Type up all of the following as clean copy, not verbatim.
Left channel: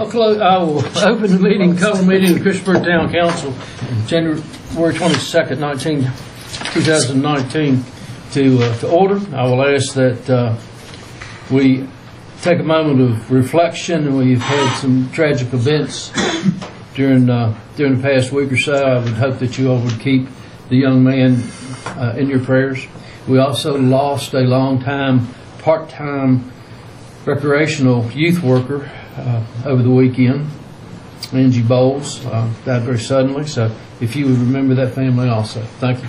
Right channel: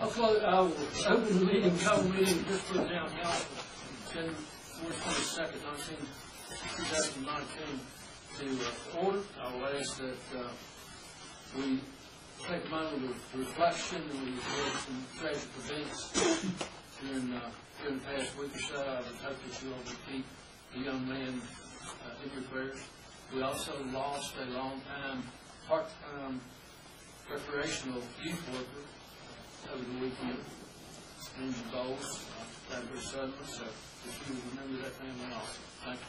I will open the meeting, cover meeting of the Christiansburg Town Council, January 22nd, 2019, to order. I will ask that we take a moment of reflection. We've had some tragic events during the past week or so. I would hope that you all would keep the young man in your prayers. We also lost a long-time, part-time recreational youth worker over the weekend. Angie Bowles died very suddenly, so if you would remember that family also. Thank you.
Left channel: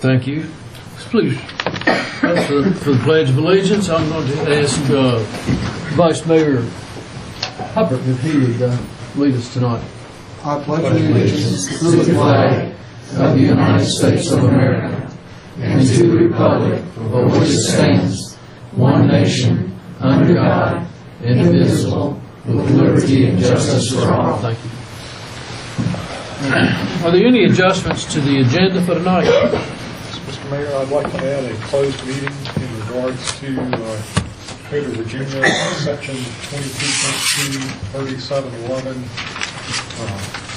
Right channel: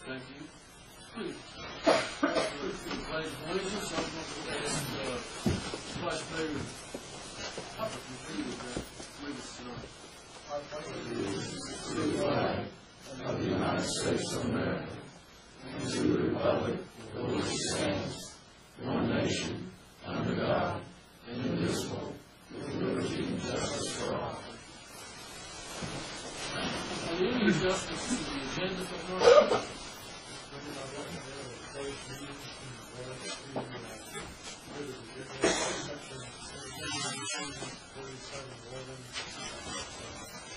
Thank you. Please, for the Pledge of Allegiance, I'm going to ask Vice Mayor Hubbard if he would lead us tonight. I pledge allegiance to the flag of the United States of America and to the republic for which it stands, one nation, under God, indivisible, with liberty and justice for all. Thank you. Are there any adjustments to the agenda for tonight? Mr. Mayor, I'd like to add a closed meeting in regards to Code of Virginia, Section 22.23711,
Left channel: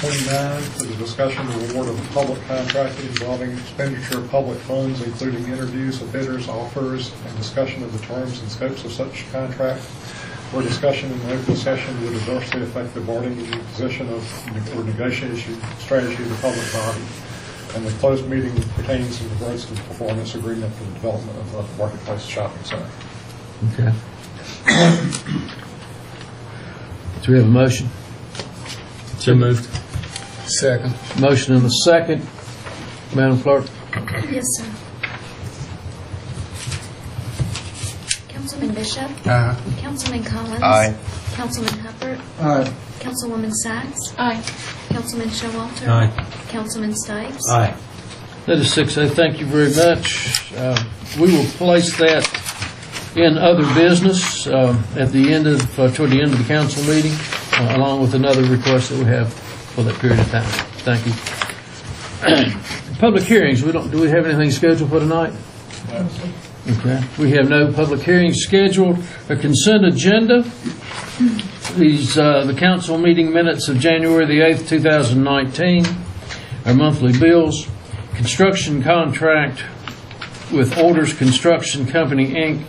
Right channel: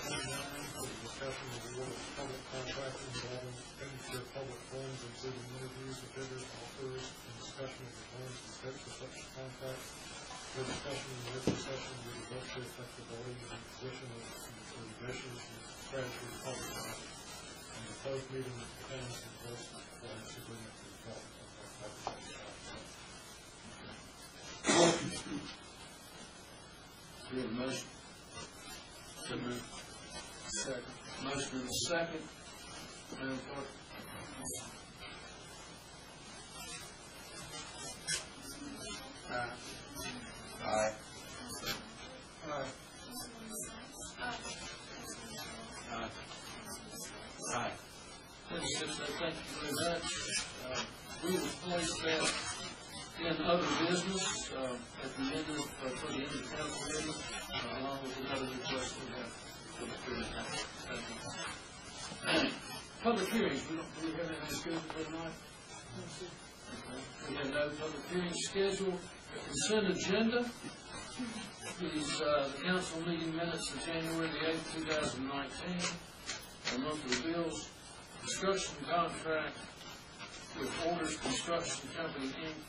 29, for the discussion of award of public contract involving expenditure of public funds, including interviews of bidders, offers, and discussion of the terms and scopes of such contract, where discussion in the open session would adversely affect the bargaining position of or negotiation strategy of the public body. And the closed meeting pertains in regards to the performance agreement for the development of the Marketplace Shopping Center. Okay. Do we have a motion? So moved. Second. Motion and a second. Madam Clerk? Yes, sir. Councilman Bishop? Aye. Councilman Collins? Aye. Councilman Hubbard? Aye. Councilwoman Sachs? Aye. Councilman Showalter? Aye. Councilman Stipes? Aye. That is 6A. Thank you very much. We will place that in other business at the end of toward the end of the council meeting, along with another request that we have for that period of time. Thank you. Public hearings. Do we have anything scheduled for tonight? No. Okay. We have no public hearings scheduled. A consent agenda. These the council meeting minutes of January the 8th, 2019. Our monthly bills. Construction contract with Orders Construction Company, Inc.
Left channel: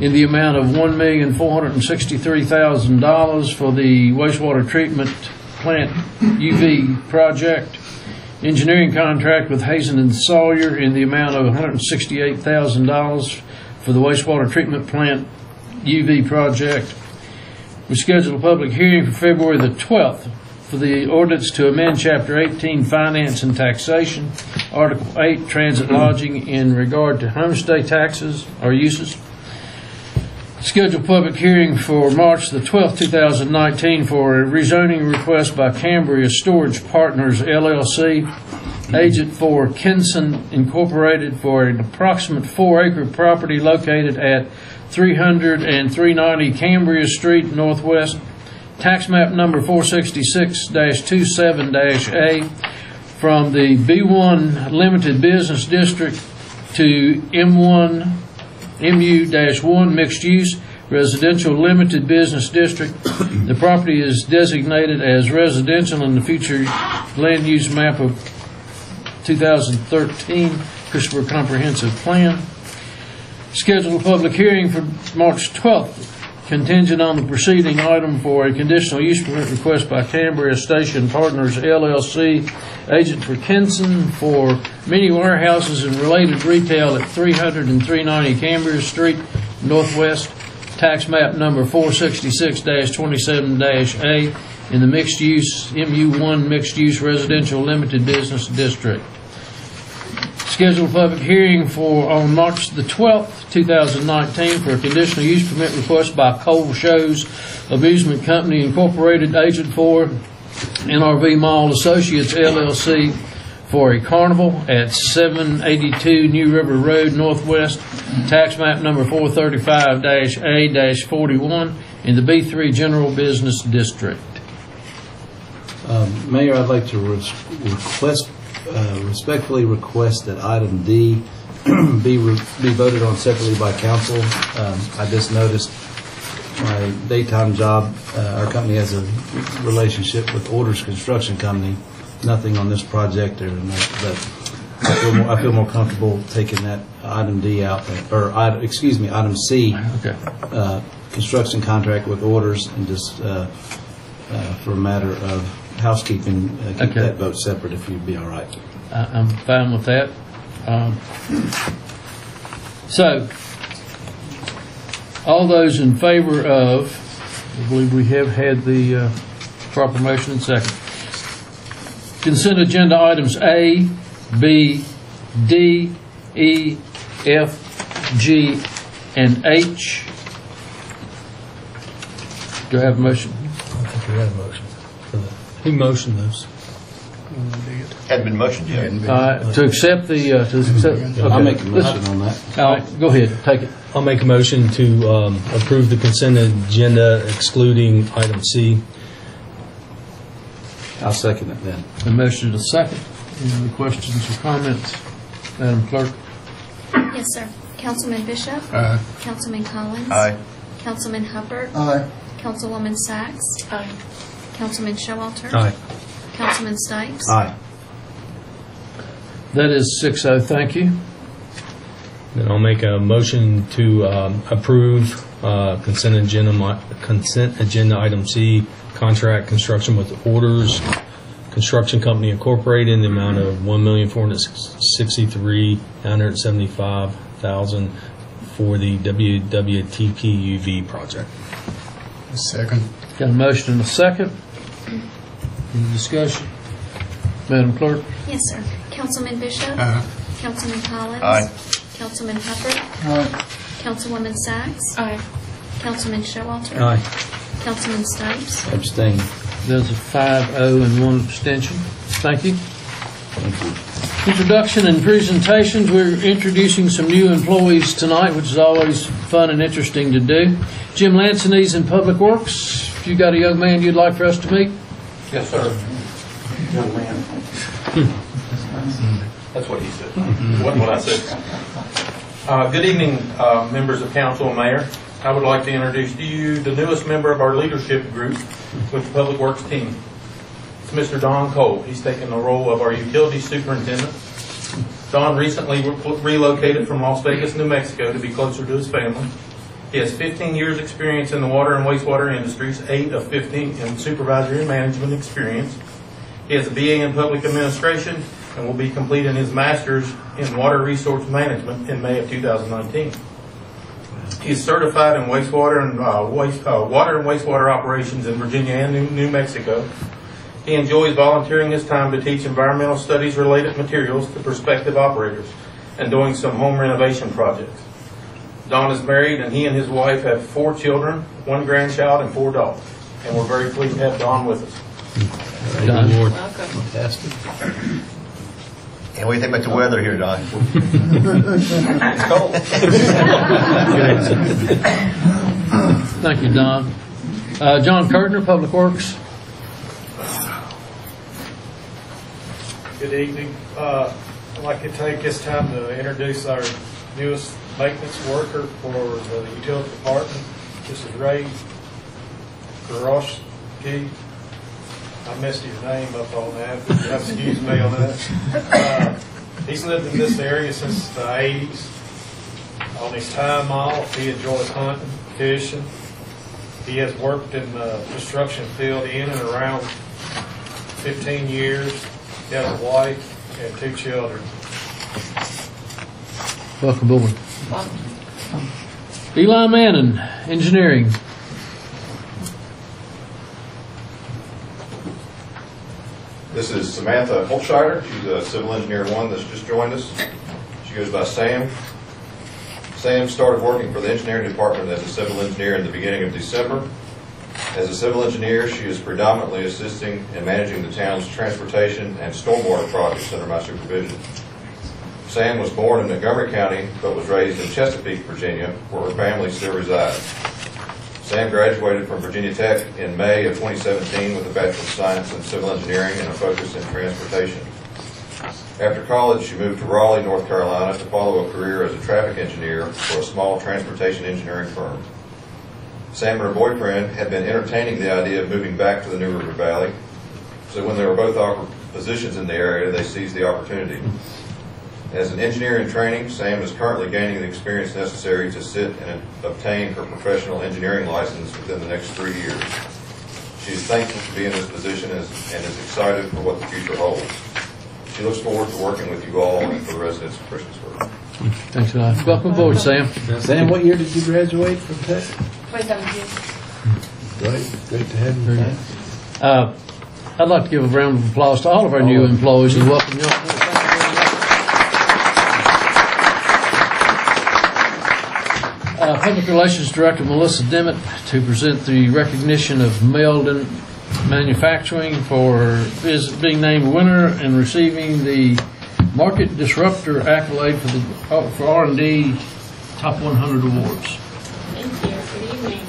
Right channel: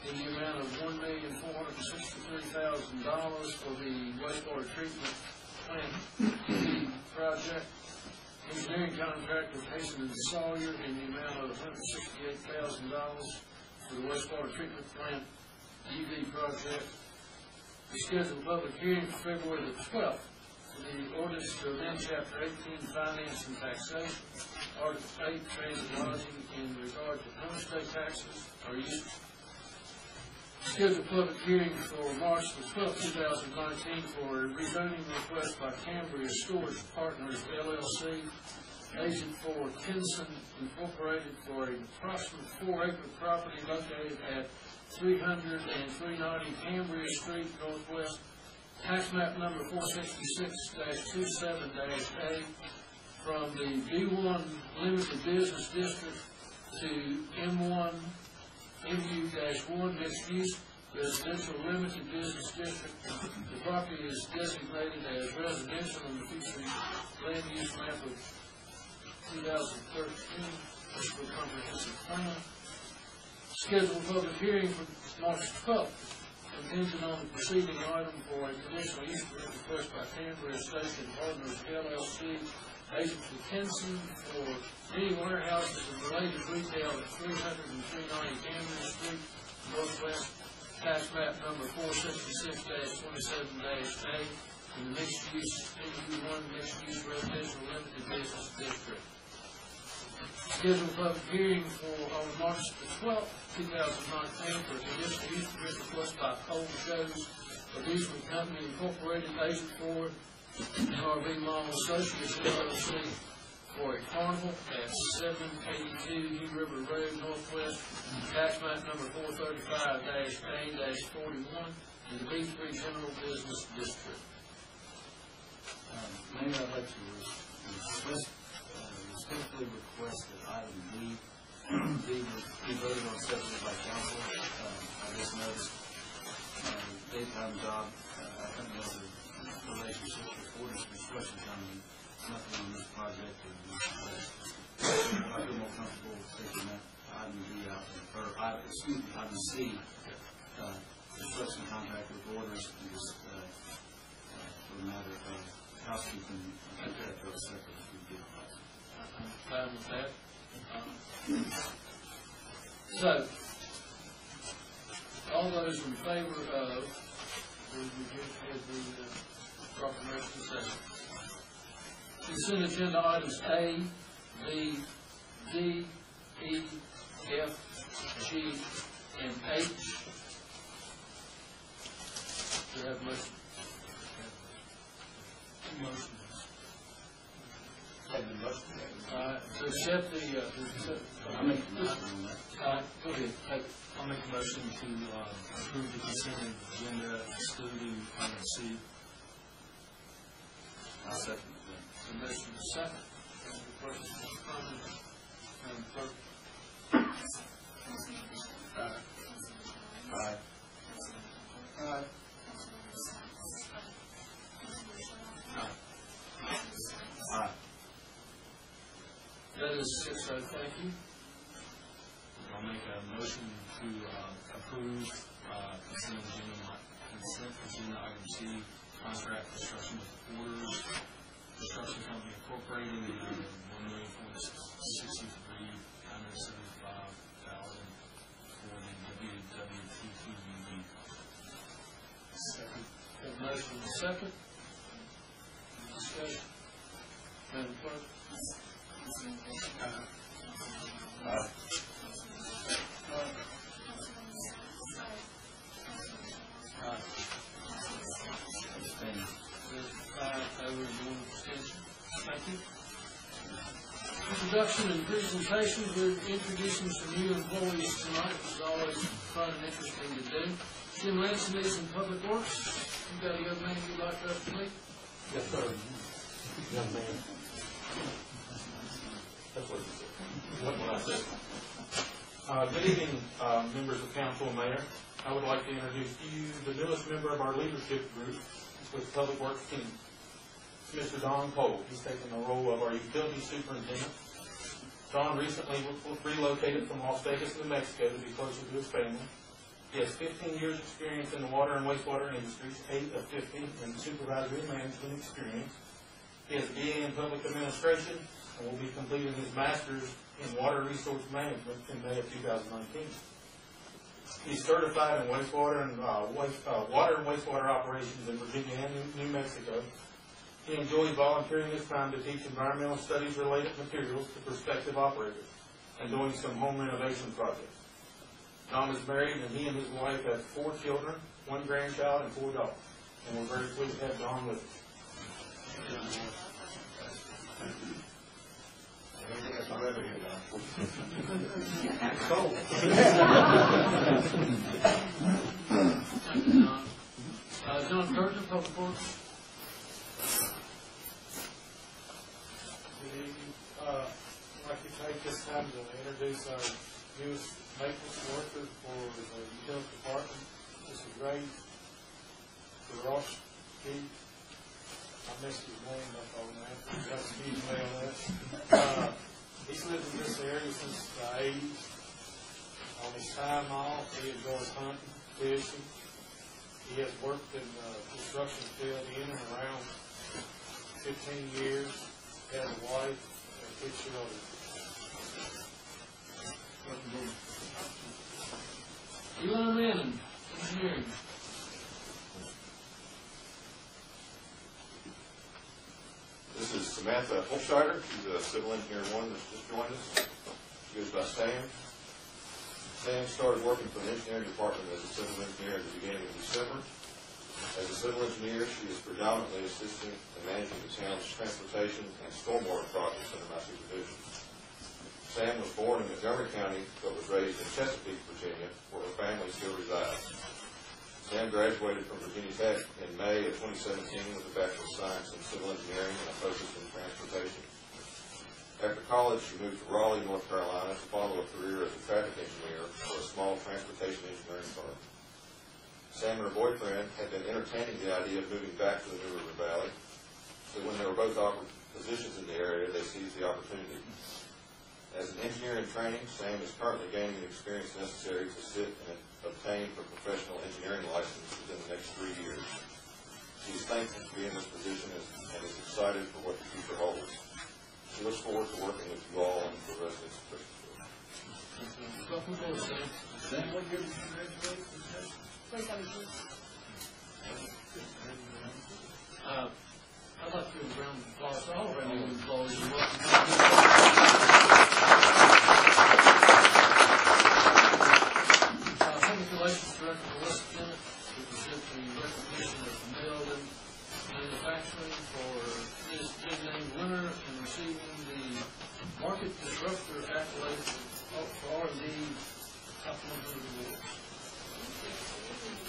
in the amount of $1,463,000 for the wastewater treatment plant UV project. Engineering contract with Hazen and Sawyer in the amount of $168,000 for the wastewater treatment plant UV project. We scheduled a public hearing for February the 12th for the ordinance to amend Chapter 18, Finance and Taxation, Article 8, Transit Lodging in regard to homestay taxes or uses. Scheduled public hearing for March the 12th, 2019 for a rezoning request by Cambria Storage Partners, LLC, agent for Kinson Incorporated, for an approximate 4-acre property located at 300 and 390 Cambria Street, Northwest, tax map number 466-27-A, from the B1 Limited Business District to M1 MU-1 Mixed Use Residential Limited Business District. The property is designated as residential in the future land use map of 2013 Christiansburg Comprehensive Plan. Scheduled a public hearing for March 12th, contingent on the preceding item, for a conditional use permit request by Cambria Station Partners, LLC, agent for Kinson, for mini warehouses and related retail at 300 and 390 Cambria Street, Northwest, tax map number 466-27-A, in the mixed use MU1 Mixed Use Residential Limited Business District. scheduled a public hearing on March the 12th, 2019 for a conditional use permit request by Cole Shows Amusement Company Incorporated, agent for NRV Mall Associates LLC, for a carnival at 782 New River Road Northwest, tax map number 435-A-41 in the B3 General Business District. Mayor, I'd like to respectfully request that item D be voted on separately by council. I just noticed my daytime job, our company has a relationship with Orders Construction Company. Nothing on this project, but I feel more comfortable taking that item D out, or item C, Okay. Construction contract with Orders, and just for a matter of housekeeping, keep Okay. that vote separate if you'd be all right. I'm fine with that. So, all those in favor of, I believe we have had the proper motion and second. Consent agenda items A, B, D, E, F, G, and H. Do I have a motion? I think we had a motion for that. Who motioned those? Hadn't been motioned yet. To accept the, I'll make a motion on that. Go ahead, take it. I'll make a motion to approve the consent agenda excluding item C. I'll second it then. A motion to second. Any other questions or comments? Madam Clerk? Yes, sir. Councilman Bishop? Aye. Councilman Collins? Aye. Councilman Hubbard? Aye. Councilwoman Sacks? Aye. Councilman Showalter? Aye. Councilman Stipes? Aye. That is 6-0, thank you. Then I'll make a motion to approve consent agenda item C, contract construction with Orders Construction Company Incorporated in the amount of $1,463,975,000 for the WWTP-UV project. Second. Got a motion and a second. Any discussion? Madam Clerk? Yes, sir. Councilman Bishop? Aye. Councilman Collins? Aye. Councilman Hubbard? Aye. Councilwoman Sacks? Aye. Councilman Showalter? Aye. Councilman Stipes? Abstain. There's a 5-0 and 1 abstention. Thank you. Introduction and presentations. We're introducing some new employees tonight, which is always fun and interesting to do. Jim Lanson,'s in Public Works. If you got a young man you'd like for us to meet? Yes, sir. Young man. That's what he said. Wasn't what I said. Good evening, members of council and mayor. I would like to introduce to you the newest member of our leadership group with the Public Works team. It's Mr. Don Cole. He's taken the role of our utility superintendent. Don recently relocated from Las Vegas, New Mexico to be closer to his family. He has 15 years experience in the water and wastewater industries, 8 of 15 in supervisory and management experience. He has a BA in public administration and will be completing his master's in water resource management in May of 2019. He is certified in wastewater and water and wastewater operations in Virginia and New Mexico. He enjoys volunteering his time to teach environmental studies related materials to prospective operators and doing some home renovation projects. Don is married and he and his wife have 4 children, 1 grandchild, and 4 dogs. And we're very pleased to have Don with us. Don. Lord. Fantastic. And what do you think about the weather here, Don? It's cold. Thank you, Don. John Kurtner, Public Works. Good evening. I'd like to take this time to introduce our newest maintenance worker for the utility department. This is Ray Garoshki. I messed his name up on that. You have to excuse me on that. He's lived in this area since the 80s. On his time off, he enjoys hunting, fishing. He has worked in the construction field in and around 15 years. He has a wife and 2 children. Welcome aboard. Eli Manning, This is Samantha Holtscheider. She's a civil engineer one that's just joined us. She goes by Sam. Sam started working for the engineering department as a civil engineer in the beginning of December. As a civil engineer, she is predominantly assisting in managing the town's transportation and stormwater projects under my supervision. Sam was born in Montgomery County, but was raised in Chesapeake, Virginia, where her family still resides. Sam graduated from Virginia Tech in May of 2017 with a Bachelor of Science in Civil Engineering and a focus in transportation. After college, she moved to Raleigh, North Carolina to follow a career as a traffic engineer for a small transportation engineering firm. Sam and her boyfriend had been entertaining the idea of moving back to the New River Valley, so when they were both offered positions in the area, they seized the opportunity. As an engineer in training, Sam is currently gaining the experience necessary to sit and obtain her professional engineering license within the next 3 years. She is thankful to be in this position and is excited for what the future holds. She looks forward to working with you all and for the residents of Christiansburg. Thanks a lot. Welcome aboard, Sam. Sam, what year did you graduate from Tech? 2017. Great to have you back. I'd like to give a round of applause to all of our new employees and welcome you all. Public Relations Director Melissa Dimmitt to present the recognition of Meldon Manufacturing for being named winner and receiving the Market Disruptor accolade for R&D Top 100 Awards. Thank you. Good evening.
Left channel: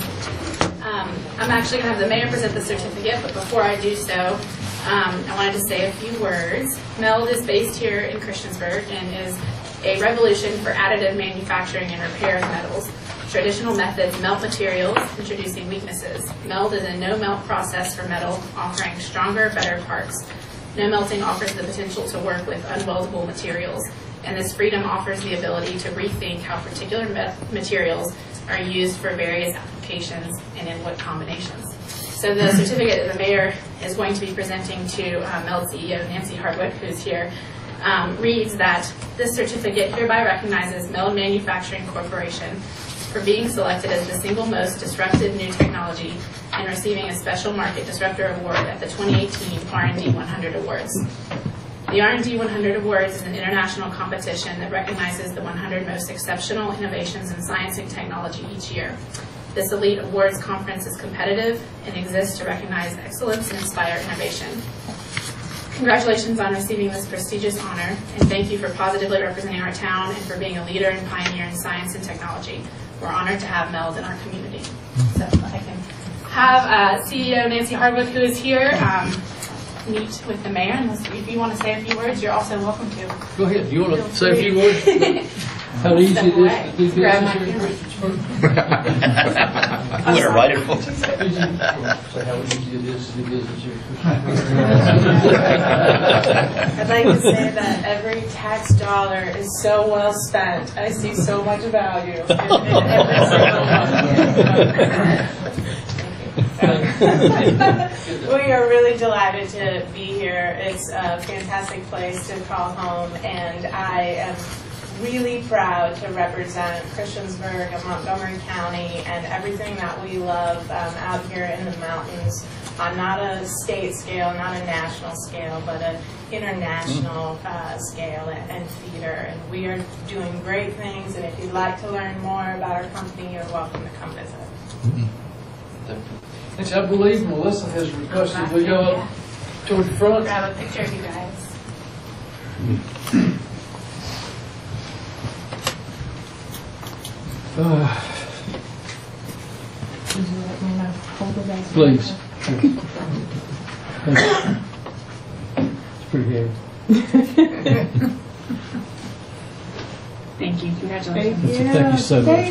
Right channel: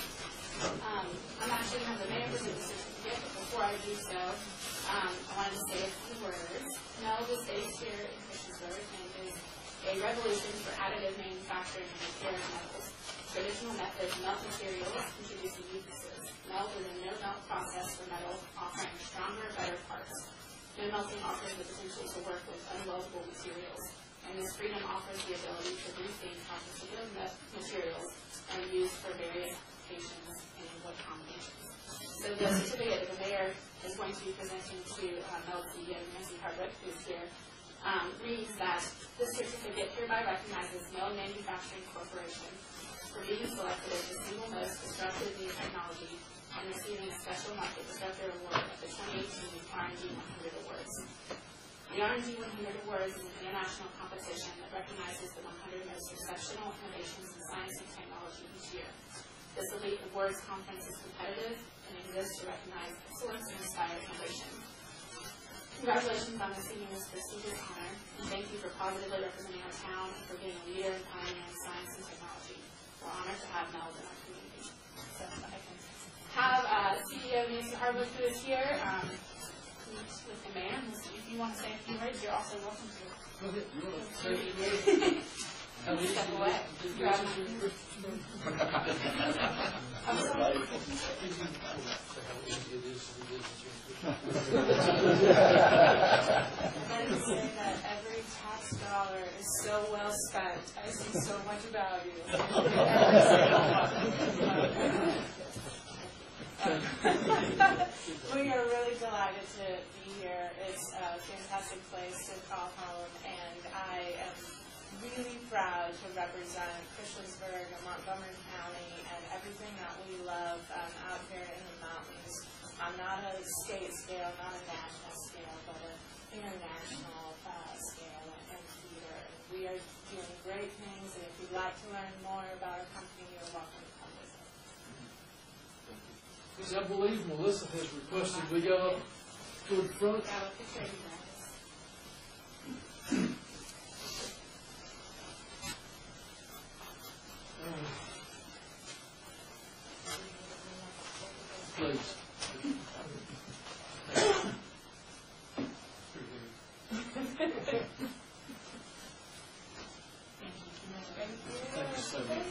I'm actually going to have the mayor present the certificate, but before I do so, I wanted to say a few words. MELD is based here in Christiansburg and is a revolution for additive manufacturing and repair of metals. Traditional methods melt materials, introducing weaknesses. MELD is a no-melt process for metal, offering stronger, better parts. No melting offers the potential to work with unweldable materials, and this freedom offers the ability to rethink how particular materials are used for various applications and in what combinations. So the certificate that the mayor is going to be presenting to MELD CEO Nancy Hardwick, who's here, reads that this certificate hereby recognizes MELD Manufacturing Corporation for being selected as the single most disruptive new technology and receiving a special Market Disruptor Award at the 2018 R&D 100 Awards. The R&D 100 Awards is an international competition that recognizes the 100 most exceptional innovations in science and technology each year. This elite awards conference is competitive and exists to recognize excellence and inspire innovation. Congratulations on receiving this prestigious honor, and thank you for positively representing our town and for being a leader and pioneer in science and technology. We're honored to have MELD in our community. So I can have CEO Nancy Hardwick, who is here, meet with the mayor. And if you want to say a few words, you're also welcome to. Go ahead. You want to say a few words? How easy it is to do business here in Christiansburg? I'm going to write it for you. Say how easy it is to do business here in Christiansburg. I'd like to say that every tax dollar is so well spent. I see so much value in every single one. We are really delighted to be here. It's a fantastic place to call home, and I am really proud to represent Christiansburg and Montgomery County and everything that we love out here in the mountains on not a state scale, not a national scale, but an international scale and theater. And we are doing great things, and if you'd like to learn more about our company, you're welcome to come visit. Thanks. I believe Melissa has requested we go up toward the front. Grab a picture of you guys. Please. It's pretty heavy. Thank you. Congratulations. Thank you so much.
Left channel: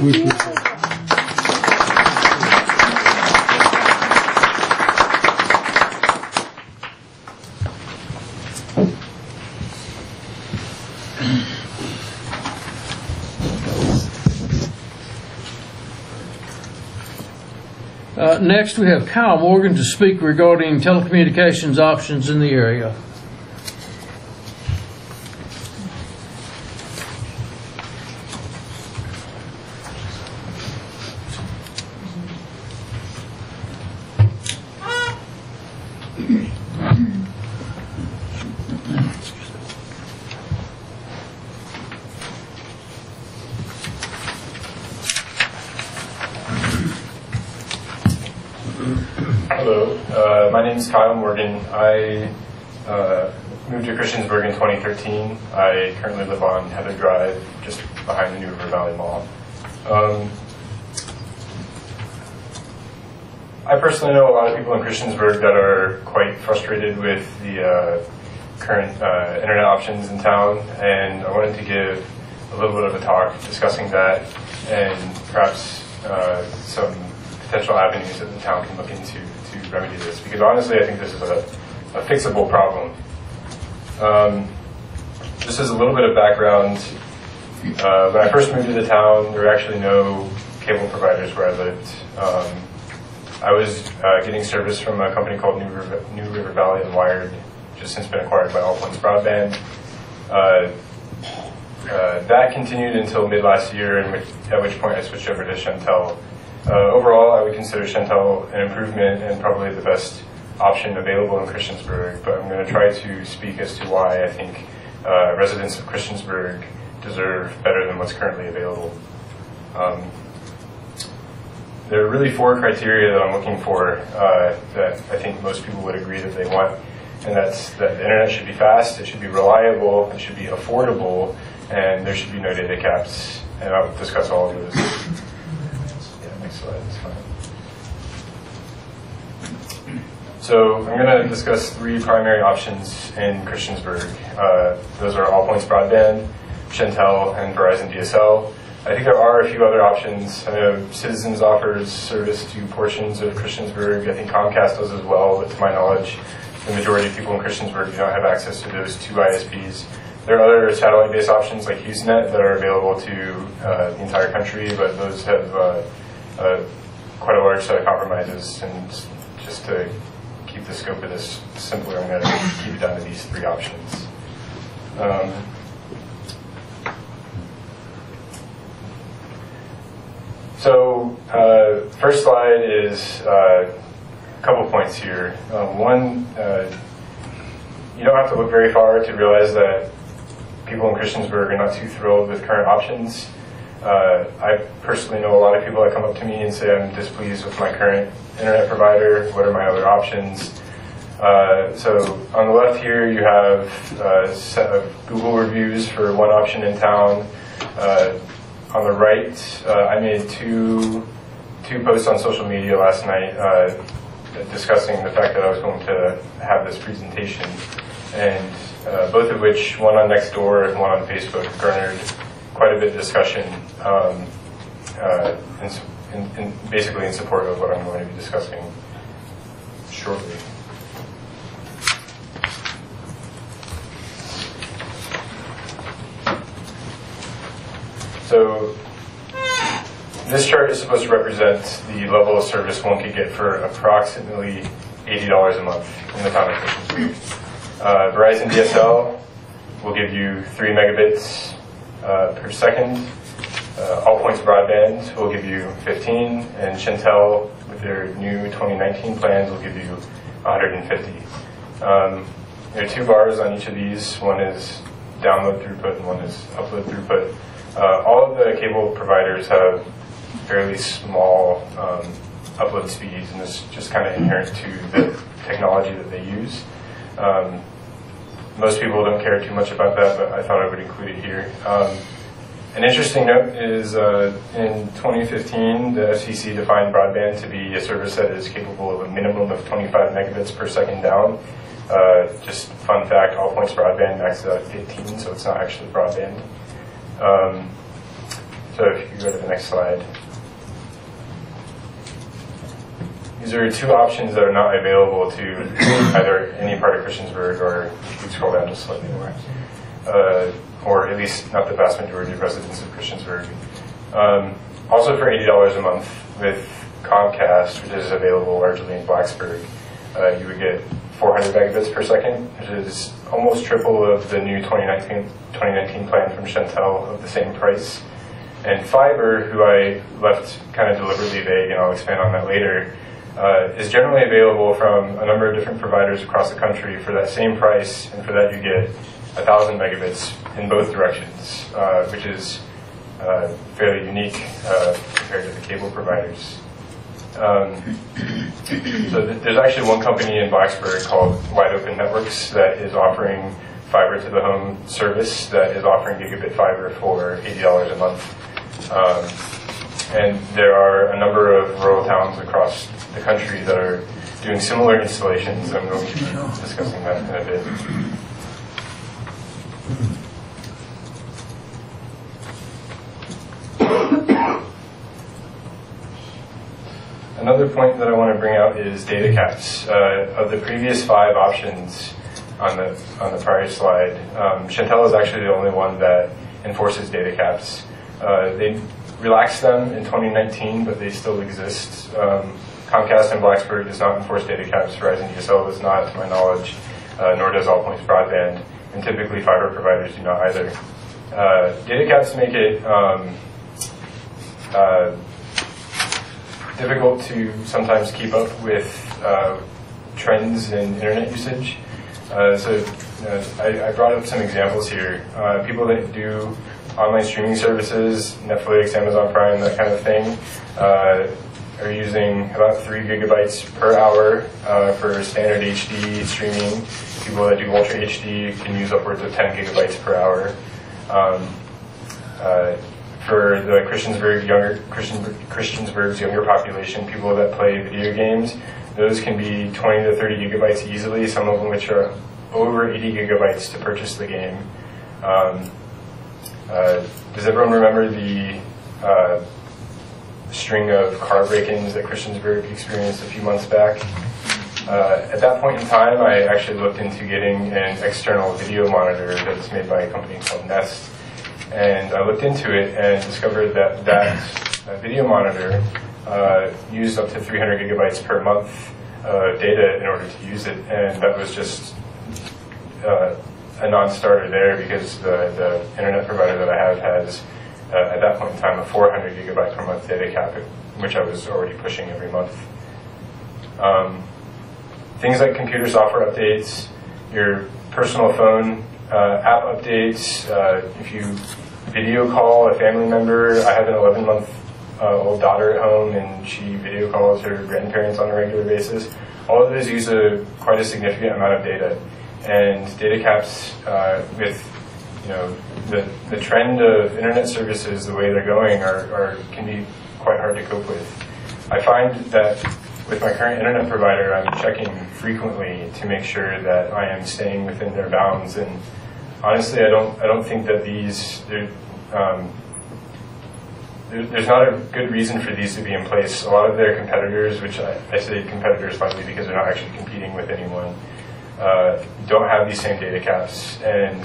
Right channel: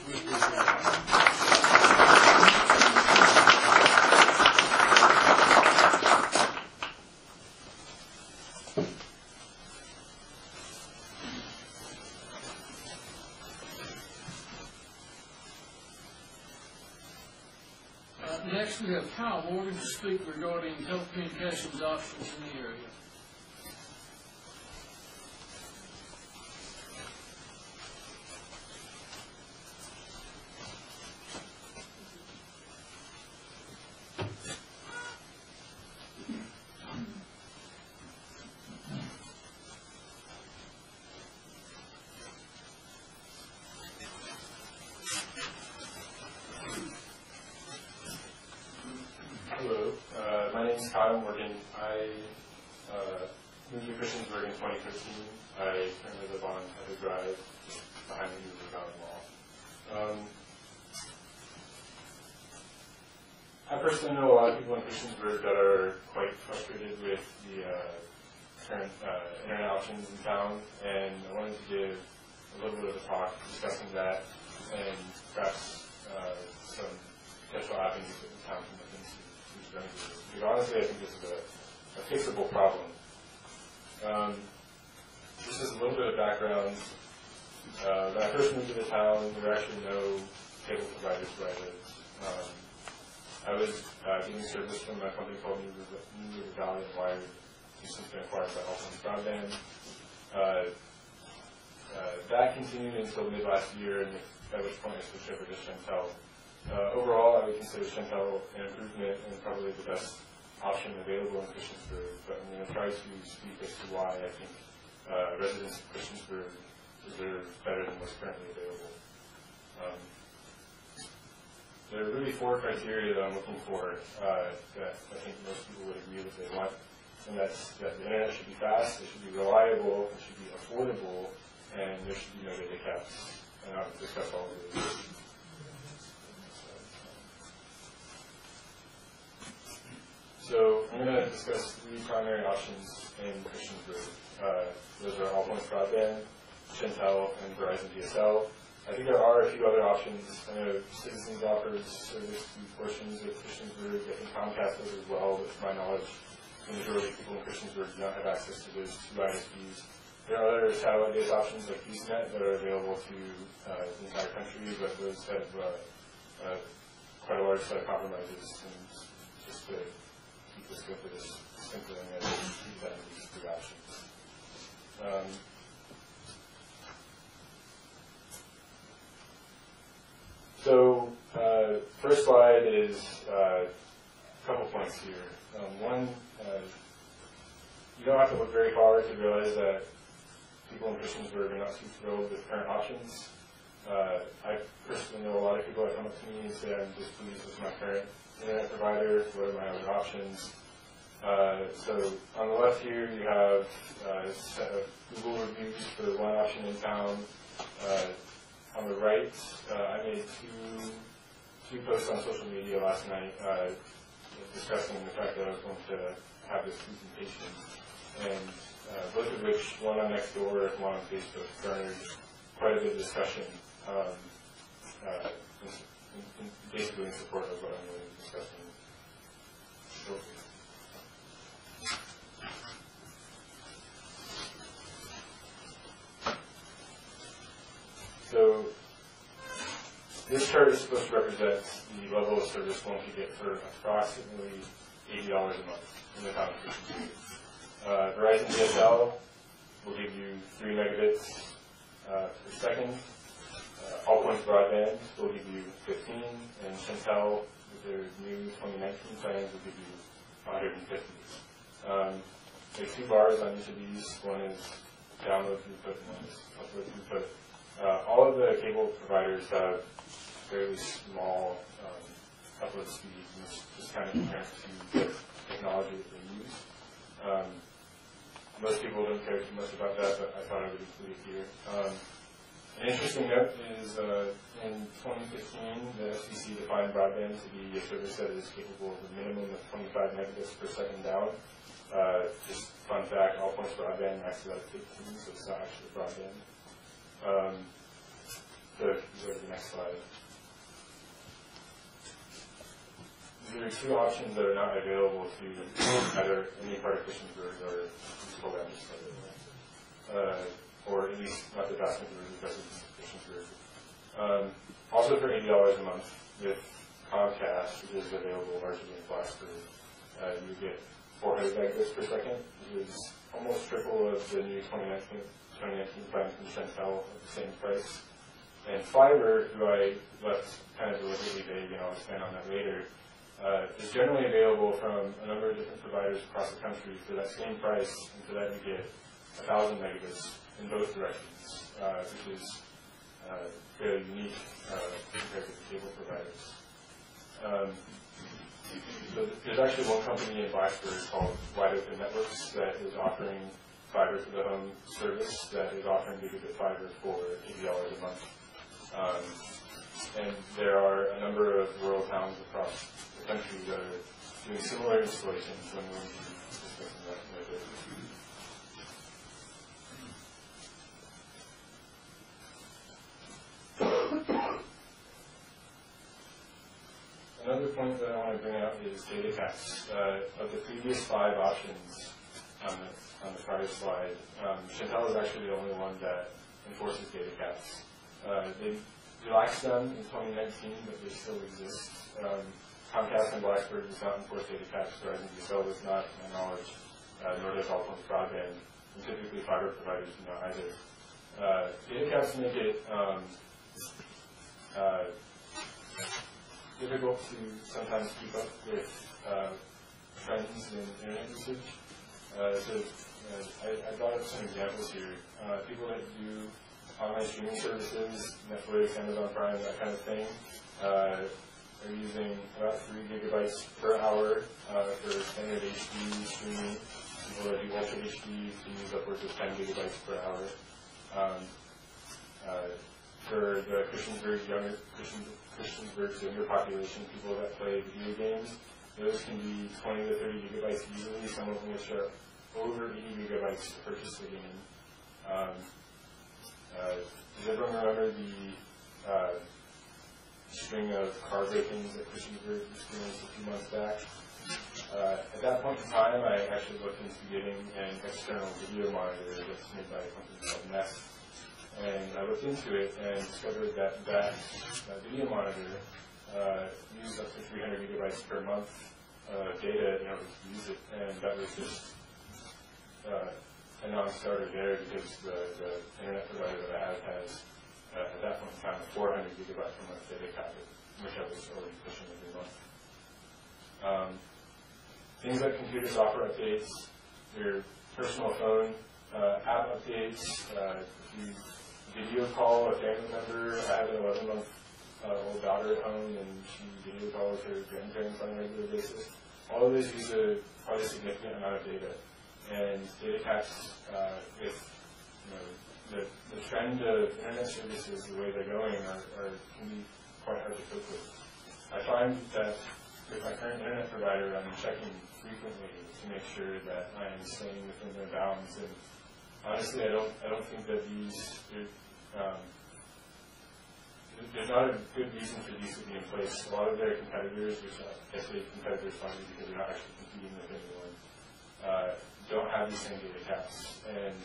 Next, we have Kyle Morgan to speak regarding telecommunications options in the area. Hello, my name is Kyle Morgan. I moved to Christiansburg in 2013. I currently live on Heather Drive, just behind the New River Valley Mall. I personally know a lot of people in Christiansburg that are quite frustrated with the current internet options in town, and I wanted to give a little bit of a talk discussing that and perhaps some potential avenues that the town can look into to remedy this, because honestly I think this is a fixable problem. Just as a little bit of background, when I first moved to the town, there were actually no cable providers where I lived. I was getting service from a company called New River Valley and Wired, which has since been acquired by All Points Broadband. That continued until mid last year, at which point I switched over to Chantel. Overall, I would consider Chantel an improvement and probably the best option available in Christiansburg, but I'm going to try to speak as to why I think residents of Christiansburg deserve better than what's currently available. There are really 4 criteria that I'm looking for that I think most people would agree that they want, and that's that the internet should be fast, it should be reliable, it should be affordable, and there should be no data caps, and I'll discuss all of those. Yeah, next slide, that's fine. So I'm going to discuss 3 primary options in Christiansburg. Those are All Points Broadband, Chantel, and Verizon DSL. I think there are a few other options. I know Citizens offers service to portions of Christiansburg. I think Comcast does as well, but to my knowledge, the majority of people in Christiansburg do not have access to those 2 ISPs. There are other satellite-based options like HughesNet that are available to the entire country, but those have quite a large set of compromises. And just to keep the scope of this simpler, I'm going to keep it down to these 3 options. So, first slide is a couple points here. One, you don't have to look very far to realize that people in Christiansburg are not too thrilled with current options. I personally know a lot of people that come up to me and say, I'm displeased with my current internet provider, what are my other options? So on the left here you have a set of Google reviews for one option in town. On the right, I made two posts on social media last night discussing the fact that I was going to have this presentation, and both of which, one on Nextdoor and one on Facebook, garnered quite a bit of discussion, basically in support of what I'm going to be discussing shortly. So this chart is supposed to represent the level of service one could get for approximately $80 a month in the town of Christiansburg. Verizon DSL will give you 3 megabits per second. All Points Broadband will give you 15, and Chantel, with their new 2019 plans, will give you 150. There are 2 bars on each of these. One is download throughput and one is upload throughput. All of the cable providers have fairly small upload speeds, and it's just kind of inherent to the technology that they use. Most people don't care too much about that, but I thought I would include it here. An interesting note is in 2015, the FCC defined broadband to be a service that is capable of a minimum of 25 megabits per second down. Just fun fact, All Points Broadband maxes out at 15, so it's not actually broadband. So if you go to the next slide. These are 2 options that are not available to either any part of Christiansburg, or if you scroll down just slightly more, or at least not the vast majority of residents of Christiansburg. Also for $80 a month with Comcast, which is available largely in Blacksburg, you would get 400 megabits per second, which is almost triple of the new 2019 plan from Chantel of the same price. And fiber, who I left kind of deliberately vague, and I'll expand on that later, is generally available from a number of different providers across the country for that same price, and for that you get 1,000 megabits in both directions, which is fairly unique compared to the cable providers. So there's actually one company in Blacksburg called Wide Open Networks that is offering fiber to the home service that is offering gigabit fiber for $80 a month. And there are a number of rural towns across the country that are doing similar installations. I'm going to be discussing that in a bit. Another point that I want to bring out is data caps. Of the previous 5 options on the prior slide, Chantel is actually the only one that enforces data caps. They relaxed them in 2019, but they still exist. Comcast and Blacksburg does not enforce data caps. Verizon DSL does not, to my knowledge, nor does All Points Broadband, and typically fiber providers do not either. Data caps make it difficult to sometimes keep up with trends in internet usage. I brought up some examples here. People that do online streaming services, Netflix, Amazon Prime, that kind of thing, are using about 3 gigabytes per hour for standard HD streaming. People that do Ultra HD can use upwards of 10 gigabytes per hour. For the Christiansburg's younger population, people that play video games, those can be 20 to 30 gigabytes easily, some of them which are over 80 gigabytes to purchase the game. Does everyone remember the string of car break-ins that Christiansburg experienced a few months back? At that point in time, I actually looked into getting an external video monitor that's made by a company called Nest. And I looked into it and discovered that video monitor used up to 300 gigabytes per month of data in order to use it. And that was just a non-starter there because the internet provider that I have has, at that point in time, a 400 gigabyte per month data cap, which I was already pushing every month. Things like computer software updates, your personal phone app updates, if you video call a family member. I have an 11-month-old daughter at home, and she video calls her grandparents on a regular basis. All of those use quite a significant amount of data, and data caps with the trend of internet services, the way they're going, can be quite hard to cope with. I find that with my current internet provider, I'm checking frequently to make sure that I am staying within their bounds. And honestly, I don't think that there's not a good reason for these to be in place. A lot of their competitors, which I say competitors likely because they're not actually competing with anyone, don't have these same data caps. And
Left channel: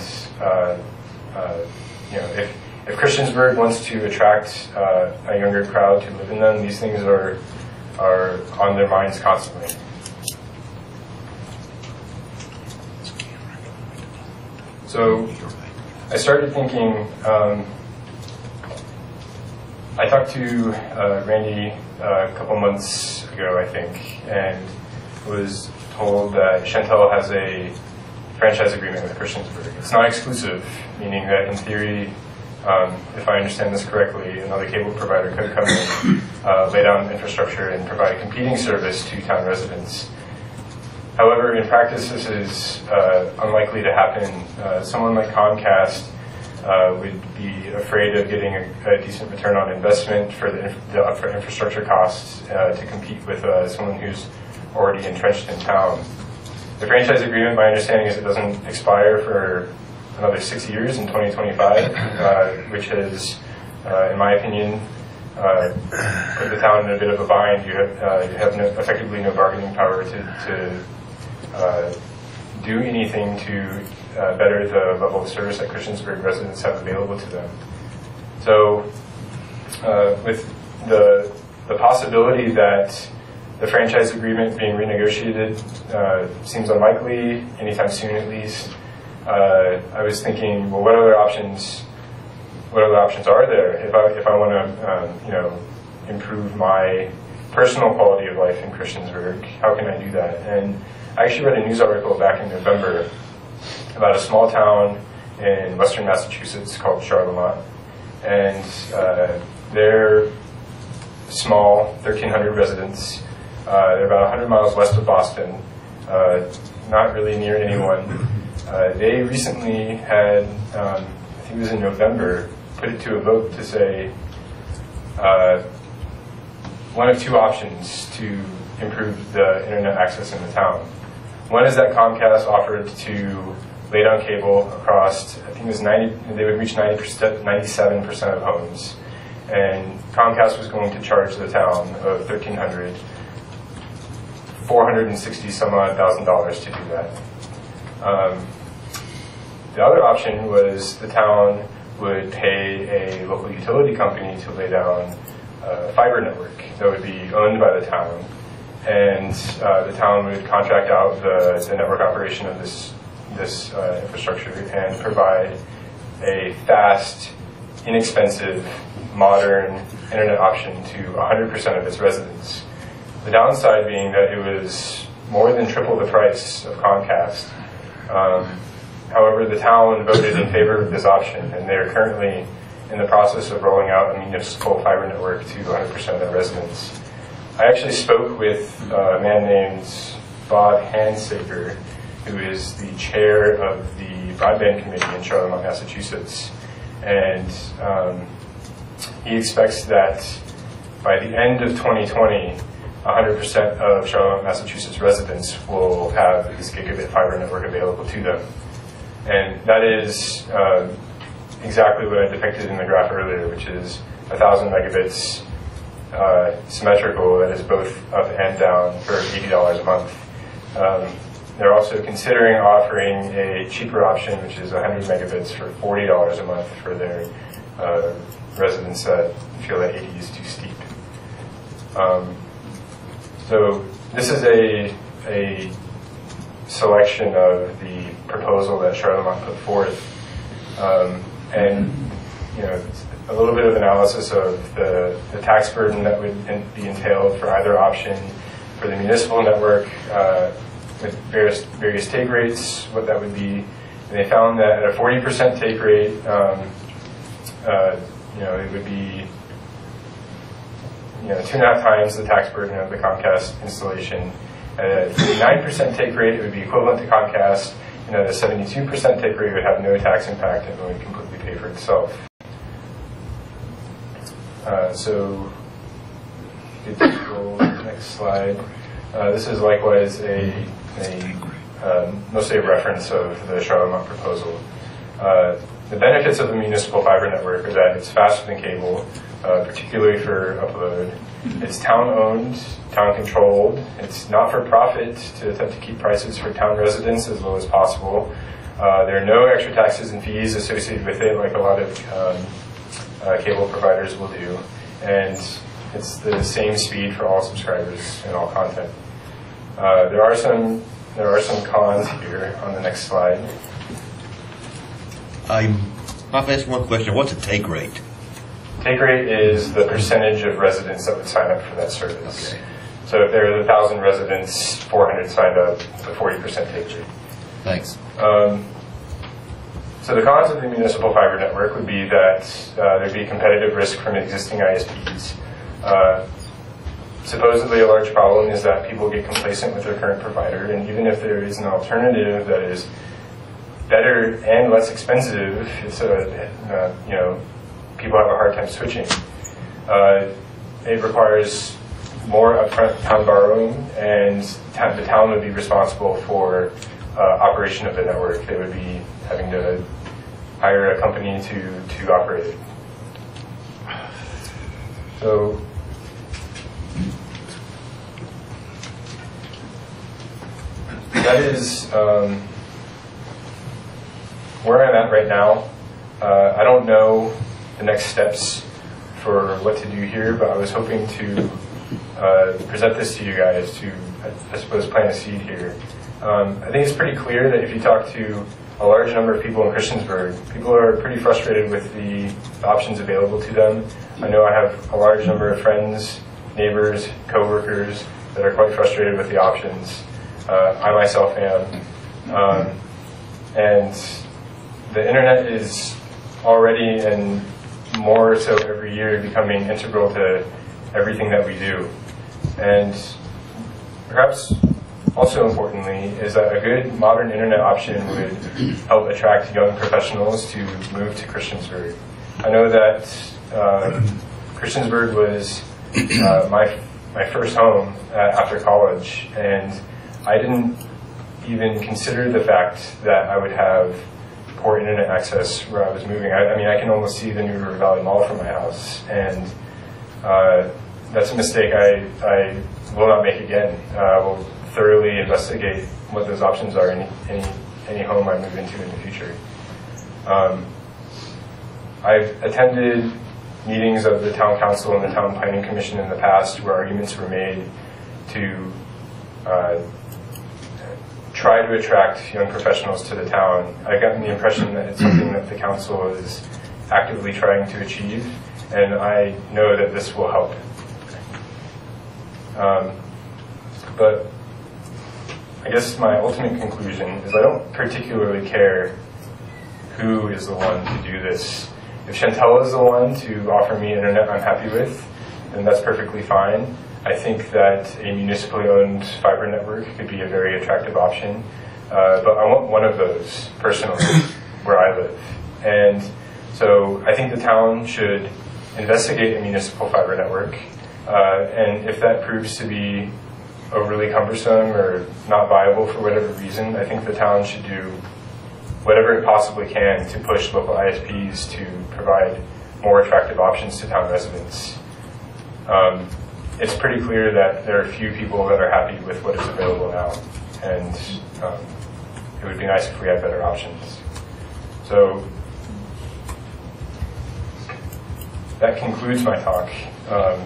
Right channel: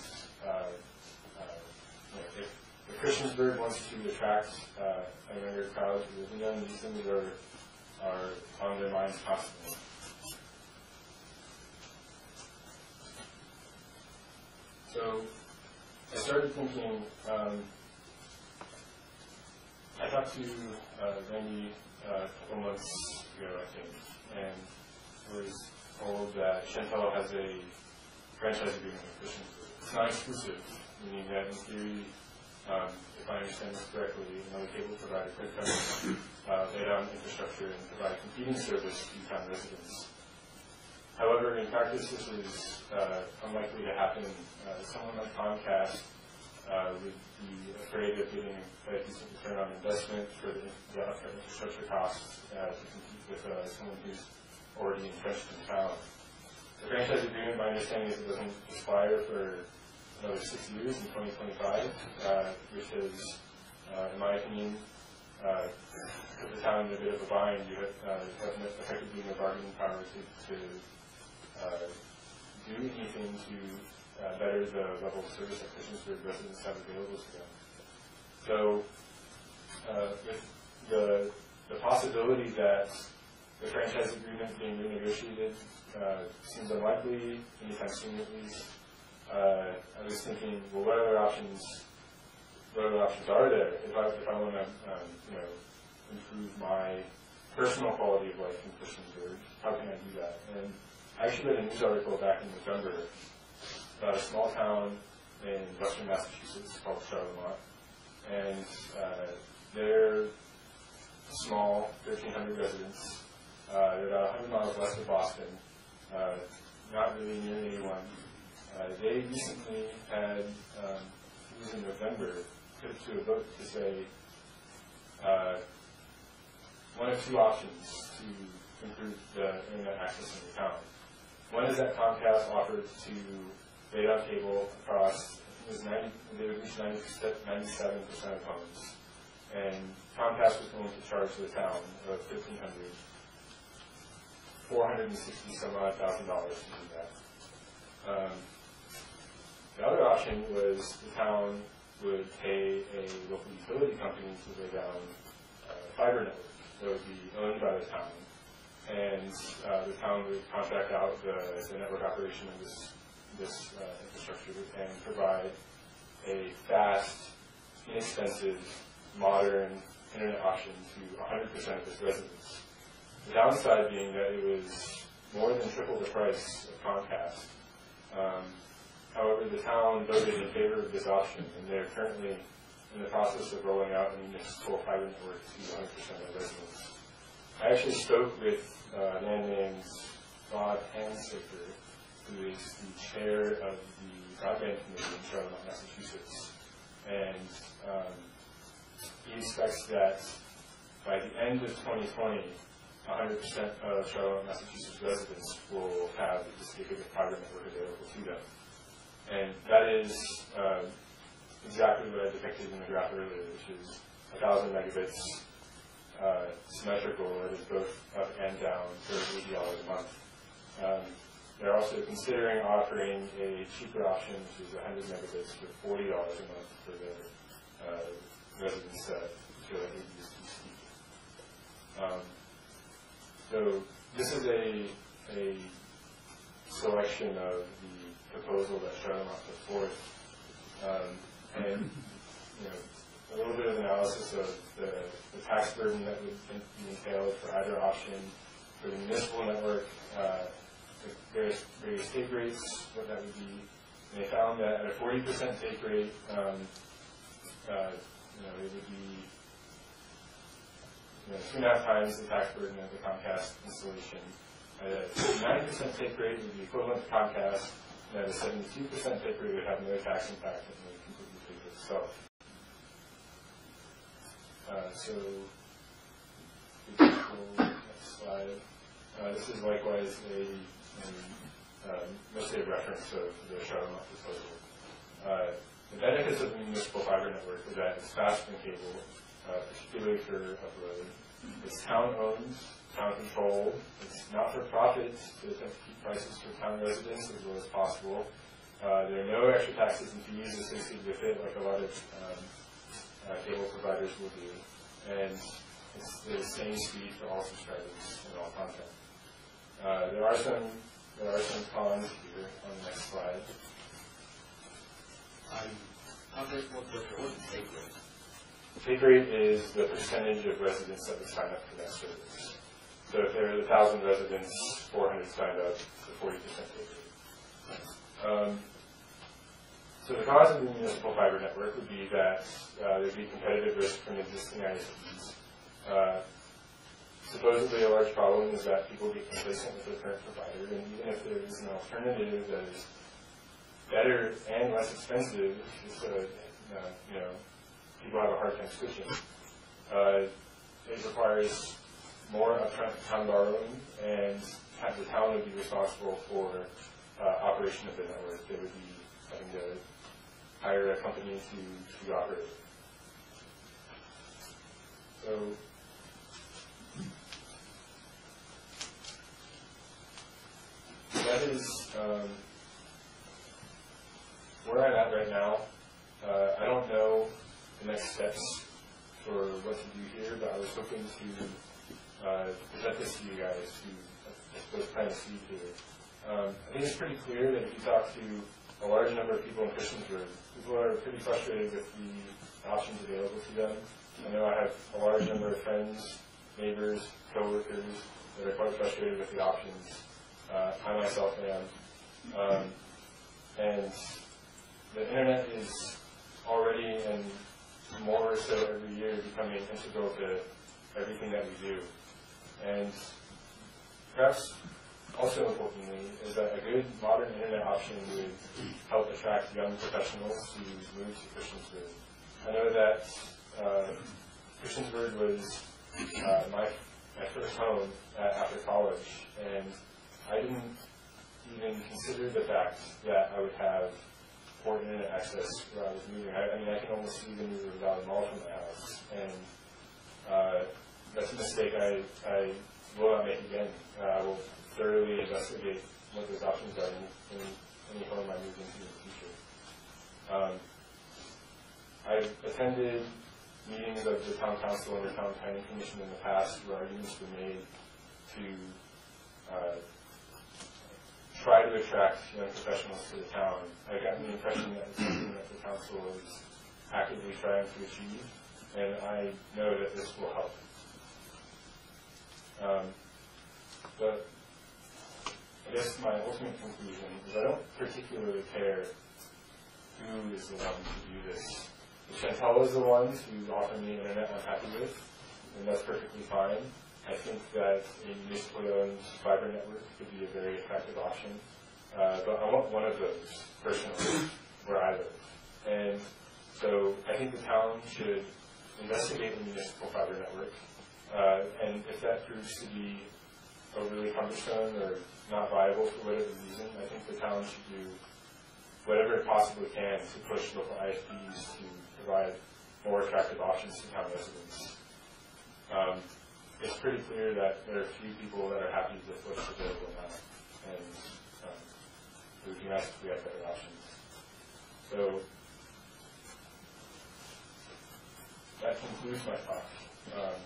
if Christiansburg wants to attract a younger crowd to live in them, these things are on their minds constantly. So I started thinking, I talked to Randy a couple months ago, I think, and was told that Chantel has a franchise agreement with Christiansburg. It's not exclusive, meaning that in theory, if I understand this correctly, another cable provider could come in, lay down infrastructure, and provide a competing service to town residents. However, in practice, this is unlikely to happen. Someone like Comcast would be afraid of getting a decent return on investment for the upfront infrastructure costs to compete with someone who's already entrenched in town. The franchise agreement, my understanding is it doesn't expire for another 6 years in 2025, which has, in my opinion, put the town in a bit of a bind. You have effectively no bargaining power to do anything to better the level of service that Christiansburg residents have available to them. So with the possibility that the franchise agreement being renegotiated seems unlikely, anytime soon at least, I was thinking, well, what other options are there if I want to improve my personal quality of life in Christiansburg? How can I do that? And I actually read a news article back in November about a small town in western Massachusetts called Charlemont, and their small, 1,300 residents. They're about 100 miles west of Boston, not really near anyone. They recently had, I think it was in November, put it to a vote to say one of two options to improve the internet access in the town. One is that Comcast offered to lay down cable across, I think it was 90, they would reach 97% of homes. And Comcast was going to charge the town of $1,300, $460 some odd thousand to do that. The other option was the town would pay a local utility company to lay down a fiber network that would be owned by the town. And the town would contract out the network operation of this infrastructure and provide a fast, inexpensive, modern internet option to 100% of its residents. The downside being that it was more than triple the price of Comcast. However, the town voted in favor of this option, and they're currently in the process of rolling out a municipal fiber network to 100% of their residents. I actually spoke with a man named Bob Hansaker, who is the chair of the Broadband Committee in Charlemont, Massachusetts. And he expects that by the end of 2020, 100% of Charlemont, Massachusetts residents will have this gigabit fiber network available to them. And that is exactly what I depicted in the graph earlier, which is 1,000 megabits symmetrical, that is both up and down, for $80 a month. They're also considering offering a cheaper option, which is 100 megabits for $40 a month for their residents that feel that 80 is too steep. So this is a selection of the proposal that Charlemont put forth, and a little bit of analysis of the tax burden that would be entailed for either option. For the municipal network, with various take rates, what that would be. And they found that at a 40% take rate, it would be 2.5 times the tax burden of the Comcast installation. At a 9% take rate, it would be equivalent to Comcast, and at a 72% take rate, it would have no tax impact and would completely pay for itself. So, next slide. This is likewise mostly a reference of the Charlemont proposal. The benefits of the municipal fiber network are that it's faster than cable, particularly for upload. It's town-owned, town-controlled. It's not-for-profit to attempt to keep prices for town residents as low as possible. There are no extra taxes and fees associated with it, like a lot of cable providers will do. And it's the same speed for all subscribers and all content. There are some cons here on the next slide. I'm asking one question. What's a take rate? Take rate is the percentage of residents that would sign up for that service. Okay. So if there are 1,000 residents, 400 signed up, it's a 40% take rate. Thanks. So the cons of the municipal fiber network would be that there'd be competitive risk from existing ISPs. Supposedly a large problem is that people get complacent with their current provider, and even if there is an alternative that is better and less expensive, it's people have a hard time switching. It requires more upfront town borrowing, and the town would be responsible for operation of the network. They would be having to hire a company to operate it. So that is where I'm at right now. I don't know the next steps for what to do here, but I was hoping to present this to you guys to, I suppose, plant a seed here. I think it's pretty clear that if you talk to a large number of people in Christiansburg, people are pretty frustrated with the options available to them. I know I have a large number of friends, neighbors, coworkers that are quite frustrated with the options. I myself am. And the internet is already, and more so every year, becoming integral to everything that we do. And perhaps also importantly is that a good modern internet option would help attract young professionals to move to Christiansburg. I know that Christiansburg was my first home after college, and I didn't even consider the fact that I would have poor internet access where I was moving. I mean, I can almost see the New River Valley Mall from my house, and that's a mistake I will not make again. I will thoroughly investigate what those options are in any home I move into in the future. I've attended meetings of the Town Council and the Town Planning Commission in the past where arguments were made to try to attract young professionals to the town. I've gotten the impression that it's something that the council is actively trying to achieve, and I know that this will help. But I guess my ultimate conclusion is I don't particularly care who is the one to do this. If Chantel is the one to offer me internet I'm happy with, then that's perfectly fine. I think that a municipally owned fiber network could be a very attractive option, but I want one of those personally where I live. And so I think the town should investigate a municipal fiber network, and if that proves to be overly cumbersome or not viable for whatever reason, I think the town should do whatever it possibly can to push local ISPs to provide more attractive options to town residents. It's pretty clear that there are few people that are happy with what is available now, and it would be nice if we had better options. So that concludes my talk. Are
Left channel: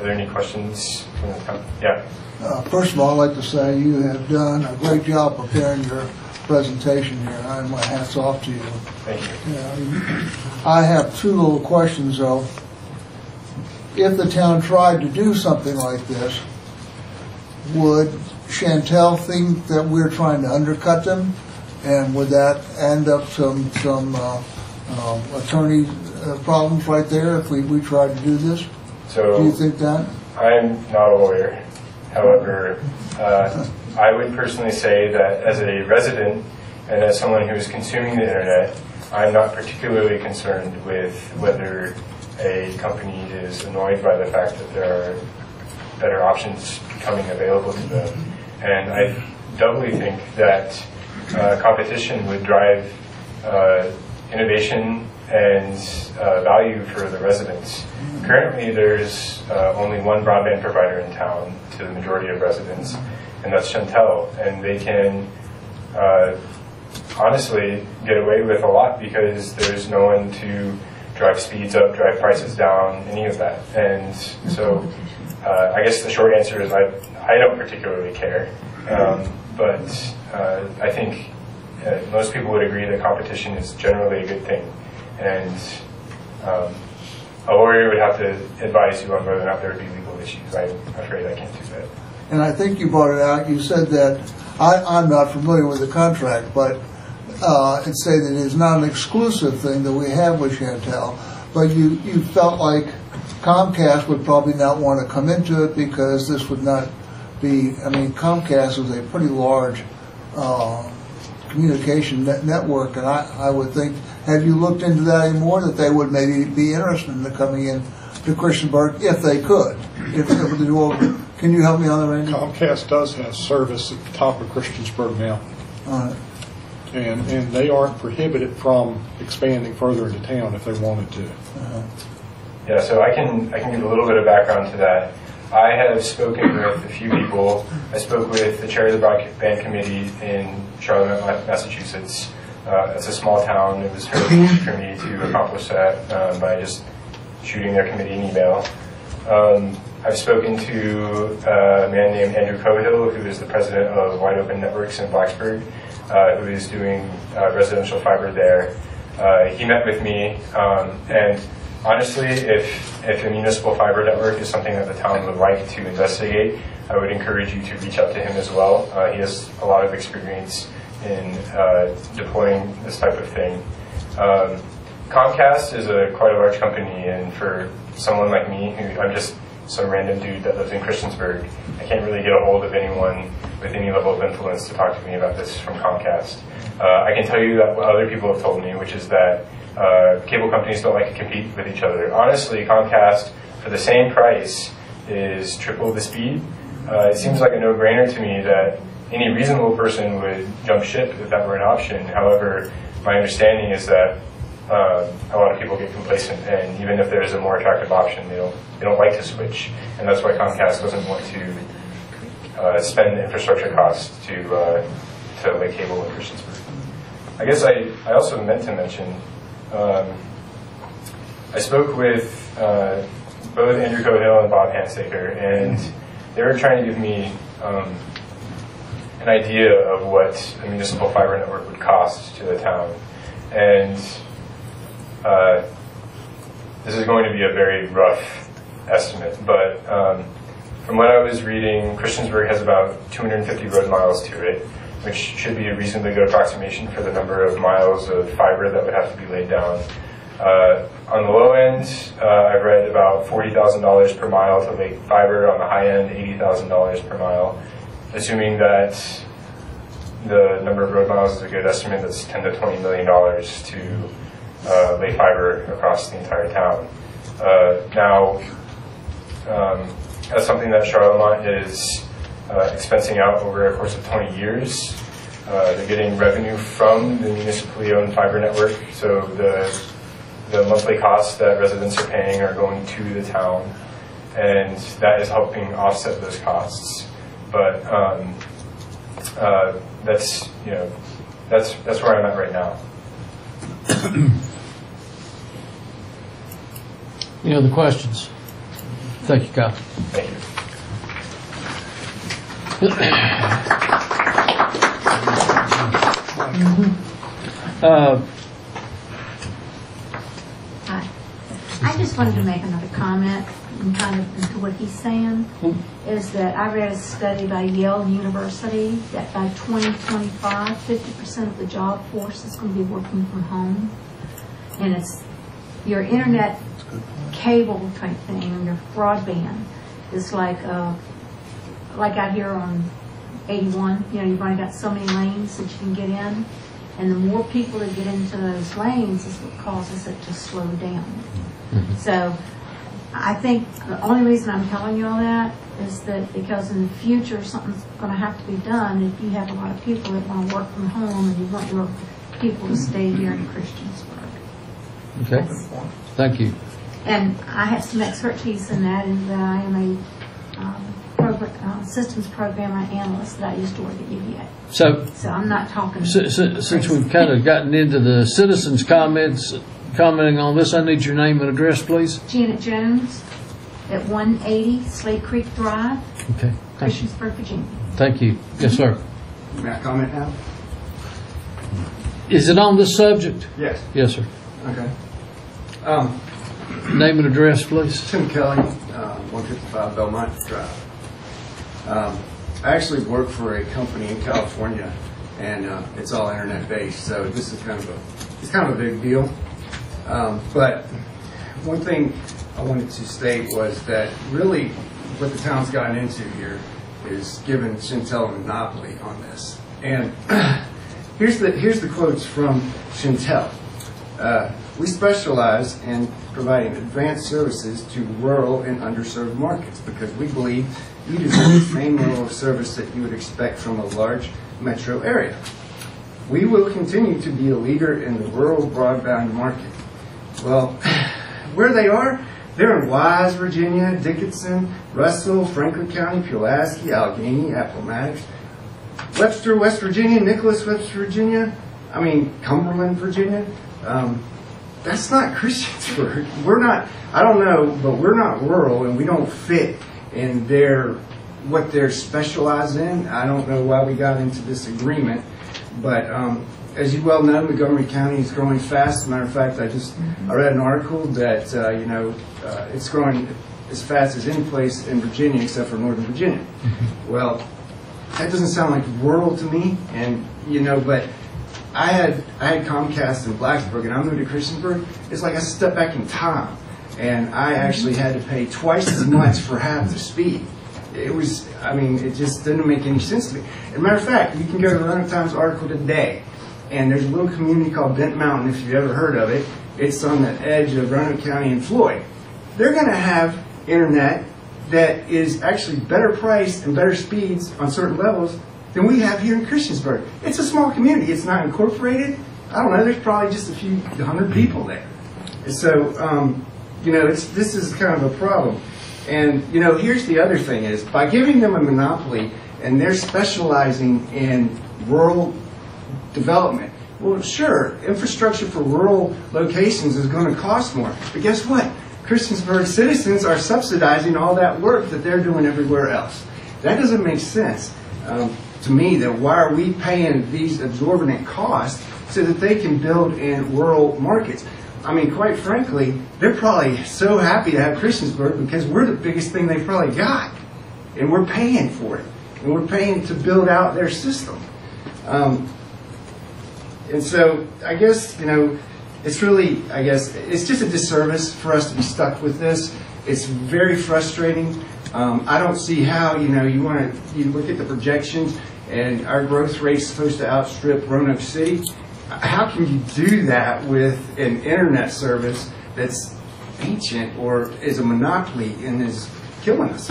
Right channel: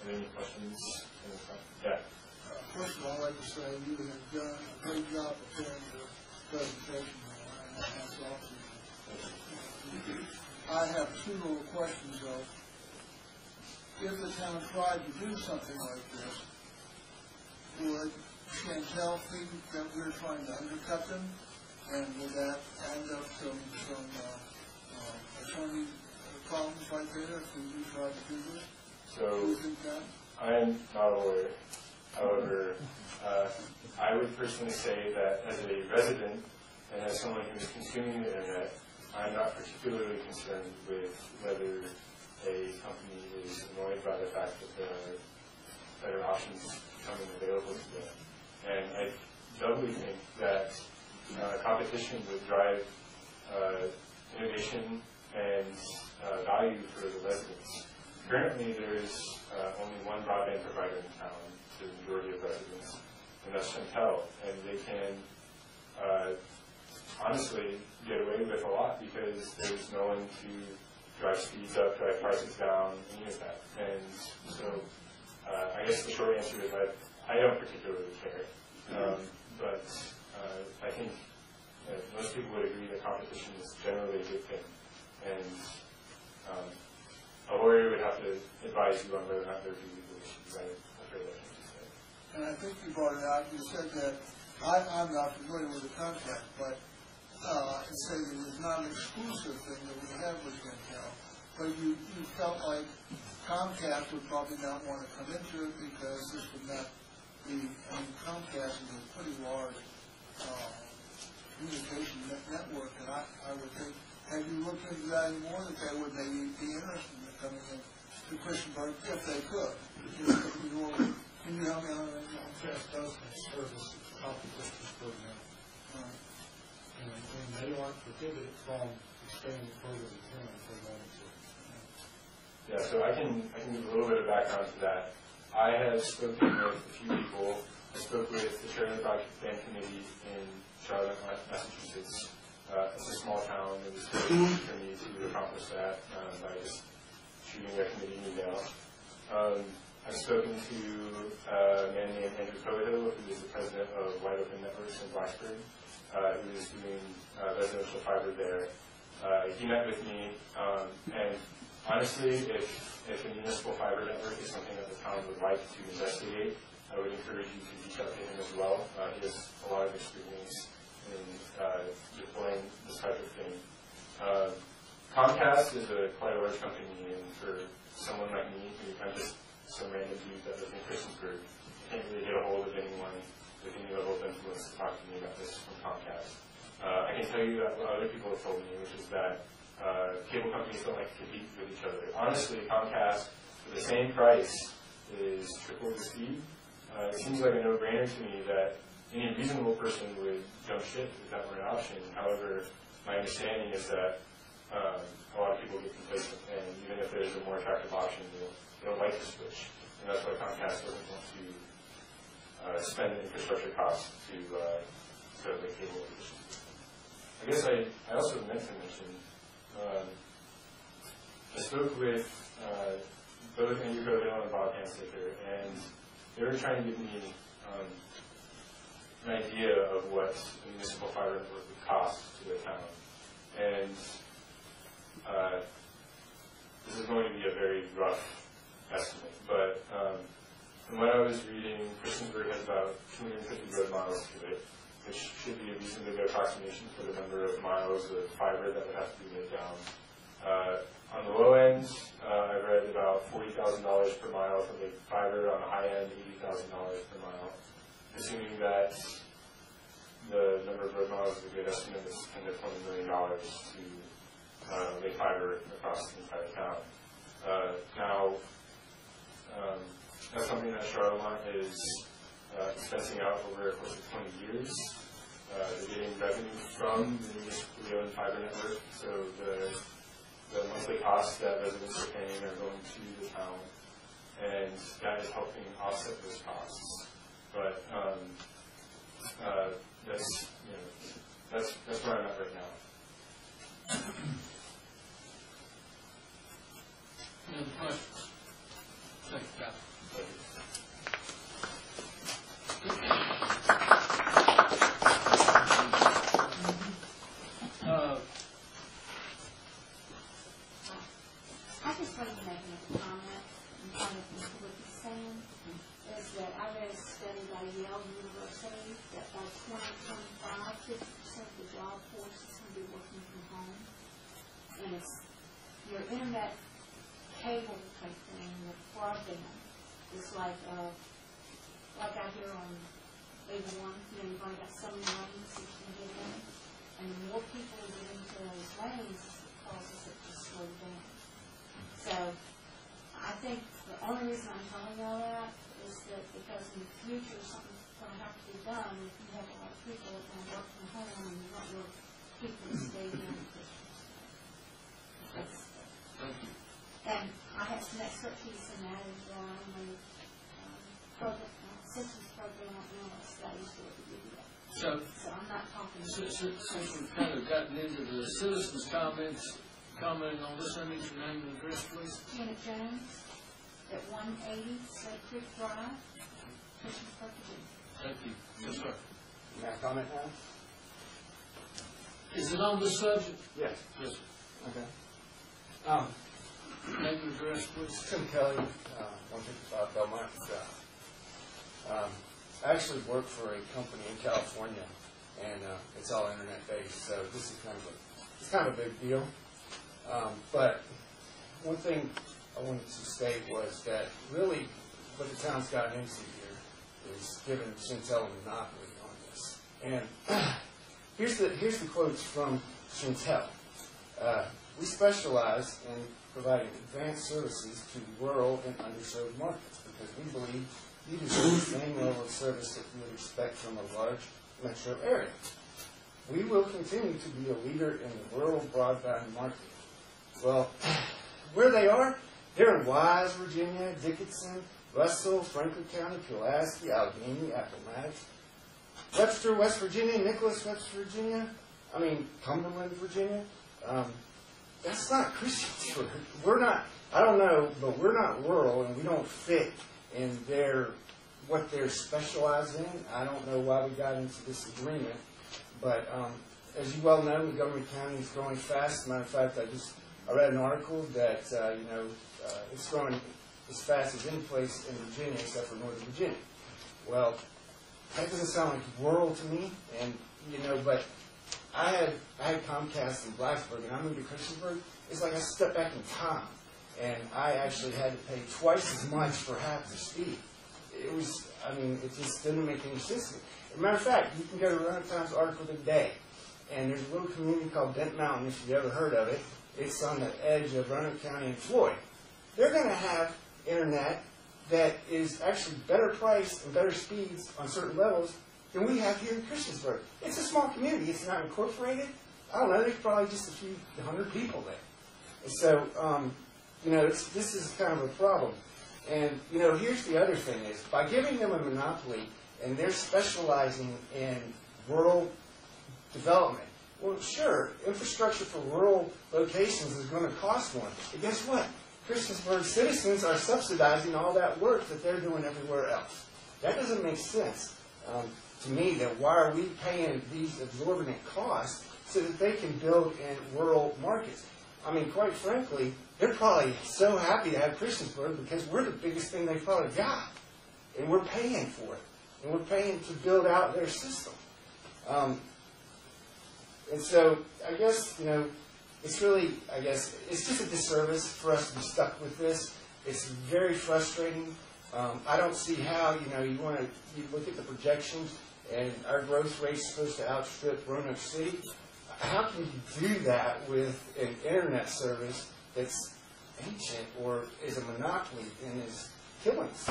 there any questions from the town? Yeah. First of all, I'd like to say you have done a great job preparing your presentation here, and my hat's off to you. Thank you. I have two little questions, though. If the town tried to do something like this, would Chantel think that we're trying to undercut them? And would that end up some attorney problems right there if we tried to do this? So do you think that? I'm not a lawyer. However, I would personally say that as a resident and as someone who is consuming the internet, I'm not particularly concerned with whether a company is annoyed by the fact that there are better options becoming available to them. And I doubly think that competition would drive innovation and value for the residents. Currently, there's only one broadband provider in town to the majority of residents, and that's Chantel. And they can honestly get away with a lot because there's no one to drive speeds up, drive prices down, any of that. And so I guess the short answer is I don't particularly care. But I think most people would agree that competition is generally a good thing. And a lawyer would have to advise you on whether or not there would be legal issues. I'm afraid I can't do that. And I think you brought it out. You said that I'm not familiar with the contract, but it said that it is not an exclusive thing that we have with Chantel. But you felt like Comcast would probably not want to come into it because this would not be. I mean, Comcast is a pretty large communication network, and I would think. Have you looked into that anymore? That they would maybe be interested in coming in to Christiansburg if they could. Can you help me on that, Randy? Comcast does have service at the top of Christiansburg now. All right. And they aren't prohibited from expanding further into town if they wanted to. Yeah, so I can give a little bit of background to that. I have spoken with a few people. I spoke with the chair of the Broadband Committee in Charlotte, Massachusetts. It's a small town. It was fairly easy for me to accomplish that by just shooting their committee an email. I've spoken to a man named Andrew Cohill, who is the president of Wide Open Networks in Blacksburg, who is doing residential fiber there. He met with me, and honestly, if a municipal fiber network is something that the town would like to investigate, I would encourage you to reach out to him as well. He has a lot of experience in deploying this type of thing. Comcast is quite a large company, and for someone like me, who I'm just some random dude that lives in Christiansburg. I can't really get a hold of anyone with any level of influence to talk to me about this from Comcast. I can tell you that what other people have told me, which is that cable companies don't like to compete with each other. Honestly, Comcast, for the same price, is triple the speed. It seems like a no-brainer to me that any reasonable person would jump ship if that were an option. However, my understanding is that a lot of people get complacent, and even if there's a more attractive option, they don't like to switch, and that's why Comcast doesn't want to spend infrastructure costs to lay cable in Christiansburg. I guess I also meant to mention, I spoke with both Andrew Cohill and Bob Hansaker, and they were trying to give me an idea of what a municipal fiber network would cost to the town. And this is going to be a very rough estimate, but from what I was reading, Christiansburg has about 250 road miles to it, which should be a reasonably good approximation for the number of miles of fiber that would have to be laid down. On the low end, I've read about $40,000 per mile to lay fiber. On the high end, $80,000 per mile. Assuming that the number of road miles is a good estimate, that's $10 to $20 million to lay fiber across the entire town. Now, that's something that Charlemont is expensing out over a course of 20 years. They're getting revenue from the municipally owned fiber network, so the monthly costs that residents are paying are going to the town, and that is helping offset those costs. But that's where I'm at right now. Any other questions? Thank you, Kyle. Thank you. Hi. I just wanted to make another comment and kind of into what he's saying, is that I read a study by Yale University that by 2025, 50% of the job force is going to be working from home. And it's your internet cable type thing, and your broadband is like out here on 81, you've only got so many lanes that you can get in. And the more people that get into those lanes is what causes it to slow down. Mm-hmm. So I think the only reason I'm telling you all that is that because in the future something's going to have to be done if you have a lot of people that want to work from home and you want your people to stay here in Christiansburg. Okay. Thank you. And I have some expertise in that, in that I am a systems program analyst that I used to work at UVA. So I'm not talking. Since we've kind of gotten into the citizens' commenting on this, I need your name and address, please. Janet Jones at 180 Slate Creek Drive, okay. Christiansburg, Virginia. Thank you. Yes, sir. May I comment now? Is it on this subject? Yes. Yes, sir. Okay. Name and address, please. Tim Kelly, 155 Belmont Drive. I actually work for a company in California, and it's all internet based. So this is kind of a big deal. But one thing I wanted to state was that really what the town's gotten into here is giving Chantel a monopoly on this. And here's the quotes from Chantel. We specialize in providing advanced services to rural and underserved markets because we believe you deserve the same level of service that you would expect from a large metro area. We will continue to be a leader in the rural broadband market. Well, where they are, they're in Wise, Virginia, Dickinson, Russell, Franklin County, Pulaski, Allegheny, Appomattox, Webster, West Virginia, Nicholas, West Virginia, Cumberland, Virginia. That's not Christiansburg. We're not, I don't know, but we're not rural and we don't fit in what they're specialized in. I don't know why we got into this agreement, but as you well know, Montgomery County is growing fast. As a matter of fact, I read an article that it's growing as fast as any place in Virginia except for Northern Virginia. Well, that doesn't sound like rural to me, and but I had Comcast in Blacksburg, and I moved to Christiansburg. It's like I stepped back in time. and I actually had to pay twice as much for half the speed. It was, I mean, it just didn't make any sense to me. As a matter of fact, you can go to the Roanoke Times article today, and there's a little community called Bent Mountain, if you've ever heard of it. It's on the edge of Roanoke County and Floyd. They're going to have internet that is actually better priced and better speeds on certain levels than we have here in Christiansburg. It's a small community. It's not incorporated. I don't know. There's probably just a few hundred people there. And so, you know, this is kind of a problem. And, you know, here's the other thing is, by giving them a monopoly and they're specializing in rural development, well, sure, infrastructure for rural locations is going to cost more. But guess what? Christiansburg citizens are subsidizing all that work that they're doing everywhere else. That doesn't make sense to me. That why are we paying these exorbitant costs so that they can build in rural markets? I mean, quite frankly, they're probably so happy to have Christiansburg because we're the biggest thing they've probably got. And we're paying for it. And we're paying to build out their system. And so, I guess, you know, it's really, I guess, it's just a disservice for us to be stuck with this. It's very frustrating. I don't see how, you know, you look at the projections and our growth rate's supposed to outstrip Roanoke City. How can you do that with an internet service that's ancient or is a monopoly and is killing us?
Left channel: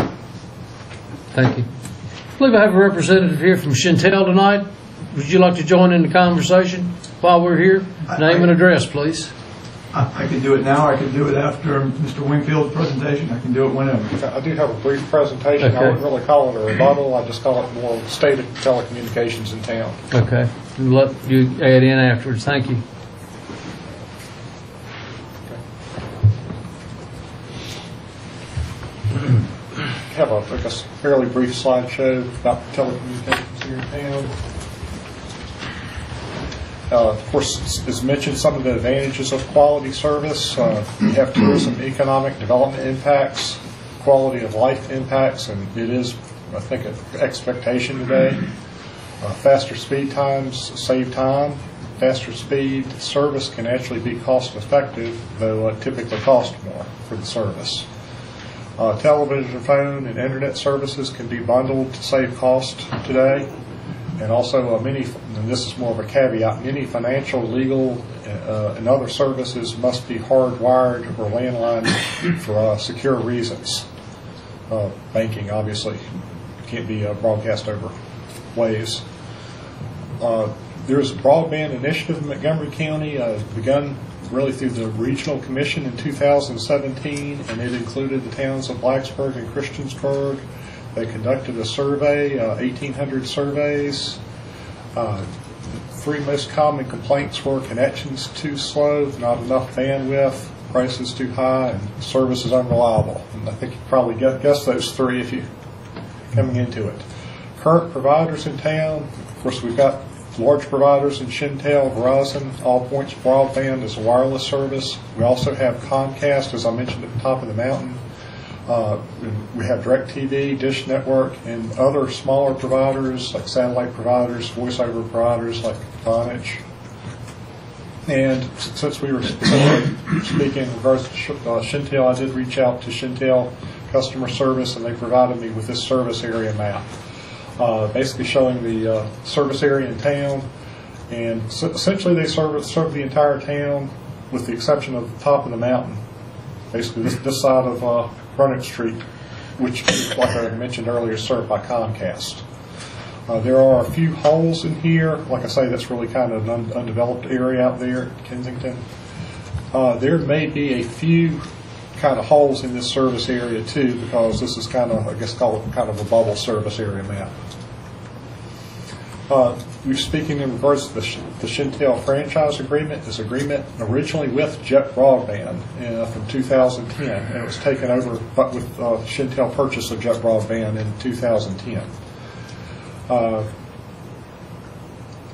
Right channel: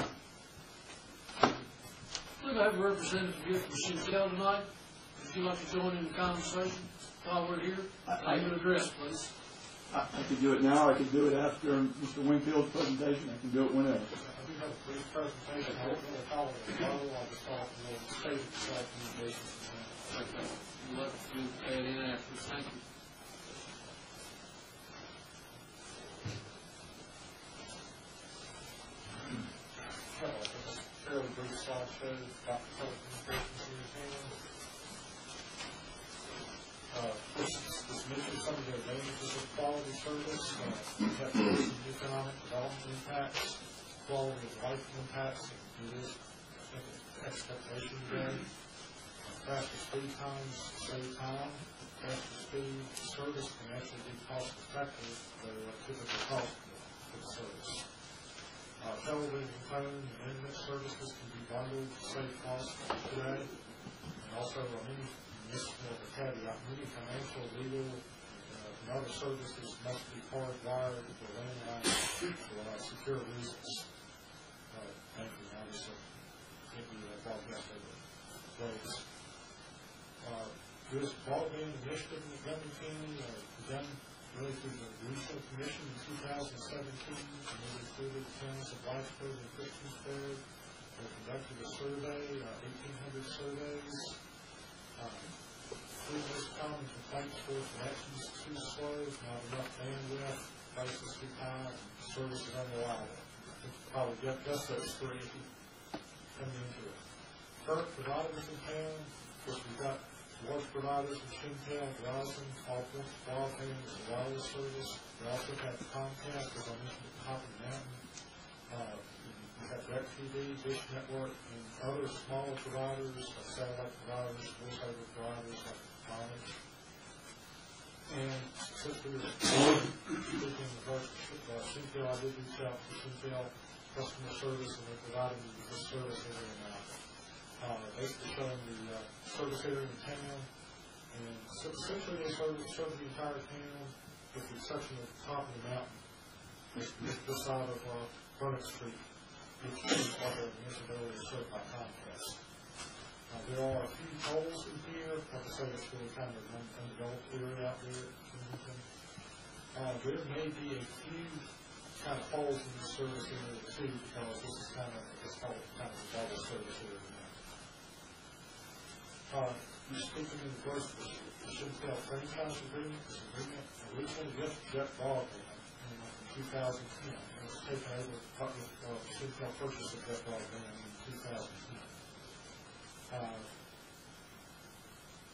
Thank you. I believe I have a representative here from Chantel tonight. Would you like to join in the conversation while we're here? Name and address, please. I can do it now. I can do it after Mr. Wingfield's presentation. I can do it whenever. I do have a brief presentation. Okay. I wouldn't really call it a rebuttal. I just call it more state of telecommunications in town. Okay. We'll let you add in afterwards. Thank you. I have I guess, fairly brief slideshow about telecommunications here in town. Of course, as mentioned, some of the advantages of quality service. We have tourism, economic development impacts, quality of life impacts, and it is, I think, an expectation today. Faster speed times save time. Faster speed service can actually be cost effective, though it typically costs more for the service. Television, phone, and internet services can be bundled to save cost today. And also many, and this is more of a caveat, many financial, legal, and other services must be hardwired or landline for secure reasons. Banking, obviously, can't be broadcast over waves. There's a broadband initiative in Montgomery County begun really through the Regional Commission in 2017, and it included the towns of Blacksburg and Christiansburg. They conducted a survey, 1,800 surveys. The three most common complaints were connections too slow, not enough bandwidth, prices too high, and service is unreliable. And I think you probably guess those three if you're coming into it. Current providers in town, of course, we've got large providers in Chantel, Verizon, All Points Broadband as a wireless service. We also have Comcast, as I mentioned at the top of the mountain. We have DirecTV, Dish Network, and other smaller providers like satellite providers, voice-over providers like Vonage. And since we were speaking in regards to Chantel, I did reach out to Chantel customer service, and they provided me with this service area map, basically showing the service area in town. And so essentially they serve the entire town with the exception of the top of the mountain, basically this side of Roanoke Street, which, like I mentioned earlier, is served by Comcast. There are a few holes in here. Like I say, that's really kind of an undeveloped area out there at Kensington. There may be a few kind of holes in this service area too, because this is kind of, I guess, call it kind of a bubble service area map. We're speaking in regards to the Chantel franchise agreement. This agreement originally with Jet Broadband from 2010, and it was taken over but with Chantel purchase of Jet Broadband in 2010.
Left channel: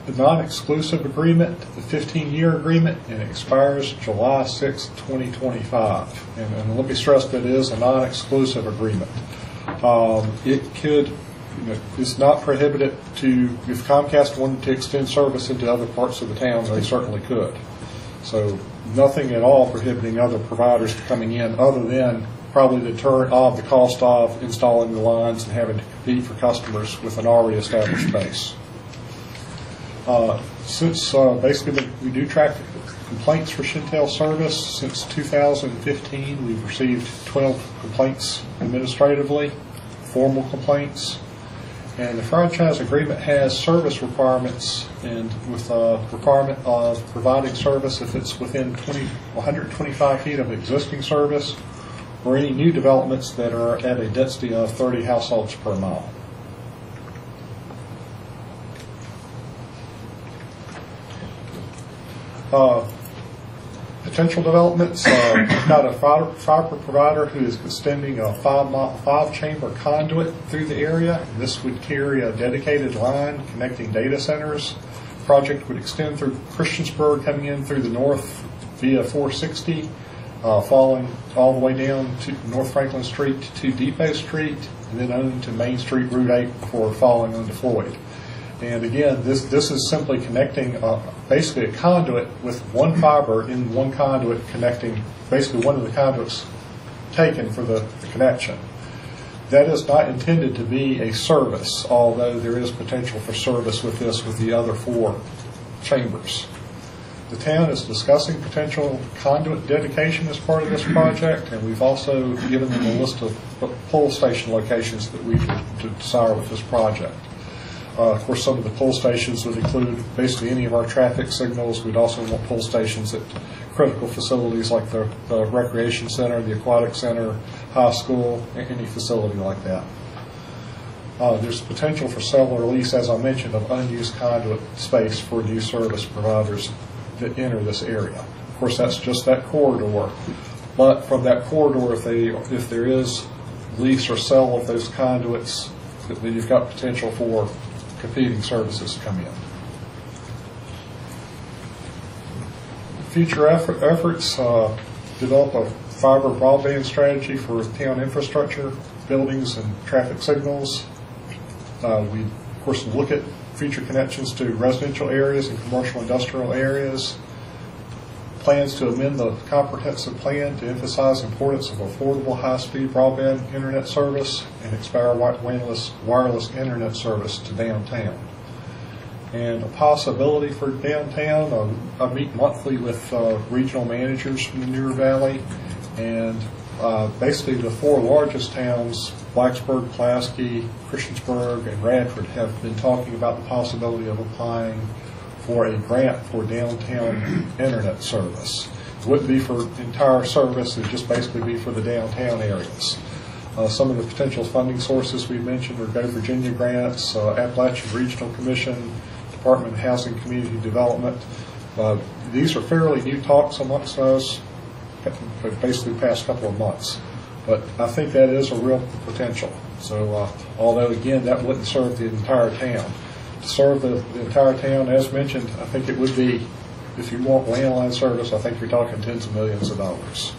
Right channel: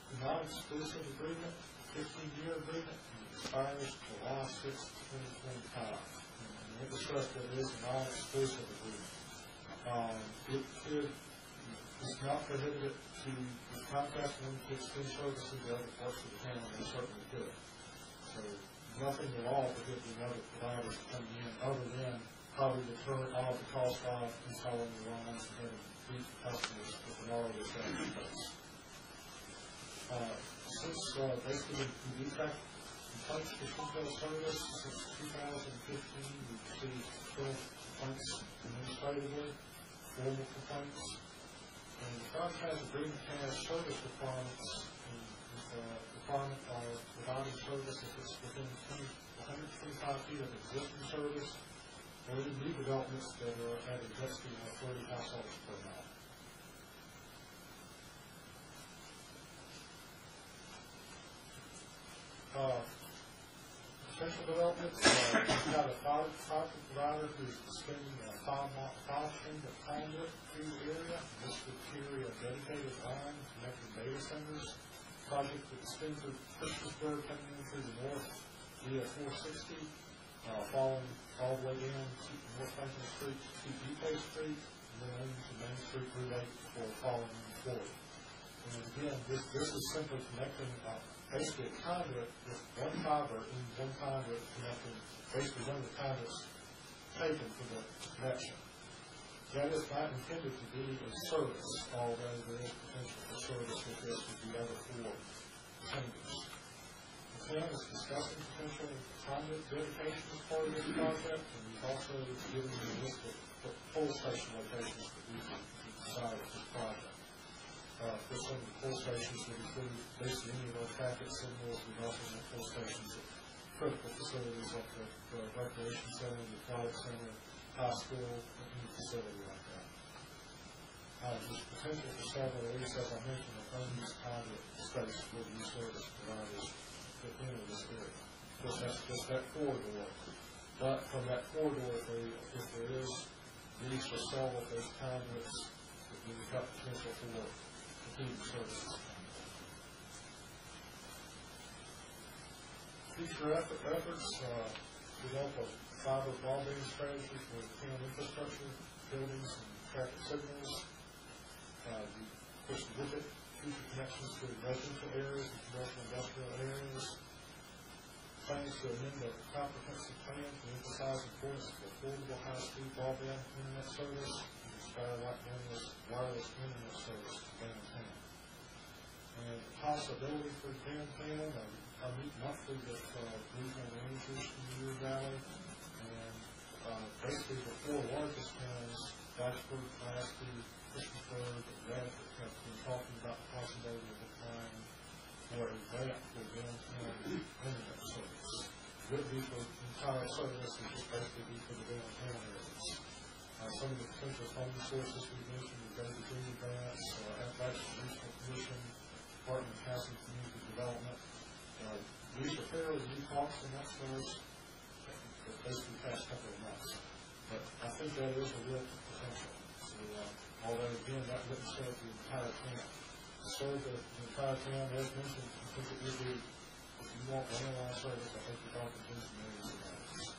The non-exclusive agreement, the 15-year agreement, and it expires July 6, 2025. And let me stress that it is a non-exclusive agreement. It could, it's not prohibited to, if Comcast wanted to extend service into other parts of the town, they certainly could. So nothing at all prohibiting other providers from coming in other than probably the deterrent of the cost of installing the lines and having to compete for customers with an already established base. Since basically we do track complaints for Shintel service, since 2015 we've received 12 complaints administratively, formal complaints. And the franchise agreement has service requirements, and with a requirement of providing service if it's within 125 feet of existing service, or any new developments that are at a density of 30 households per mile. Potential developments, we've got a fiber provider who is extending a 5-chamber conduit through the area. This would carry a dedicated line connecting data centers. The project would extend through Christiansburg, coming in through the north via 460, following all the way down to North Franklin Street to Depot Street, and then on to Main Street Route 8 before falling onto Floyd. And again, this is simply connecting basically a conduit with one fiber in one conduit connecting basically one of the conduits taken for the connection. That is not intended to be a service, although there is potential for service with this with the other 4 chambers. The town is discussing potential conduit dedication as part of this project, and we've also given them a list of pull station locations that we could desire with this project. Of course, some of the pull stations would include basically any of our traffic signals. We'd also want pull stations at critical facilities like the recreation center, the aquatic center, high school, any facility like that. There's potential for sale or lease, as I mentioned, of unused conduit space for new service providers that enter this area. Of course, that's just that corridor. But from that corridor, if there is lease or sale of those conduits, then you've got potential for competing services to come in. Future efforts, develop a fiber broadband strategy for town infrastructure, buildings, and traffic signals. We, of course, look at future connections to residential areas and commercial industrial areas. Plans to amend the comprehensive plan to emphasize the importance of affordable high-speed broadband internet service and expand wireless internet service to downtown. And a possibility for downtown, I meet monthly with regional managers from the Newer Valley, and basically the 4 largest towns, Blacksburg, Pulaski, Christiansburg, and Radford, have been talking about the possibility of applying for a grant for downtown internet service. It wouldn't be for entire service, it would just basically be for the downtown areas. Some of the potential funding sources we mentioned are Go Virginia grants, Appalachian Regional Commission, Department of Housing and Community Development. These are fairly new talks amongst us, basically the past couple of months. But I think that is a real potential. So although, again, that wouldn't serve the entire town. To serve the entire town, as mentioned, I think it would be, if you want landline service, I think you're talking tens of millions of dollars.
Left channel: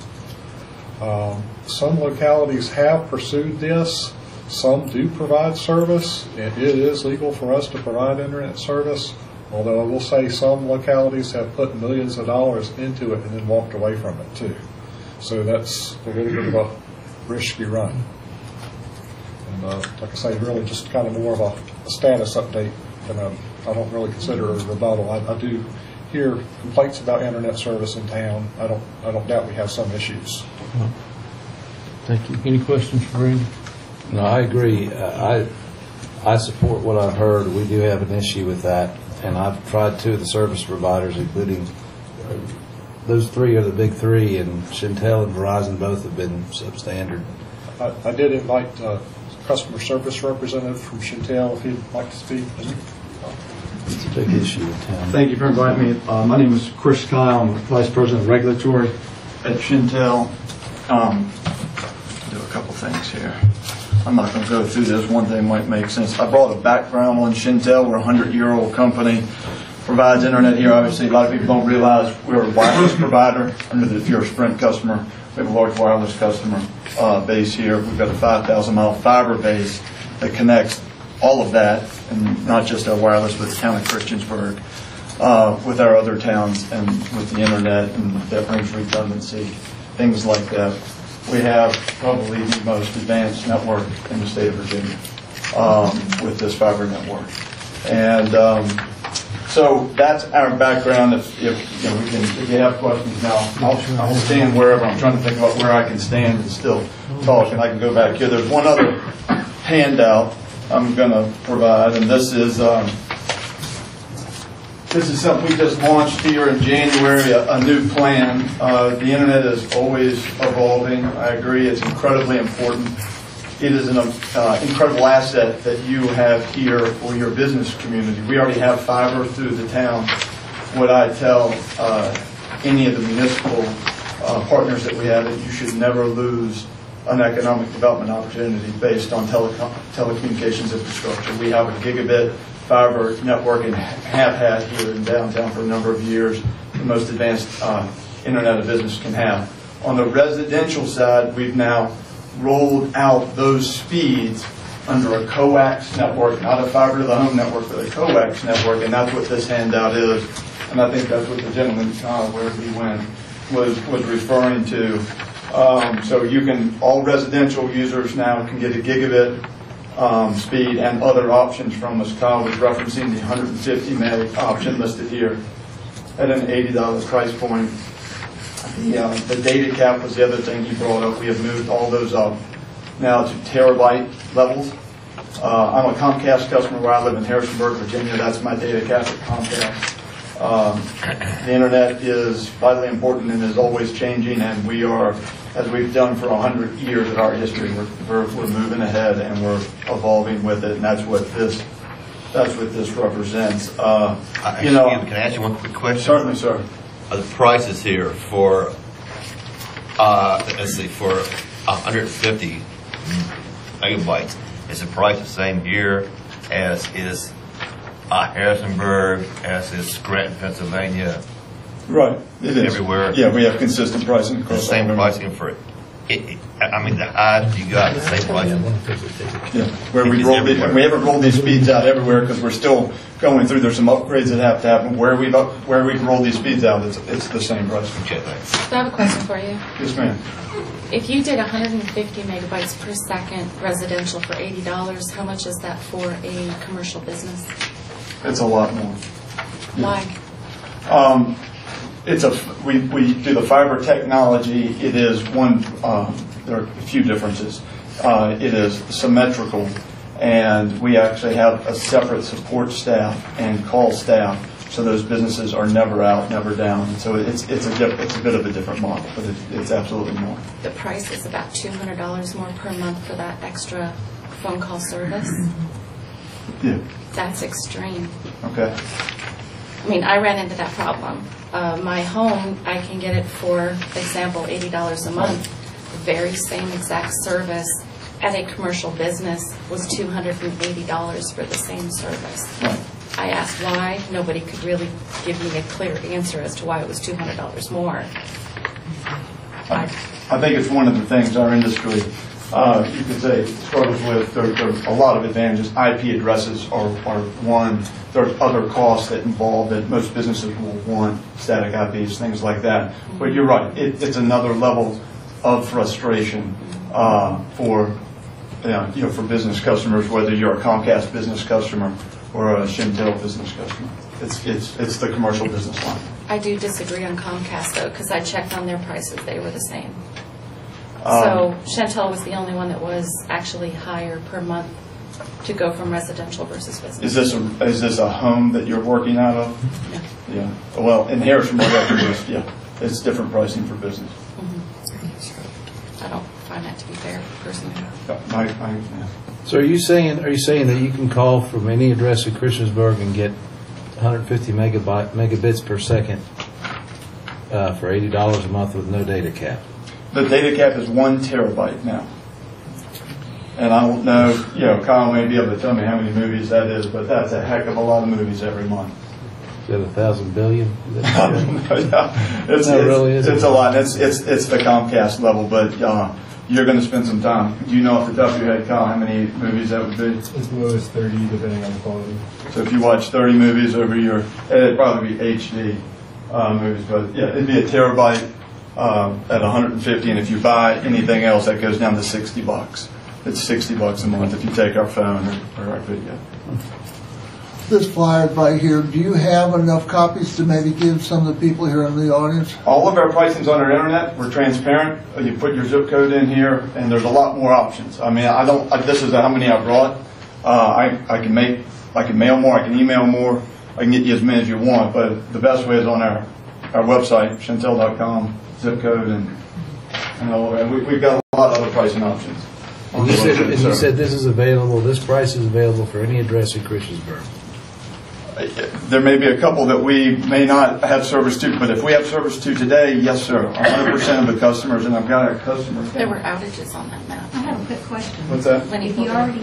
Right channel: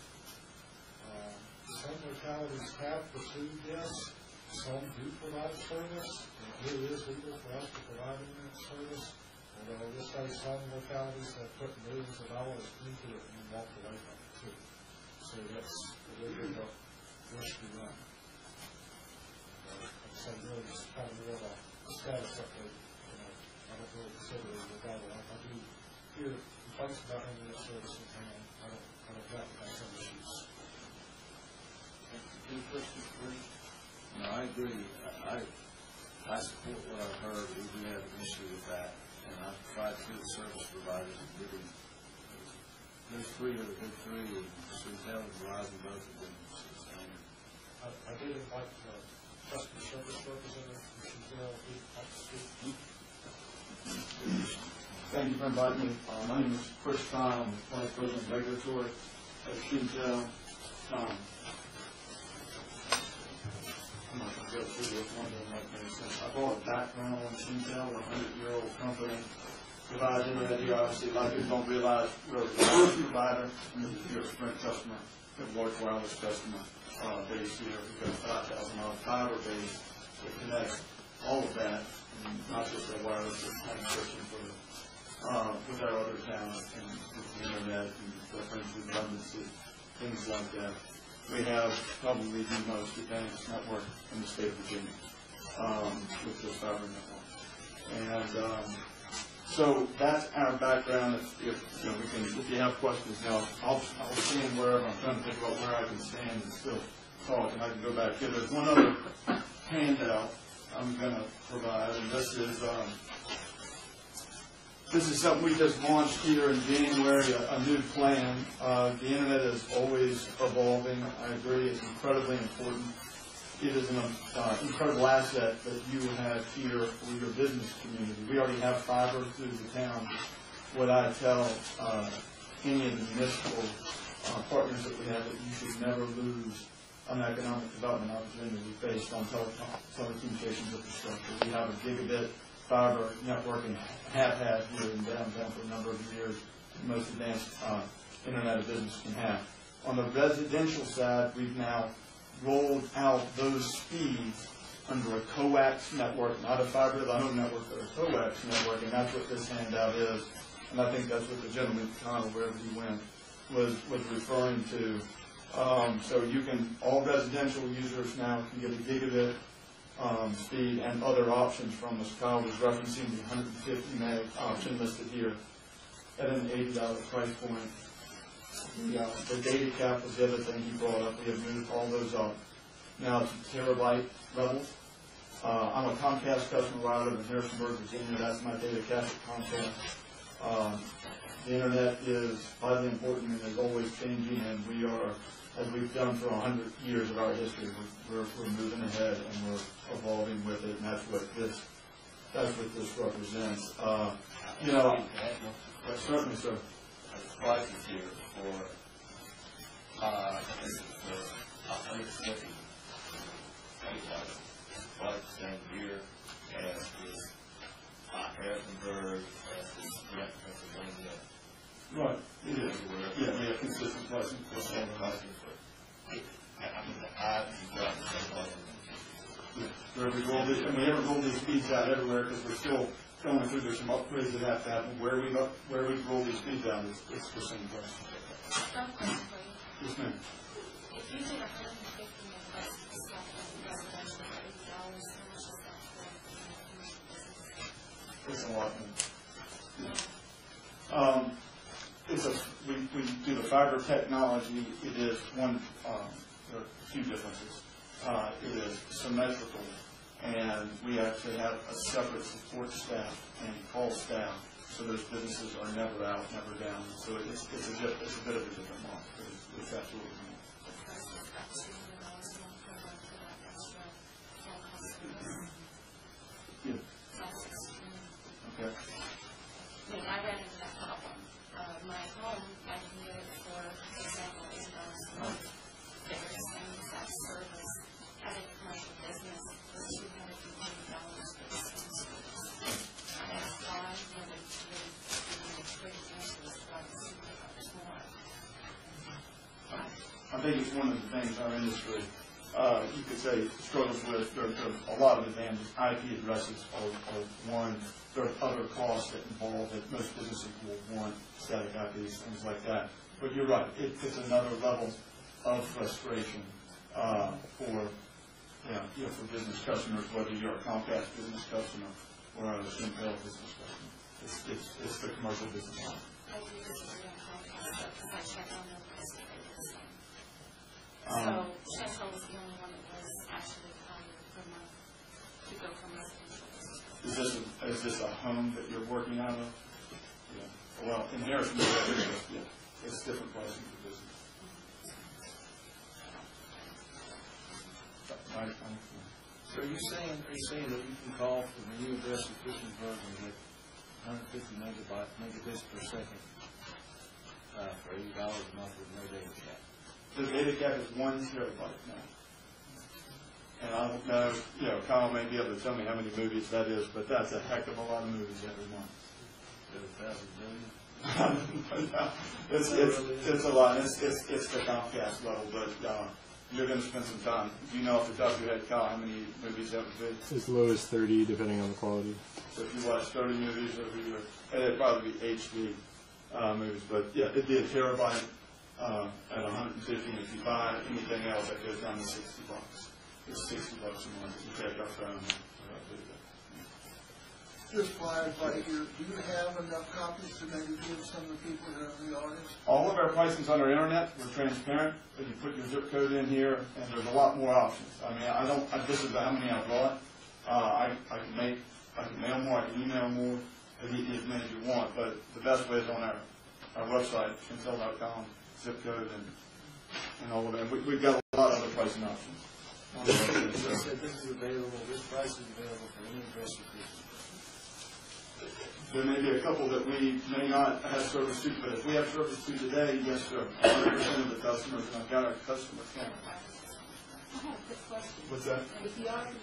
Some localities have pursued this. Some do provide service, and it is legal for us to provide internet service, although I will say some localities have put millions of dollars into it and then walked away from it too. So that's a little bit of a risky run. And like I say, really just kind of more of a status update. And I don't really consider it a rebuttal. I do hear complaints about internet service in town. I don't doubt we have some issues. Thank you. Any questions for Randy? No, I agree. I support what I've heard. We do have an issue with that, and I've tried 2 of the service providers, including those 3 are the big 3, and Shintel and Verizon both have been substandard. I did invite customer service representative from Shintel if he'd like to speak. It's a big issue in town. Thank you for inviting me. My name is Chris Kyle. I'm Vice President of Regulatory at Shintel. Do a couple things here. I'm not going to go through this. One thing might make sense. I brought a background on Shintel. We're a 100-year-old company. Provides internet here. Obviously, a lot of people don't realize we're a wireless provider. If you're a Sprint customer, we have a large wireless customer base here. We've got a 5,000-mile fiber base that connects all of that, and not just our wireless, but the town of Christiansburg. with our other towns and with the internet, and that brings redundancy, things like that. We have probably the most advanced network in the state of Virginia with this fiber network. And so that's our background. If you have questions now, I'll stand wherever. I'm trying to think about where I can stand and still talk, and I can go back here. There's one other handout I'm going to provide, and this is something we just launched here in January, a new plan. The internet is always evolving. I agree, it's incredibly important. It is an incredible asset that you have here for your business community. We already have fiber through the town. What I tell any of the municipal partners that we have, that you should never lose an economic development opportunity based on telecommunications infrastructure. We have a gigabit fiber network and have had here in downtown for a number of years, the most advanced internet a business can have. On the residential side, we've now rolled out those speeds under a coax network, not a fiber to the home network, but a coax network, and that's what this handout is. And I think that's what the gentleman, where he went, was referring to. So you can, all residential users now can get a gigabit speed and other options from us. Kyle was referencing the 150 meg option listed here at an $80 price point. The data cap was the other thing you brought up. We have moved all those up now to terabyte levels. I'm a Comcast customer where I live in Harrisonburg, Virginia. That's my data cap at Comcast. The internet is vitally important and is always changing, and we are, as we've done for 100 years of our history, we're moving ahead and we're evolving with it, and that's what this represents. Can I ask you one quick question? Certainly, sir. The prices here for for 150 megabytes, is the price the same here as is Harrisonburg, as is Scranton, Pennsylvania? Right, it is. Everywhere? Yeah, we have consistent pricing across the same pricing for it. I mean, the highest you got, the same pricing? Yeah, where we haven't rolled these speeds out everywhere because we're still going through. There's some upgrades that have to happen. Where we can roll these speeds out, it's the same price. Okay, thanks. So I have a question for you. Yes, ma'am. If you did 150 megabytes per second residential for $80, how much is that for a commercial business? It's a lot more. Why? We do the fiber technology. It is one. There are a few differences. It is symmetrical, and we actually have a separate support staff and call staff, so those businesses are never out, never down. And so it's a bit of a different model, but it's absolutely more. The price is about $200 more per month for that extra phone call service. Yeah. That's extreme. Okay. I mean, I ran into that problem. My home, I can get it for example, $80 a month. Very same exact service at a commercial business was $280 for the same service. Right. I asked why. Nobody could really give me a clear answer as to why it was $200 more. I think it's one of the things our industry, you could say, struggles with. There are a lot of advantages. IP addresses are one. There are other costs that involve that most businesses will want, static IPs, things like that. But you're right. It's another level of frustration for business customers, whether you're a Comcast business customer or a Shentel business customer. It's the commercial business line. I do disagree on Comcast, though, because I checked on their prices. They were the same. So Shentel was the only one that was actually higher per month to go from residential versus business. Is this a home that you're working out of? No. Yeah. Well, in Harrisonburg, it's different pricing for business. I don't find that to be fair, personally. So are you saying that you can call from any address in Christiansburg and get 150 megabits per second for $80 a month with no data cap? The data cap is 1 terabyte now. And I don't know, Kyle may be able to tell me how many movies that is, but that's a heck of a lot of movies every month. Is that 1,000 billion? It's a lot. It's the Comcast level, but you're going to spend some time. Do you know off the top of your head, Kyle, how many movies that would be? As low as 30, depending on the quality. So if you watch 30 movies over your, it'd probably be HD movies, but yeah, it'd be a terabyte at 150, and if you buy anything else, that goes down to $60. It's $60 a month if you take our phone or our video. This flyer right here, do you have enough copies to maybe give some of the people here in the audience? All of our pricing's on our internet. We're transparent. You put your zip code in here, and there's a lot more options. I mean, this is how many I brought. I can mail more. I can email more. I can get you as many as you want. But the best way is on our website, chantel.com, zip code, and we've got a lot of other pricing options. And you said this is available. This price is available for any address in Christiansburg. There may be a couple that we may not have service to, but if we have service to today, yes, sir. 100% of the customers, and I've got our customers. There were outages on that map. I have a quick question. What's that? If you already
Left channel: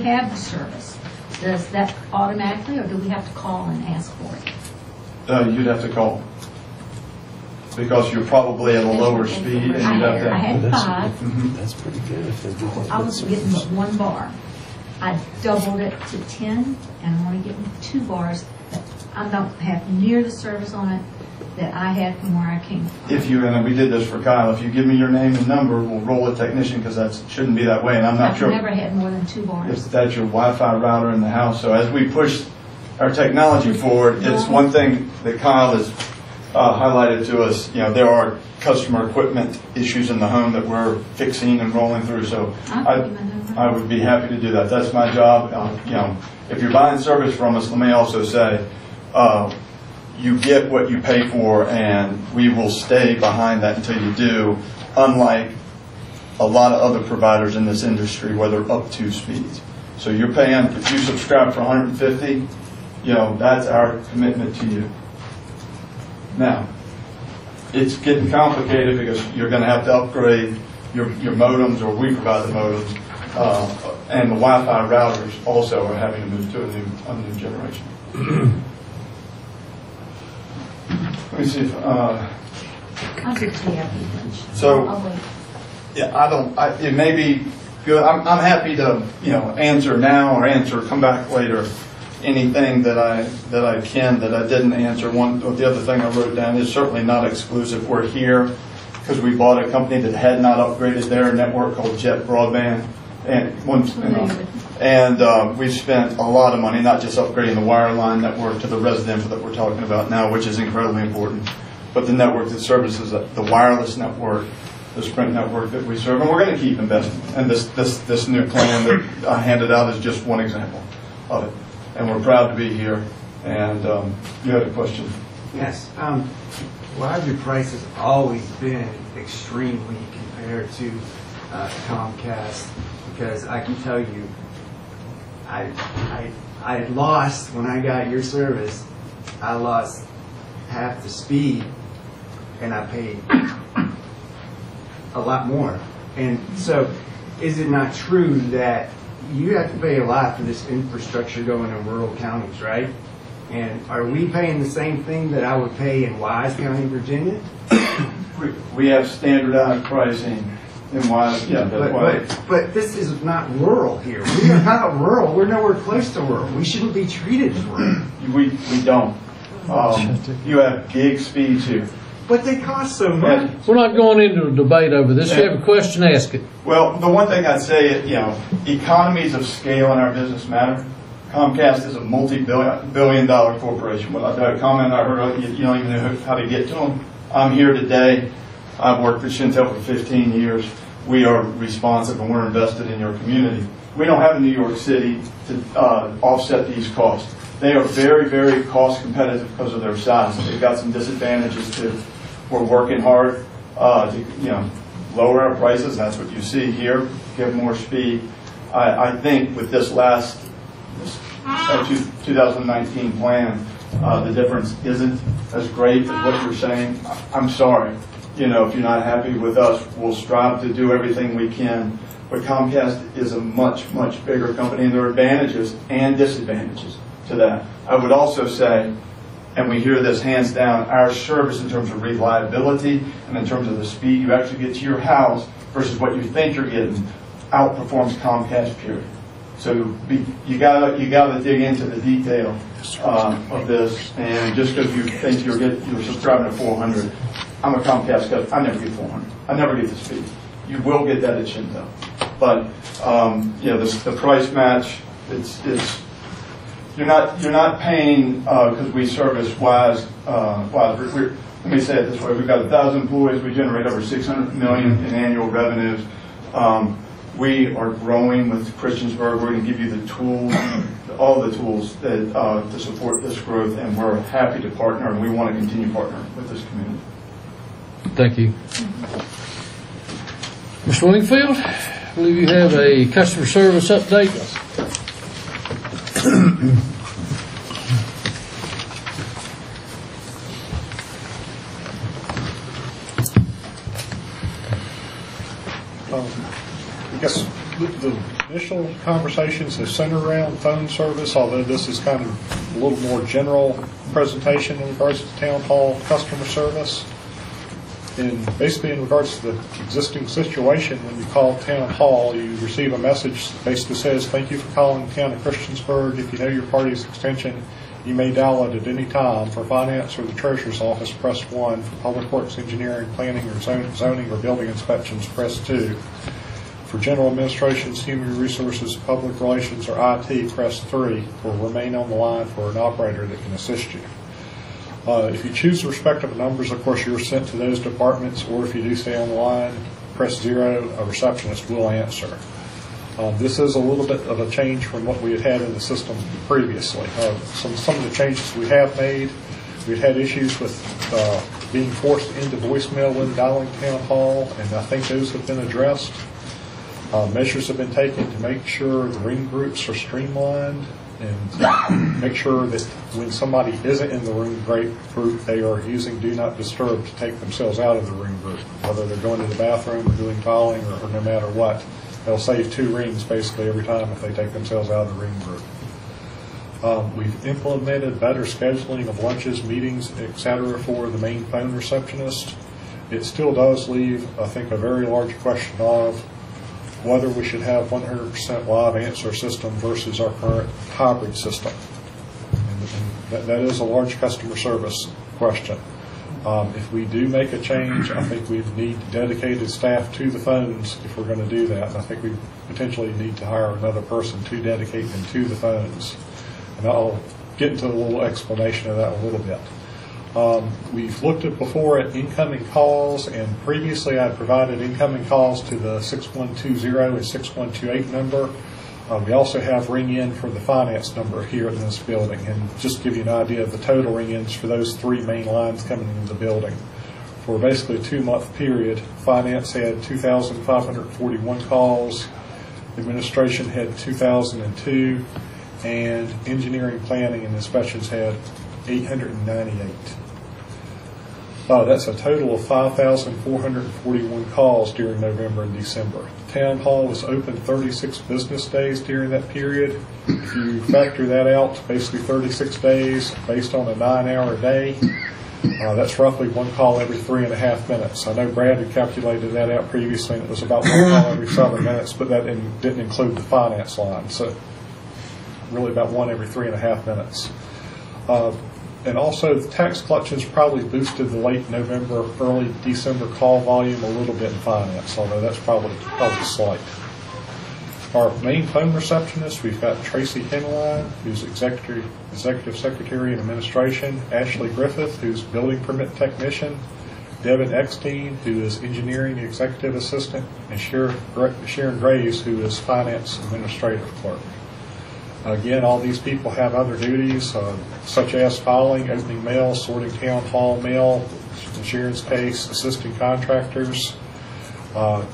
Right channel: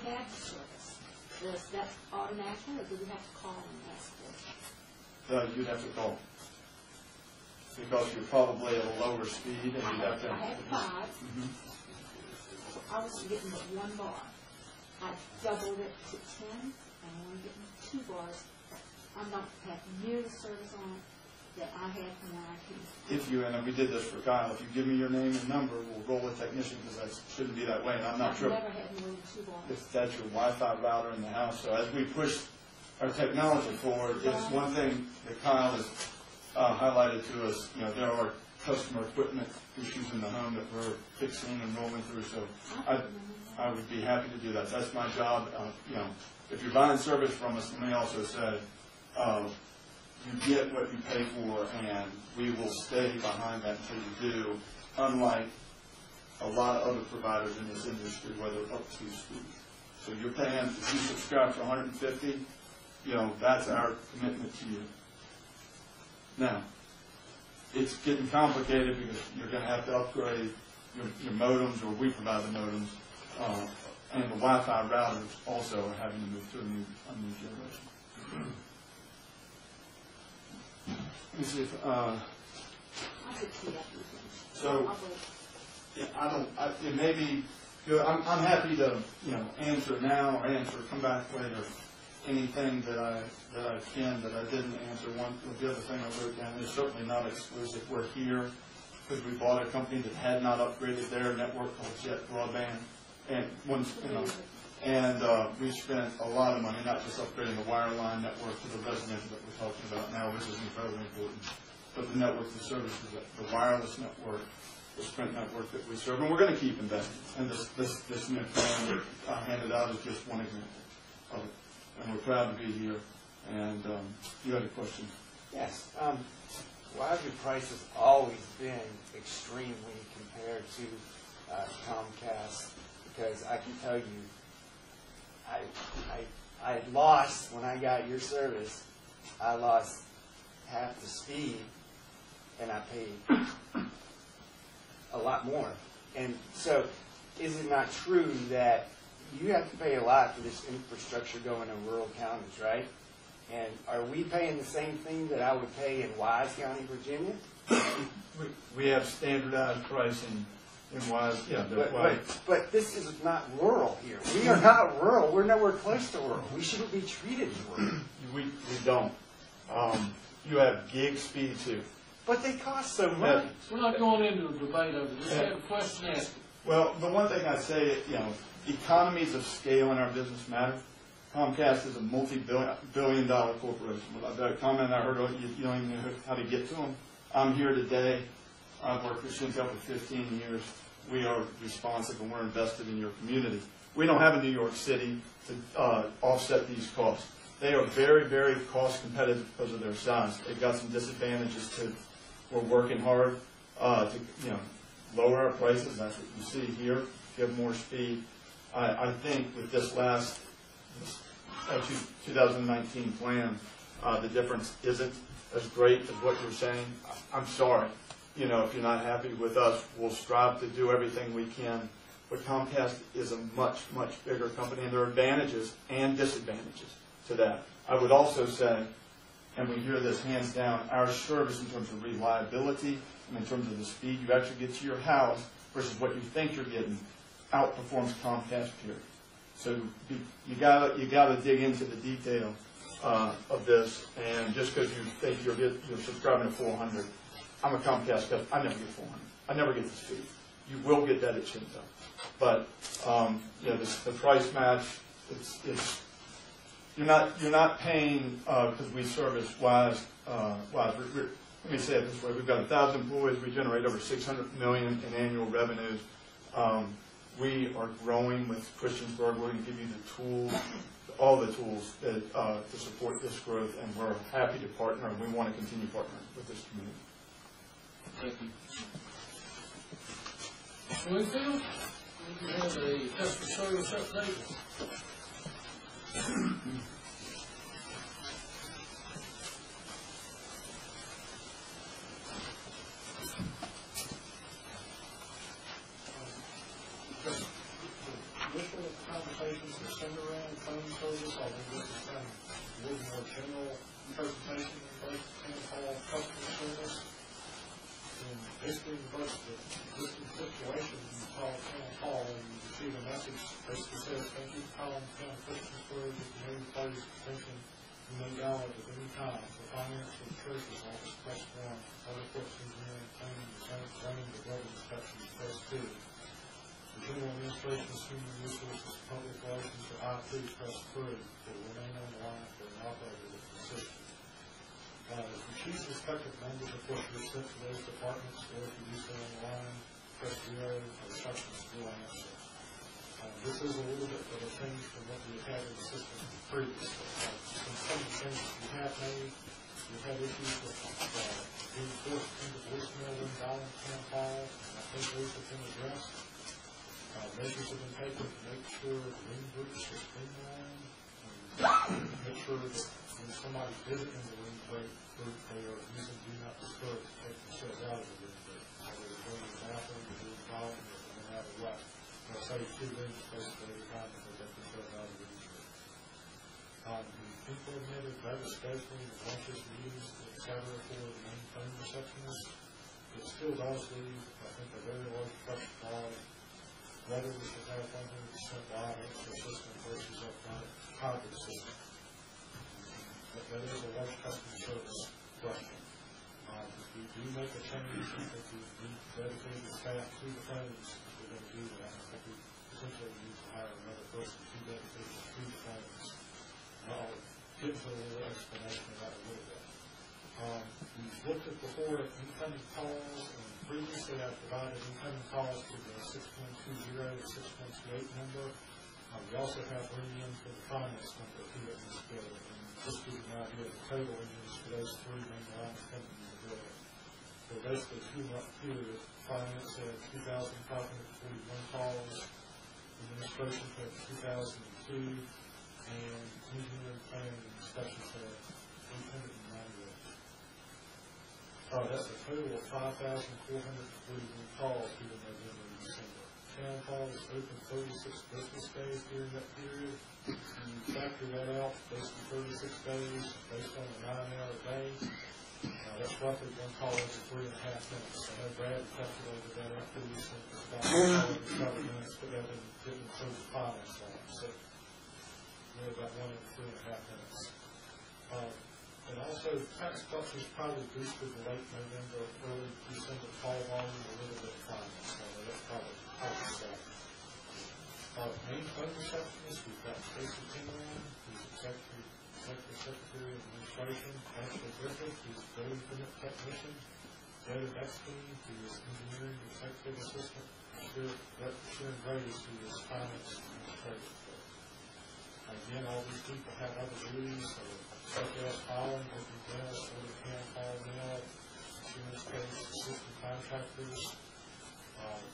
have the service, does that automatically, or do we have to call and ask for it? You'd have to call. Because you're probably at a lower speed, and you'd have to. I had 5. That's pretty good. If they do that. I was getting 1 bar. I doubled it to 10, and I'm only getting 2 bars. I don't have near the service on it that I had from where I came from. And we did this for Kyle, if you give me your name and number, we'll roll a technician, because that shouldn't be that way, and I'm not sure. I've never had more than 2 bars. If that's your Wi-Fi router in the house. So as we push our technology forward, it's one thing that Kyle has highlighted to us. There are customer equipment issues in the home that we're fixing and rolling through. So I would be happy to do that. That's my job. If you're buying service from us, let me also say, you get what you pay for, and we will stay behind that until you do, unlike a lot of other providers in this industry where they're up to speeds. So you're paying, if you subscribe for $150, that's our commitment to you. Now, it's getting complicated because you're going to have to upgrade your modems, or we provide the modems, and the Wi-Fi routers also are having to move to a new generation. Let me see if. It may be good. I'm happy to answer now or come back later. Anything that I can that I didn't answer. The other thing I wrote down is certainly not exclusive. We're here because we bought a company that had not upgraded their network called Jet Broadband, and we've spent a lot of money not just upgrading the wireline network to the residential that we're talking about now, which is incredibly important, but the network that services the wireless network, the Sprint network that we serve, and we're going to keep investing. And this new plan that I handed out is just one example of it. And we're proud to be here. And you had a question? Yes. Why have your prices always been extremely compared to Comcast? Because I can tell you, I lost, when I got your service, I lost half the speed, and I paid a lot more. And so, is it not true that you have to pay a lot for this infrastructure going in rural counties, right? And are we paying the same thing that I would pay in Wise County, Virginia? We have standardized pricing in Wise, but this is not rural here. We are not rural. We're nowhere close to rural. We shouldn't be treated as rural. We don't. You have gig speeds here. But they cost so much. We're not going into a debate over this. If you have a question, ask it. Well, the one thing I'd say, economies of scale in our business matter. Comcast is a multi-billion-dollar corporation. Well, that comment I heard, you don't even know how to get to them. I'm here today. I've worked for Chantel for 15 years. We are responsive, and we're invested in your community. We don't have a New York City to offset these costs. They are very, very cost competitive because of their size. They've got some disadvantages too. We're working hard to lower our prices. That's what you see here. Give more speed. I think with this 2019 plan, the difference isn't as great as what you're saying. I'm sorry. If you're not happy with us, we'll strive to do everything we can. But Comcast is a much, much bigger company, and there are advantages and disadvantages to that. I would also say, and we hear this hands down, our service in terms of reliability and in terms of the speed you actually get to your house versus what you think you're getting outperforms Comcast, period. So you gotta dig into the detail of this, and just because you think you're subscribing to 400, I'm a Comcast customer. I never get 400. I never get the speed. You will get that at Shinto, but the price match. It's you're not paying because we service Wise. Let me say it this way: we've got 1,000 employees. We generate over $600 million in annual revenues. We are growing with Christiansburg. We're going to give you the tools, all the tools that to support this growth, and we're happy to partner, and we want to continue partnering with this community. Thank you. Mr. Wingfield, I believe you have a customer service update. I guess the initial conversations have centered around phone service, although this is kind of a little more general presentation in regards to town hall customer service. And basically in regards to the existing situation, when you call town hall, you receive a message that basically says, thank you for calling the town of Christiansburg. If you know your party's extension, you may dial it at any time. For finance or the treasurer's office, press 1. For public works, engineering, planning, or zoning or building inspections, press 2. For general administrations, human resources, public relations, or IT, press 3, or remain on the line for an operator that can assist you. If you choose the respective numbers, of course, you're sent to those departments, or if you do stay on the line, press 0, a receptionist will answer. This is a little bit of a change from what we had in the system previously. Some of the changes we have made, we've had issues with being forced into voicemail when dialing town hall, and I think those have been addressed. Measures have been taken to make sure the ring groups are streamlined and make sure that when somebody isn't in the ring group, they are using Do Not Disturb to take themselves out of the ring group, whether they're going to the bathroom or doing calling or no matter what. They'll save 2 rings basically every time if they take themselves out of the ring group. We've implemented better scheduling of lunches, meetings, etc. for the main phone receptionist. It still does leave, I think, a very large question of whether we should have 100% live answer system versus our current hybrid system. And that is a large customer service question. If we do make a change, I think we need dedicated staff to the phones if we're going to do that. And I think we potentially need to hire another person to dedicate them to the phones. And I'll get into a little explanation of that a little bit. We've looked at before at incoming calls, and previously I provided incoming calls to the 6120 and 6128 number. We also have ring-in for the finance number here in this building, and just to give you an idea of the total ring-ins for those 3 main lines coming into the building. For basically a 2-month period, finance had 2,541 calls, administration had 2,002, and engineering, planning, and inspections had 898. That's a total of 5,441 calls during November and December. The town hall was open 36 business days during that period. If you factor that out, basically 36 days based on a 9-hour day, that's roughly 1 call every 3.5 minutes. I know Brad had calculated that out previously, and it was about 1 call every 7 minutes, but that didn't include the finance line. So really about 1 every 3.5 minutes. And also, the tax collections probably boosted the late November, early December call volume a little bit in finance, although that's probably slight. Our main phone receptionist, we've got Tracy Henline, who's executive secretary and administration, Ashley Griffith, who's building permit technician, Devin Eckstein, who is engineering executive assistant, and Sharon Graves, who is finance administrative clerk. Again, all these people have other duties, such as filing, opening mail, sorting town hall mail, in Sharon's case, assisting contractors,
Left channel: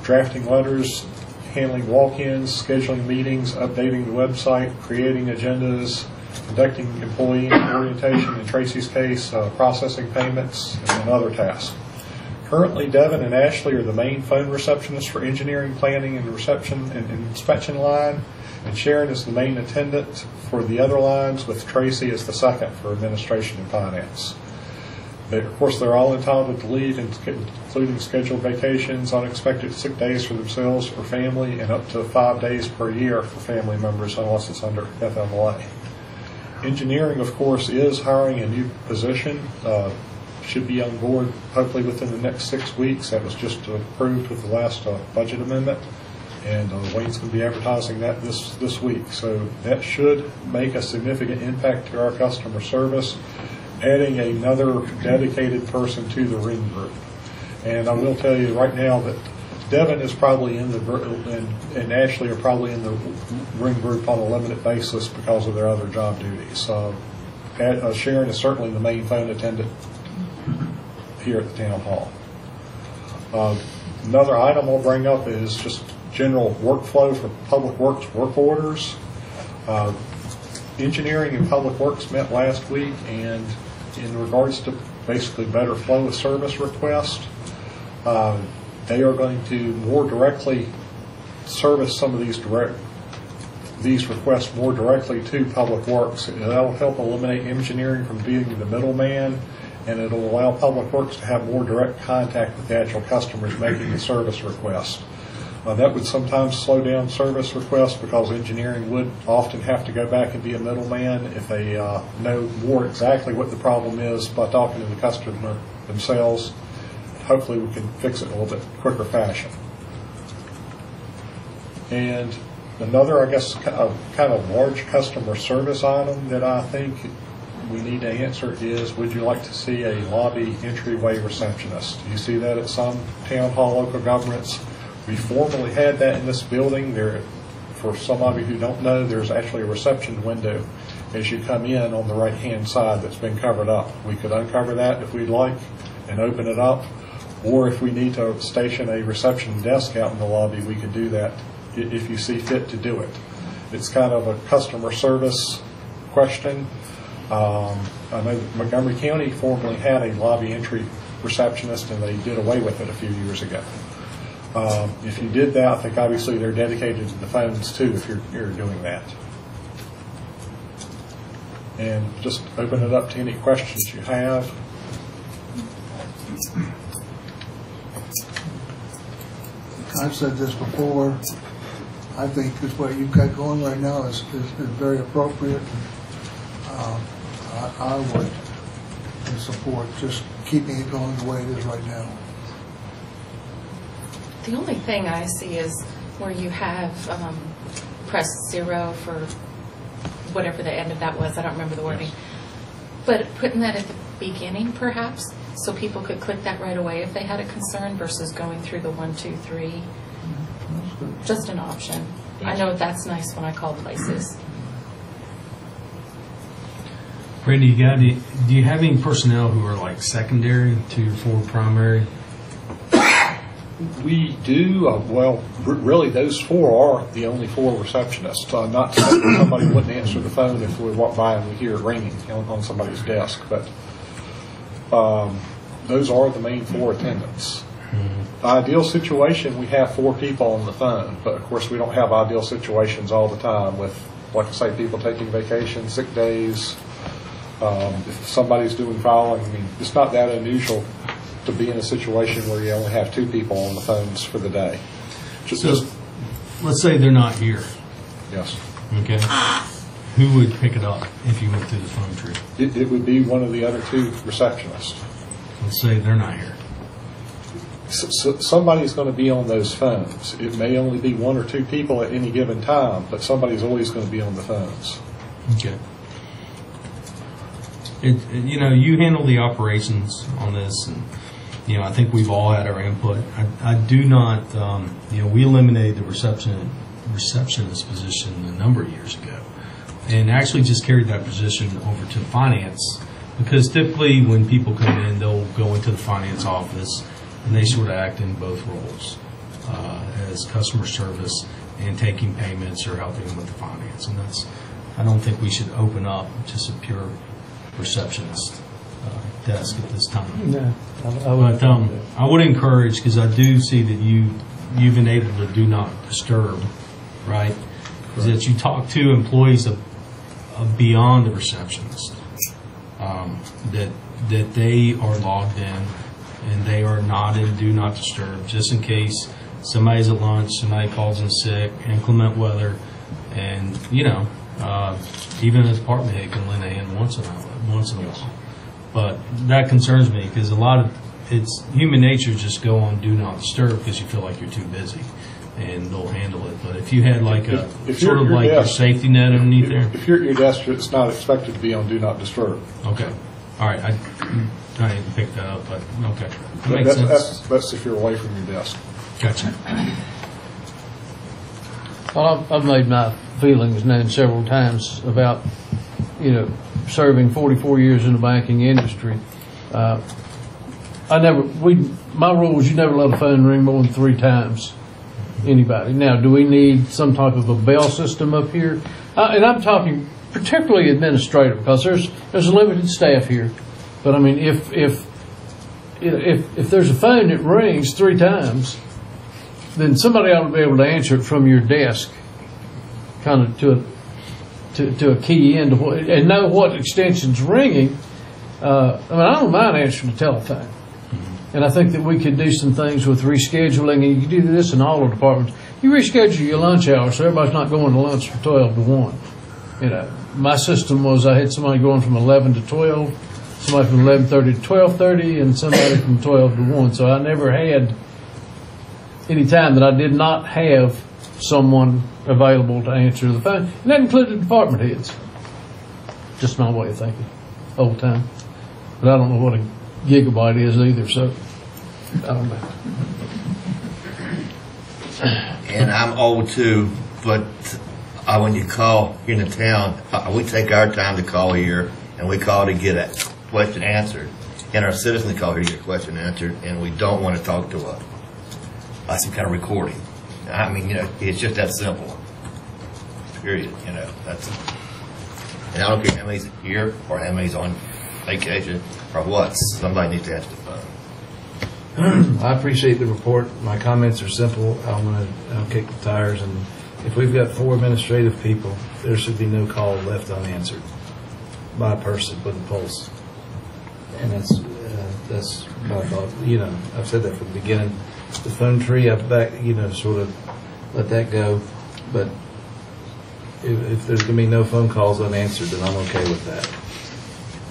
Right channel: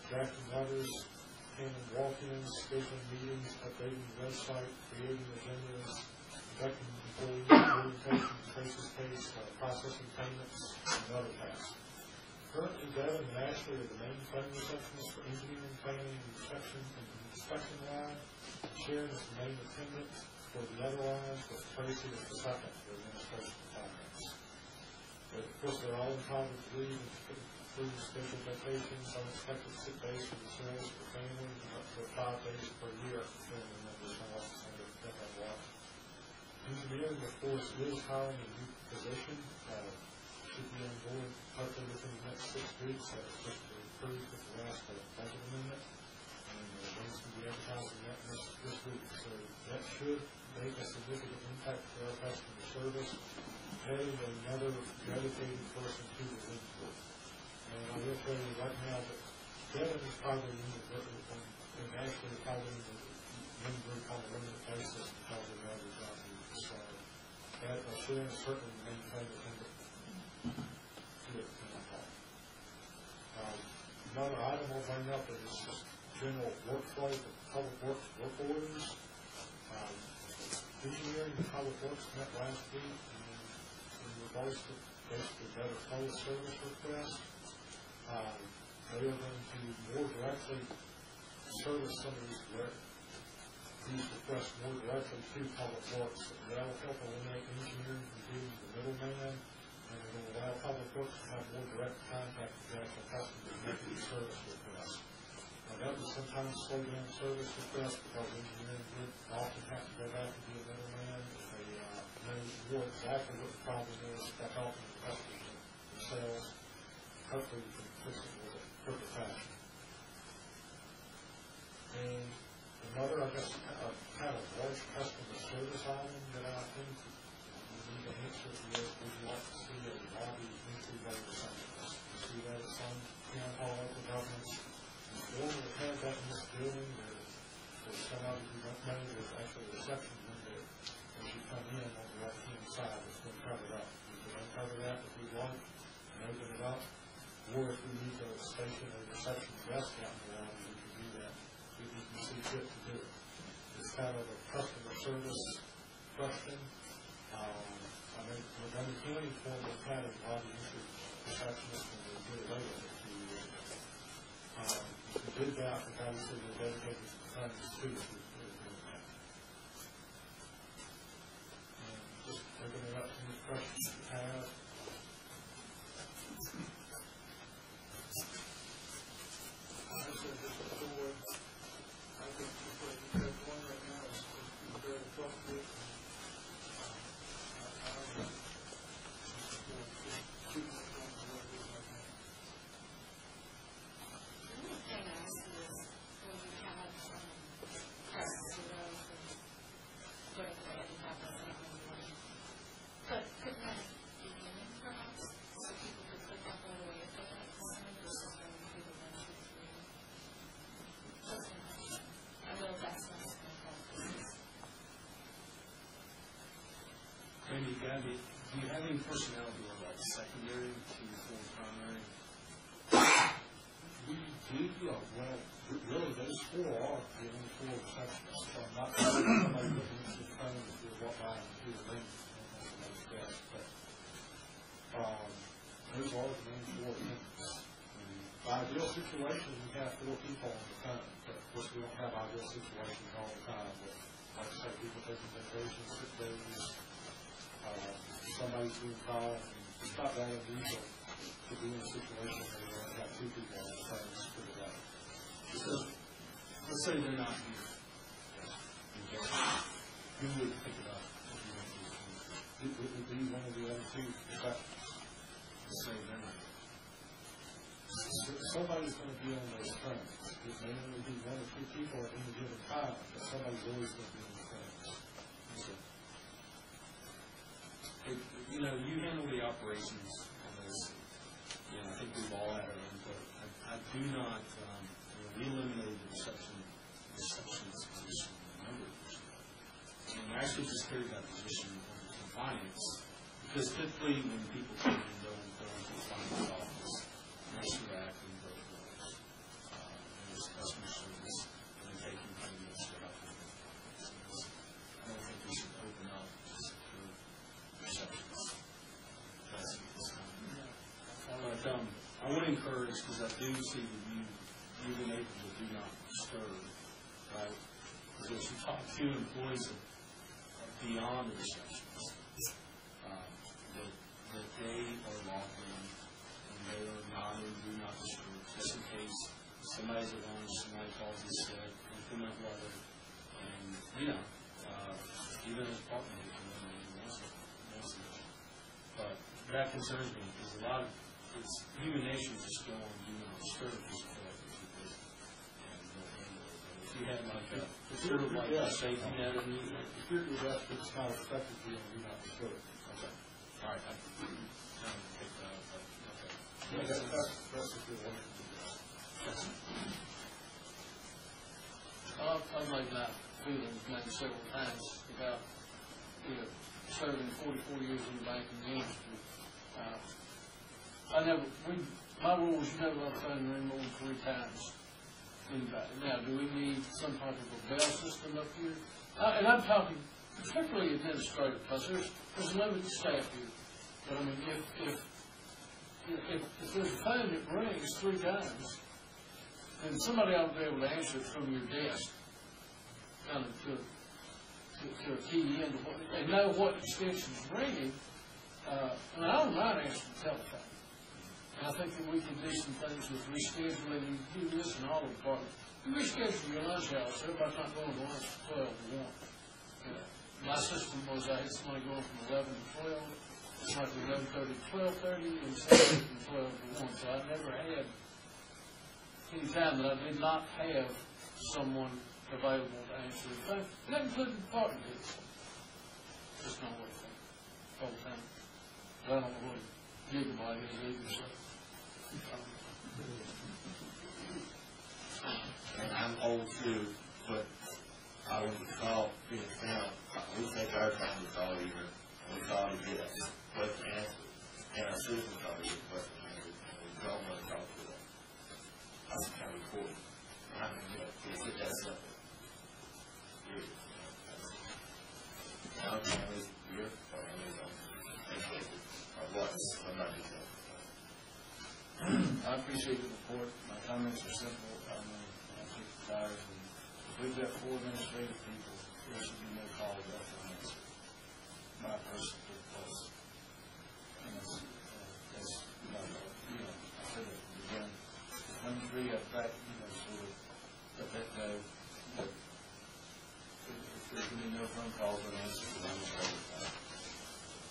drafting letters, handling walk-ins, scheduling meetings, updating the website, creating agendas, conducting employee orientation, in Tracy's case, processing payments, and other tasks. Currently, Devin and Ashley are the main phone receptionists for engineering, planning, and reception and inspection line, and Sharon is the main attendant for the other lines, with Tracy as the second for administration and finance. Of course, they're all entitled to leave, including scheduled vacations, unexpected sick days for themselves or family, and up to 5 days per year for family members unless it's under FMLA. Engineering, of course, is hiring a new position. Should be on board hopefully within the next 6 weeks. That was just approved with the last budget amendment, and Wayne's going to be advertising that this week. So that should make a significant impact to our customer service, adding another dedicated person to the ring group. And I will tell you right now that Devin is probably in the, and Ashley are probably in the ring group on a limited basis because of their other job duties. Sharon is certainly the main phone attendant here at the town hall. Another item I'll bring up is just general workflow for public works work orders. Engineering and public works met last week, and in regards to basically better flow of service requests, they are going to more directly service some of these requests more directly to public works. That will help eliminate engineering from being the middleman, and it will allow public works to have more direct contact with the actual customers making the service request. That would sometimes slow down service requests because engineering would often have to go back and be a middleman if they know more exactly what the problem is by talking to the customer themselves. Hopefully we can fix it in a little bit quicker fashion. And another, I guess, kind of large customer service item that I think we need to answer is, would you like to see a lobby entryway receptionist? You see that at some town hall local governments. We formerly had that in this building. For some of you who don't know, there's actually a reception window as you come in on the right-hand side that's been covered up. We could uncover that if we'd like and open it up, or if we need to station a reception desk out in the lobby, we could do that if you see fit to do it. It's kind of a customer service question. I know Montgomery County formerly had a lobby entry receptionist, and they did away with it a few years ago. If you did that, I think obviously they're dedicated to the phones too if you're doing that. And just open it up to any questions you have. I've said this before. I think this what you've got going right now is very appropriate. I would support just keeping it going the way it is right now. The only thing I see is where you have press 0 for whatever the end of that was. I don't remember the wording. Yes. But putting that at the beginning, perhaps, so people could click that right away if they had a concern versus going through the 1, 2, 3. Just an option. I know that's nice when I call places. Randy, do you have any personnel who are like secondary to your 4 primary? We do. Well, really, those 4 are the only 4 receptionists. Not that somebody wouldn't answer the phone if we walk by and we hear it ringing on somebody's desk, but those are the main 4 attendants. The ideal situation, we have 4 people on the phone, but of course we don't have ideal situations all the time with, like I say, people taking vacation, sick days. If somebody's doing filing, I mean, it's not that unusual to be in a situation where you only have 2 people on the phones for the day. So, let's say they're not here. Yes. Okay. Who would pick it up if you went through the phone tree? It would be one of the other 2 receptionists. Let's say they're not here. So somebody's going to be on those phones. It may only be 1 or 2 people at any given time, but somebody's always going to be on the phones. Okay. You handle the operations on this, and I think we've all had our input. I do not. We eliminated the receptionist position a number of years ago, and actually just carried that position over to finance, because typically when people come in, they'll go into the finance office and they sort of act in both roles, as customer service and taking payments or helping them with the finance. And I don't think we should open up just a pure receptionist desk at this time. No, But I would encourage, because I do see that you've enabled the do not disturb, right? Is that you talk to employees of beyond the receptionist, that they are logged in and they are not in do not disturb, just in case somebody's at lunch, somebody calls in sick, inclement weather, and even a department head can lend a hand once in a while. But that concerns me because it's human nature just go on do not disturb because you feel like you're too busy and they'll handle it. But if you had like If sort of like your safety net underneath there. If you're at your desk, it's not expected to be on do not disturb. Okay. All right. I didn't pick that up, but okay. That makes sense. That's if you're away from your desk. Gotcha. Well, I've made my feelings known several times about, serving 44 years in the banking industry. My rule was you never let a phone ring more than 3 times. Anybody. Now, do we need some type of a bell system up here? And I'm talking particularly administrative because there's a limited staff here. But I mean, if there's a phone that rings 3 times, then somebody ought to be able to answer it from your desk, kind of to a key in and know what extension's ringing. I don't mind answering the telephone. And I think that we could do some things with rescheduling, and you can do this in all the departments. You reschedule your lunch hour so everybody's not going to lunch from 12 to 1. My system was I had somebody going from 11 to 12, somebody from 11:30 to 12:30, and somebody from 12 to 1. So I never had any time that I did not have someone available to answer the phone. And that included department heads. Just my way of thinking, old time. But I don't know what a gigabyte is either, so I don't know. And I'm old too, but when you call in the town, we take our time to call here, and we call to get a question answered. And our citizens call here to get a question answered, and we don't want to talk to some kind of recording. I mean, it's just that simple. Period. That's. And I don't care how many's here or how many's on vacation or what. Somebody needs to answer the phone. I appreciate the report. My comments are simple. I'm going to kick the tires. And if we've got 4 administrative people, there should be no call left unanswered by a person with a pulse. And that's my thought. I've said that from the beginning. The phone tree, I've sort of let that go. But if there's going to be no phone calls unanswered, then I'm okay with that.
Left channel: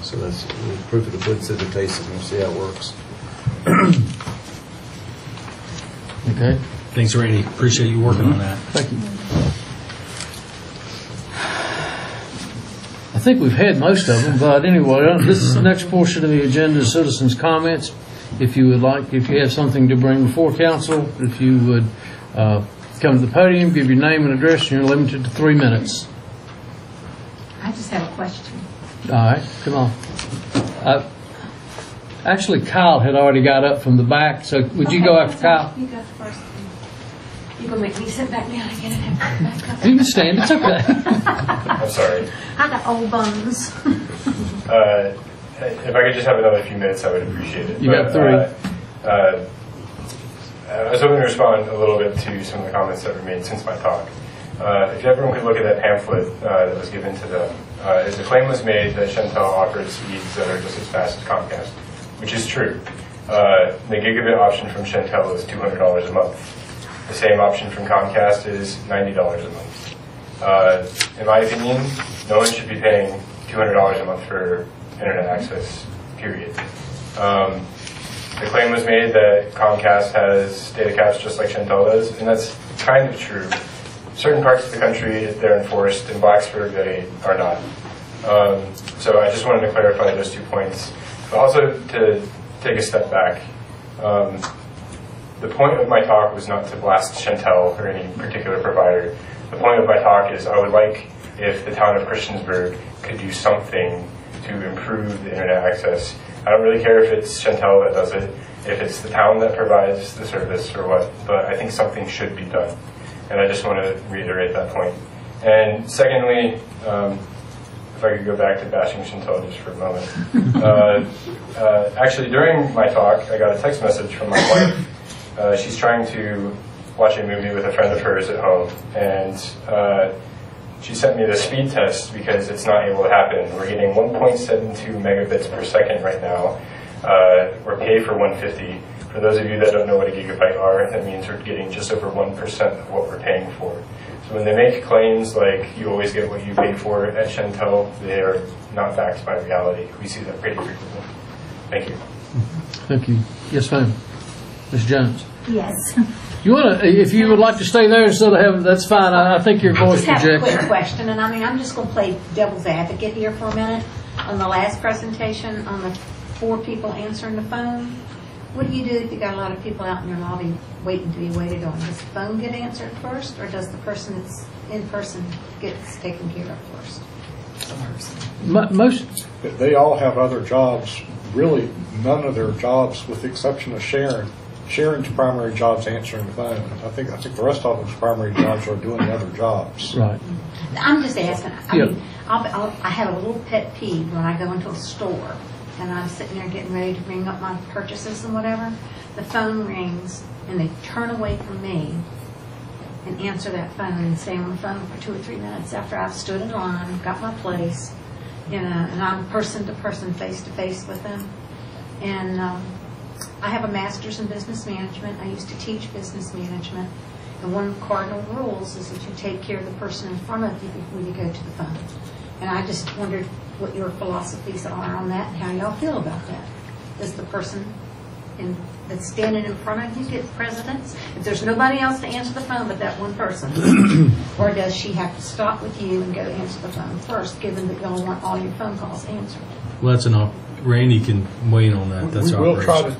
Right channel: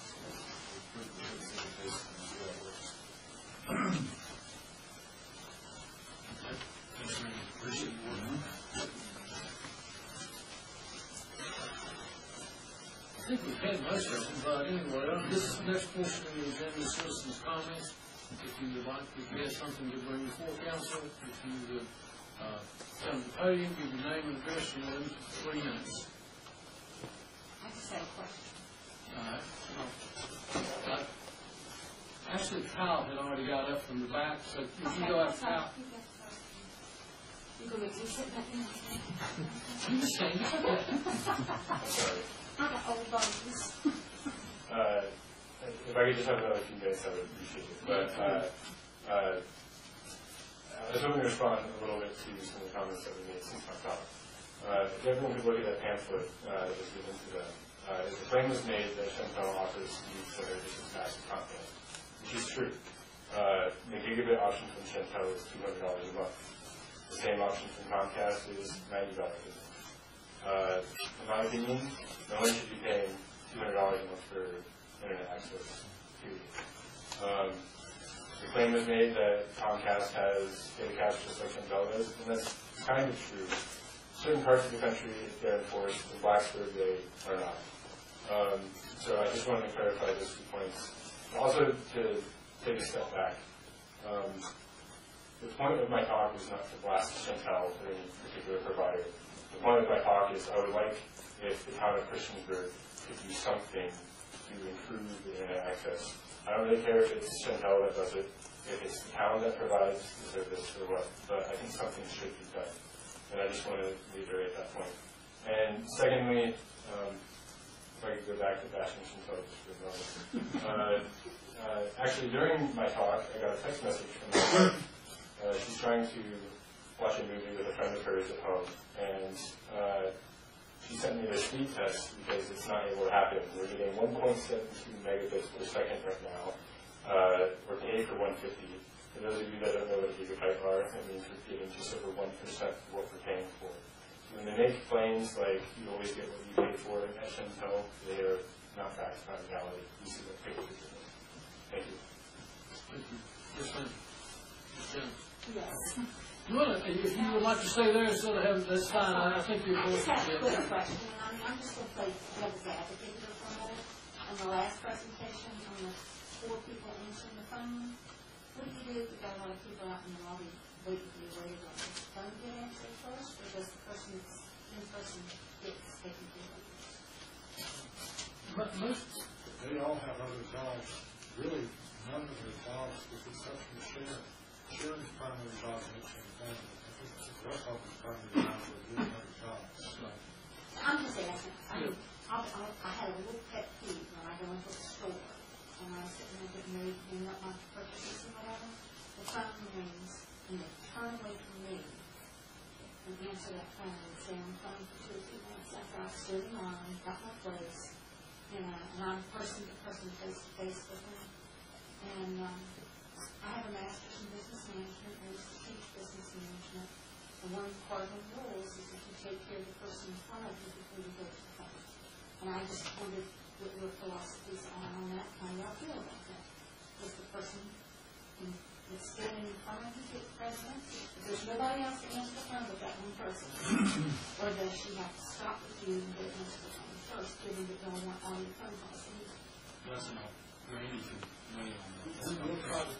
So that's proof of the pudding, said the taste, and we'll see how it works. Okay. Thanks, Randy. Appreciate you working on that. Thank you. I think we've had most of them, but anyway, this next portion of the agenda is citizens' comments. If you have something to bring before council, if you would come to the podium, give your name and address, and you're limited to 3 minutes. I just have a question. All right, come on. Actually, Kyle had already got up from the back, so would you go after Kyle? You go first. You're going to make me sit back down again and back up. You can stand, it's okay. I'm sorry. I got old bones. If I could just have another few minutes, I would appreciate it. You got 3. I was hoping to respond a little bit to some of the comments that were made since my talk. If everyone could look at that pamphlet that was given to them, the claim was made that Chantel offered speeds that are just as fast as Comcast, which is true. The gigabit option from Chantel is $200 a month. The same option from Comcast is $90 a month. In my opinion, no one should be paying $200 a month for internet access, period. The claim was made that Comcast has data caps just like Chantel does, and that's kind of true. Certain parts of the country, they're enforced. In Blacksburg, they are not. So I just wanted to clarify those 2 points. But also to take a step back, the point of my talk was not to blast Chantel or any particular provider. The point of my talk is I would like if the town of Christiansburg could do something to improve the internet access. I don't really care if it's Chantel that does it, if it's the town that provides the service or what, but I think something should be done. And I just want to reiterate that point. And secondly, if I could go back to bashing Chantal just for a moment. Actually, during my talk, I got a text message from my wife. She's trying to watch a movie with a friend of hers at home, and she sent me the speed test because it's not able to happen. We're getting 1.72 megabits per second right now. We're paid for 150. For those of you that don't know what a gigabyte are, that means we're getting just over 1% of what we're paying for. So when they make claims like you always get what you pay for at Chantel, they are not backed by reality. We see that pretty frequently. Thank you. Thank you. Yes, ma'am. Ms. Jones. Yes. You want to, if you would like to stay there instead of having, that's fine. I think your voice I just have a projects. quick question, and I'm just going to play devil's advocate here for a minute. On the last presentation, on the 4 people answering the phone, what do you do if you got a lot of people out in your lobby waiting to be waited on? Does the phone get answered first, or does the person that's in person gets taken care of first? Most. They all have other jobs. Really, none of their jobs, with the exception of Sharon. Sharon's primary job's answering the phone. I think the rest of them's primary jobs are doing other jobs. Right. I'm just asking. I mean, I have a little pet peeve when I go into a store and I'm sitting there getting ready to ring up my purchases and whatever. The phone rings and they turn away from me and answer that phone and stay on the phone for 2 or 3 minutes after I've stood in line, got my place, and I'm person to person, face to face with them. And I have a master's in business management. I used to teach business management. And one of the cardinal rules is that you take care of the person in front of you before you go to the phone. And I just wondered what your philosophies are on that and how y'all feel about that. Does the person that's standing in front of you get precedence? If there's nobody else to answer the phone but that one person, or does she have to stop with you and go answer the phone first, given that y'all want all your phone calls answered? Well, that's enough. Randy can weigh in on that. That's we will try to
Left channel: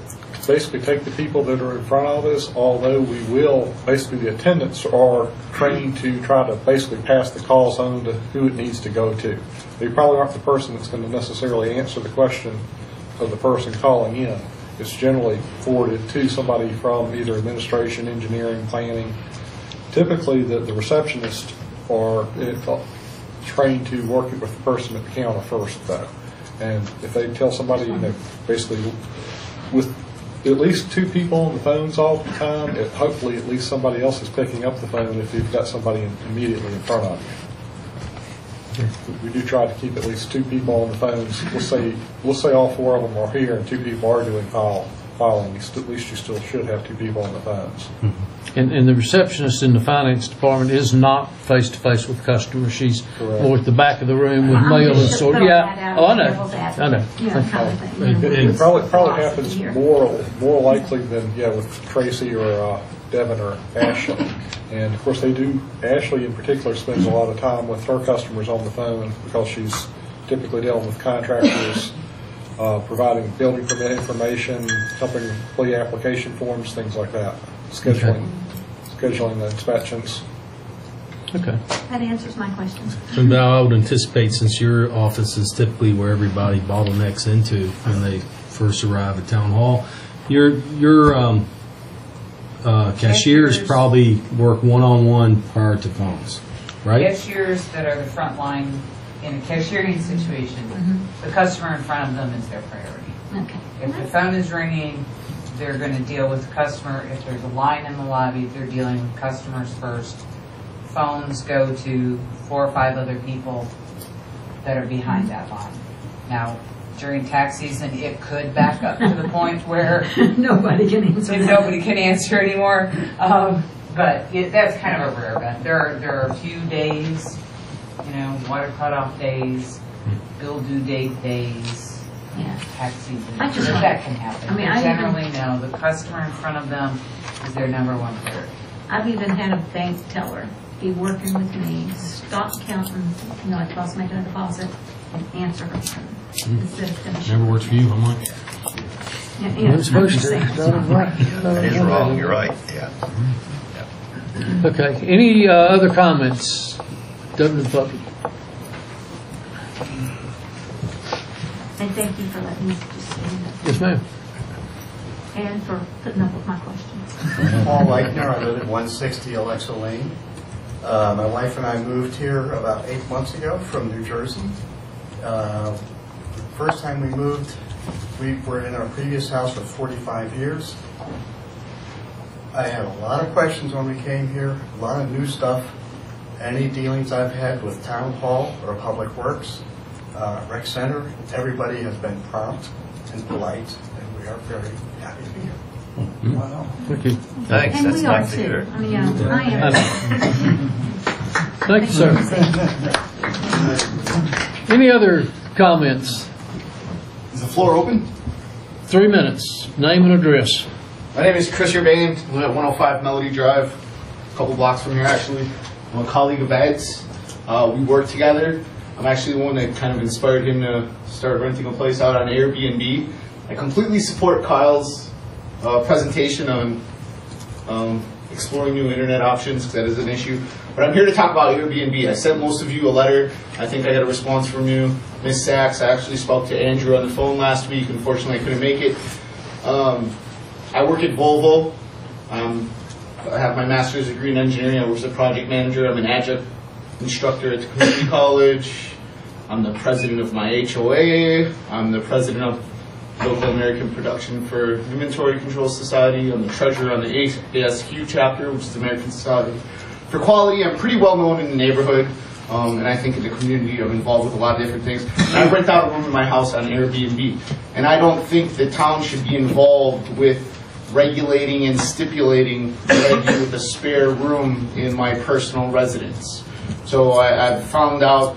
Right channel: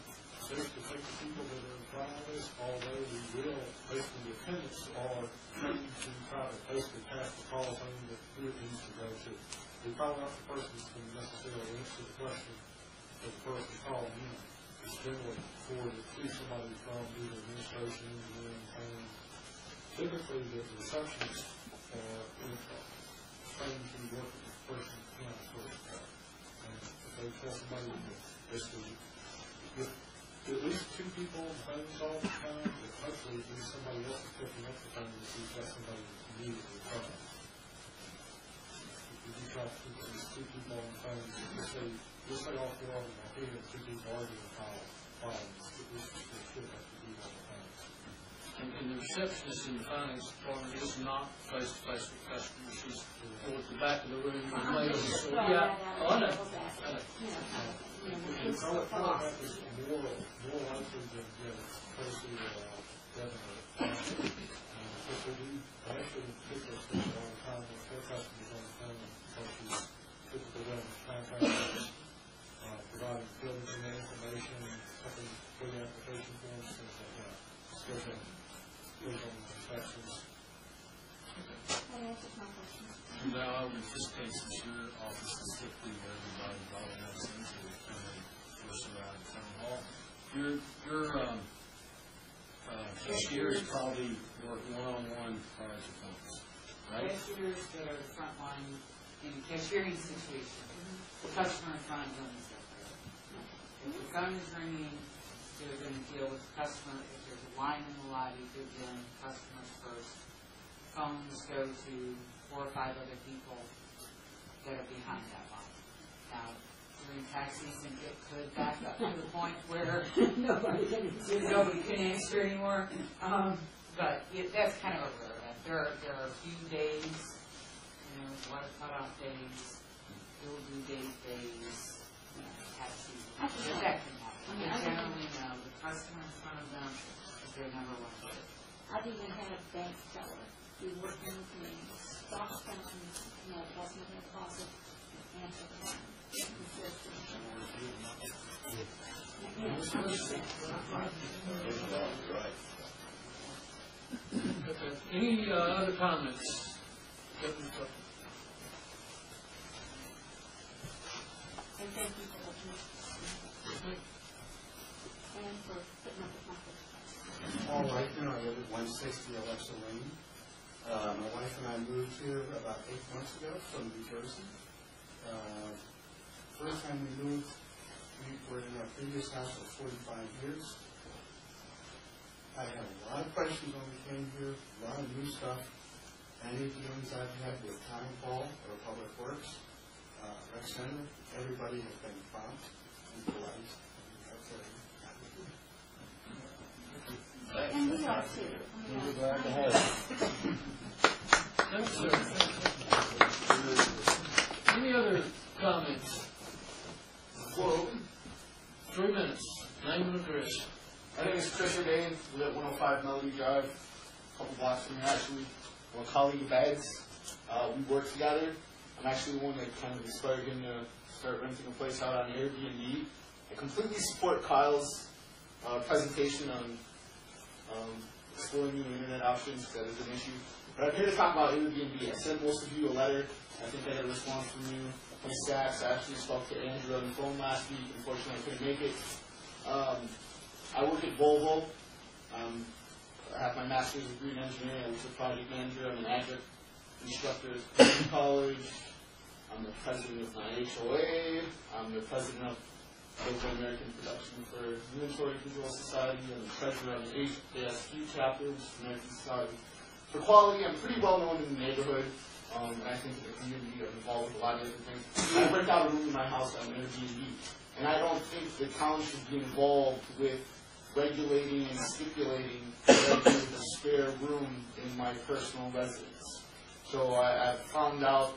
basically take the people that are in front of us, although we will, basically the attendants are trained to try to basically pass the calls on to who it needs to go to. They probably aren't the person that's going to necessarily answer the question of the person calling in. It's generally forwarded to somebody from either administration, engineering, planning. Typically, the receptionists are trained to work with the person at the counter first, though. And if they tell somebody, basically with at least 2 people on the phones all the time, hopefully at least somebody else is picking up the phone if you've got somebody immediately in front of you. We do try to keep at least 2 people on the phones. We'll say all 4 of them are here and 2 people are doing filing. At least you still should have 2 people on the phones. And the receptionist in the finance department is not face-to-face with customers. She's more at the back of the room with mail and sort. Yeah, I know. It probably happens more likely than with Tracy or Devin or Ashley. And of course Ashley in particular spends a lot of time with her customers on the phone because she's typically dealing with contractors, providing building permit information, helping complete application forms, things like that, scheduling the inspections. Okay. That answers my question. So now I would anticipate, since your office is typically where everybody bottlenecks into when they first arrive at town hall, your cashiers probably work one-on-one prior to phones, right? Cashiers that are the front line in a cashiering situation, the customer in front of them is their priority. Okay. If the phone is ringing, they're going to deal with the customer. If there's a line in the lobby, they're dealing with customers first. Phones go to 4 or 5 other people that are behind that line. Now, during tax season, it could back up to the point where nobody can answer anymore. But that's kind of a rare event. There are a few days, water cutoff days, bill due date days, tax season. That can happen. Generally, no. The customer in front of them is their number 1 priority. I've even had a bank teller be working with me, stop counting, it costs me a deposit, and answer her phone. Never works for you, I'm like. It's supposed to. That is wrong, you're right, yeah. Okay, any other comments? Open to the public. And thank you for letting me just stand up. Yes, ma'am. And for putting up with my questions. Paul Leitner, I live at 160 Alexa Lane. My wife and I moved here about 8 months ago from New Jersey. The first time we moved, we were in our previous house for 45 years. I had a lot of questions when we came here, a lot of new stuff. Any dealings I've had with Town Hall or Public Works, Rec Center, everybody has been prompt and polite, and we are very happy to be here. Wow. Thank you. Thanks, And that's we are nice to too. hear. I mean, I am. Thank you, sir. Any other comments? Is the floor open? 3 minutes. Name and address. My name is Christiansburg, live at 105 Melody Drive, a couple blocks from here actually. I'm a colleague of Ed's. We work together. I'm actually the one that kind of inspired him to start renting a place out on Airbnb. I completely support Kyle's presentation on exploring new internet options, because that is an issue. But I'm here to talk about Airbnb. I sent most of you a letter. I think I got a response from you. Ms. Sachs, I actually spoke to Andrew on the phone last week. Unfortunately, I couldn't make it. I work at Volvo. I have my master's degree in engineering. I work as a project manager. I'm an adjunct instructor at the community college. I'm the president of my HOA. I'm the president of Local American Production for Inventory Control Society. I'm the treasurer on the ASQ chapter, which is the American Society for Quality. I'm pretty well known in the neighborhood, and I think in the community I'm involved with a lot of different things. And I rent out a room in my house on Airbnb. And I don't think the town should be involved with regulating and stipulating that I do with a spare room in my personal residence. So I found out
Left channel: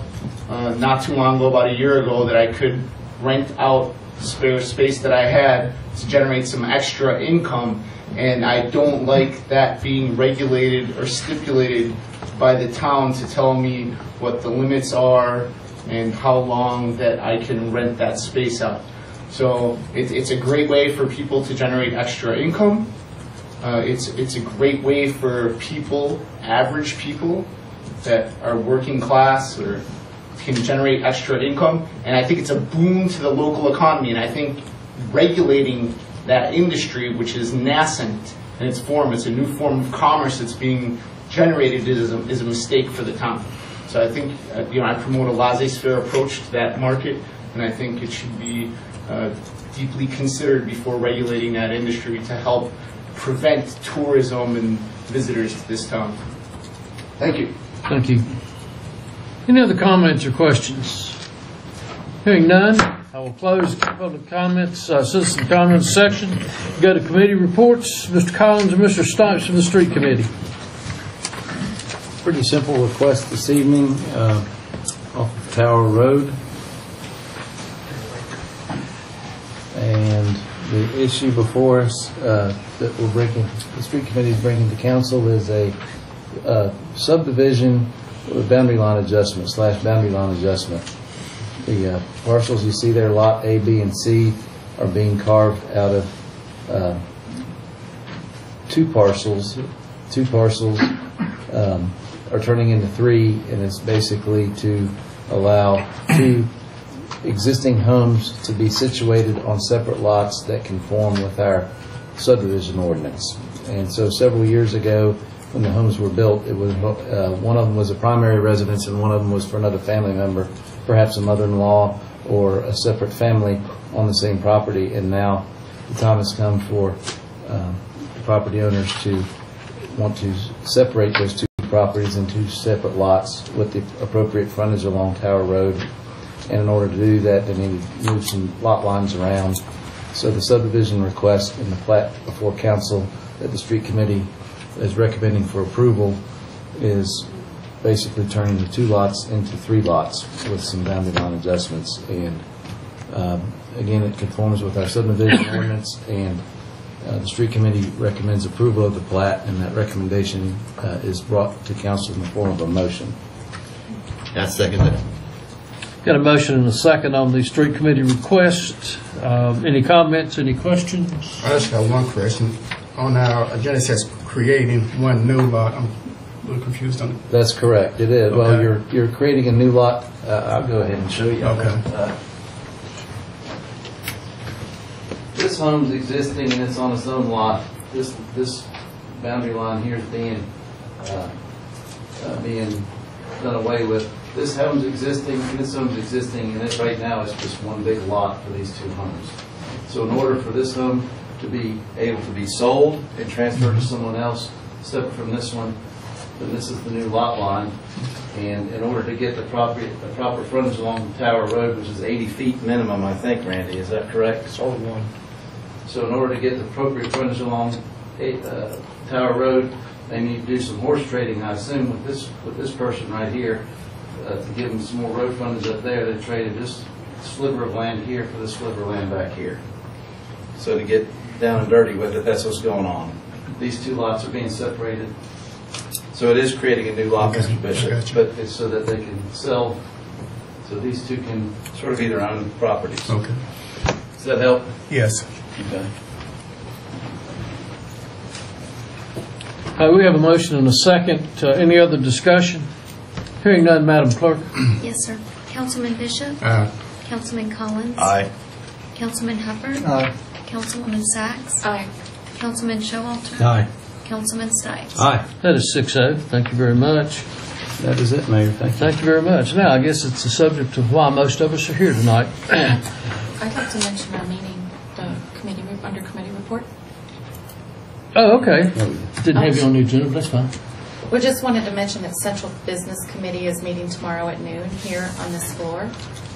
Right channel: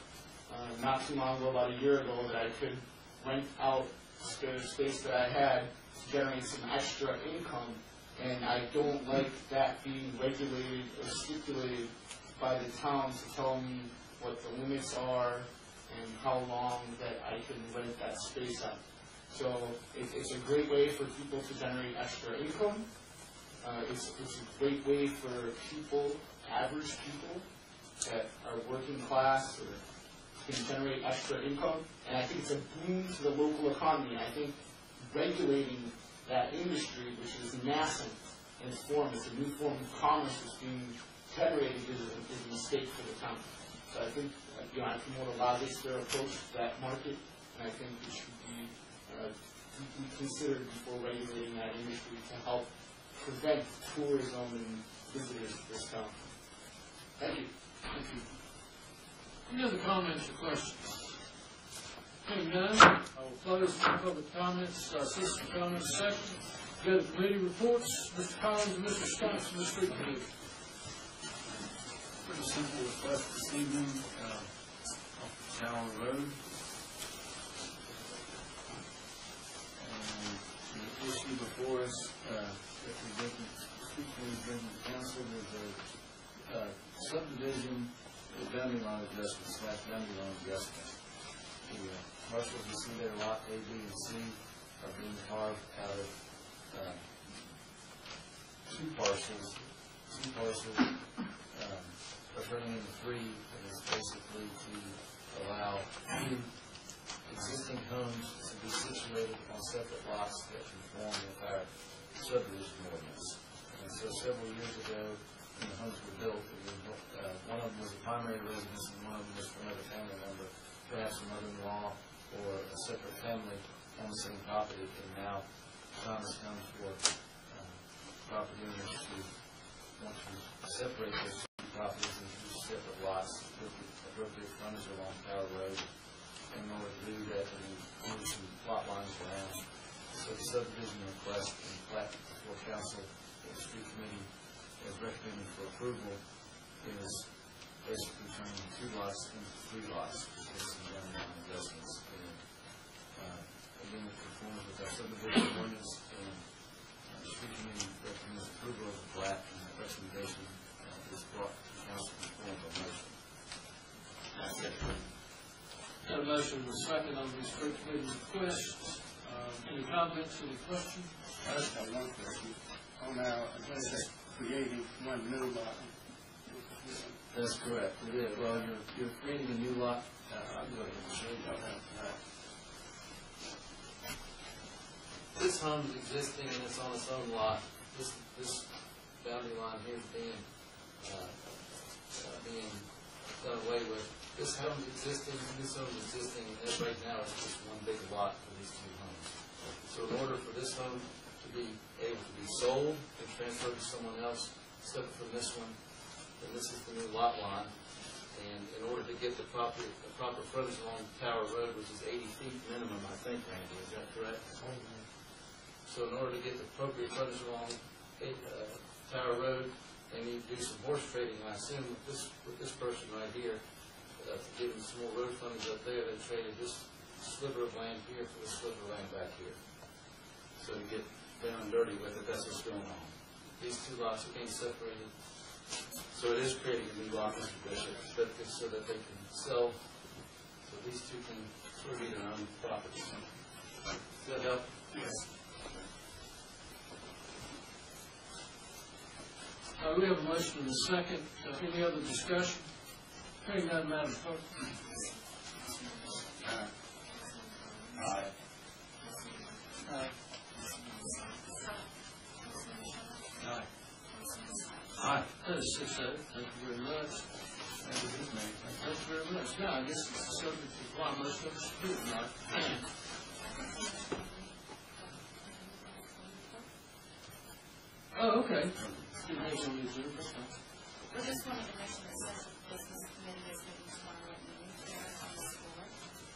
not too long ago, about a year ago, that I could rent out spare space that I had to generate some extra income, and I don't like that being regulated or stipulated by the town to tell me what the limits are and how long that I can rent that space out. So it's a great way for people to generate extra income. It's a great way for people, average people that are working class or can generate extra income, and I think it's a boon to the local economy. And I think regulating that industry, which is nascent in its form, it's a new form of commerce that's being generated, is a mistake for the town. So I think I promote a laissez-faire approach to that market, and I think it should be deeply considered before regulating that industry to help prevent tourism and visitors to this town. Thank you. Thank you. Any other comments or questions? Hearing none, I will close the public comments, citizen comments section. Go to committee reports. Mr. Collins and Mr. Stipes from the Street Committee. Pretty simple request this evening off of Tower Road. And the issue before us that the Street Committee is bringing to council is a subdivision with boundary line adjustment / boundary line adjustment. The parcels you see there, Lot A, B, and C, are being carved out of two parcels. Two parcels are turning into three, and it's basically to allow two existing homes to be situated on separate lots that conform with our subdivision ordinance. And so several years ago, when the homes were built, it was one of them was a primary residence and one of them was for another family member, perhaps a mother-in-law or a separate family on the same property. And now the time has come for the property owners to want to separate those two properties into separate lots with the appropriate frontage along Tower Road. And in order to do that, they need to move some lot lines around. So the subdivision request in the plat before council that the street committee is recommending for approval is basically turning the two lots into three lots with some boundary line adjustments. And again, it conforms with our subdivision ordinance, and the street committee recommends approval of the plat, and that recommendation is brought to council in the form of a motion. I second that. Got a motion and a second on the street committee request. Any comments, any questions? I just got one question. On our agenda, it says creating one new lot. I'm a little confused on it. That's correct. It is. Okay. Well, you're creating a new lot. I'll go ahead and show you. Okay. This home's existing and it's on its own lot. This boundary line here is being done away with this home's existing, and this home's existing, and it right now is just one big lot for these two homes. So in order for this home to be able to be sold and transferred to someone else, separate from this one, then this is the new lot line. And in order to get the proper frontage along Tower Road, which is 80 feet minimum, I think, Randy, is that correct? Sort of one. So in order to get the appropriate frontage along Tower Road, they need to do some horse trading, I assume, with this person right here, to give them some more road frontage up there. They traded this sliver of land here for this sliver of land back here. So to get down and dirty with it, that's what's going on. These two lots are being separated. So it is creating a new lot, Mr. Bishop, but it's so that they can sell, so these two can sort of be their own properties. Okay. Does that help? Yes. Okay. We have a motion and a second. Any other discussion? Hearing none, Madam Clerk. Yes, sir. Councilman Bishop? Aye. Councilman Collins? Aye. Councilman Hubbard? Aye. Councilwoman Sachs? Aye. Councilman Showalter? Aye. Councilman Stipes? Aye. That is 6-0. Thank you very much. That is it, Mayor. Thank you. Thank you very much. Now, I guess it's the subject of why most of us are here tonight. I'd like to mention our meeting, the committee, under committee report. Oh, okay. Didn't have you on the agenda, but that's fine. We just wanted to mention that Central Business Committee is meeting tomorrow at noon here on this floor.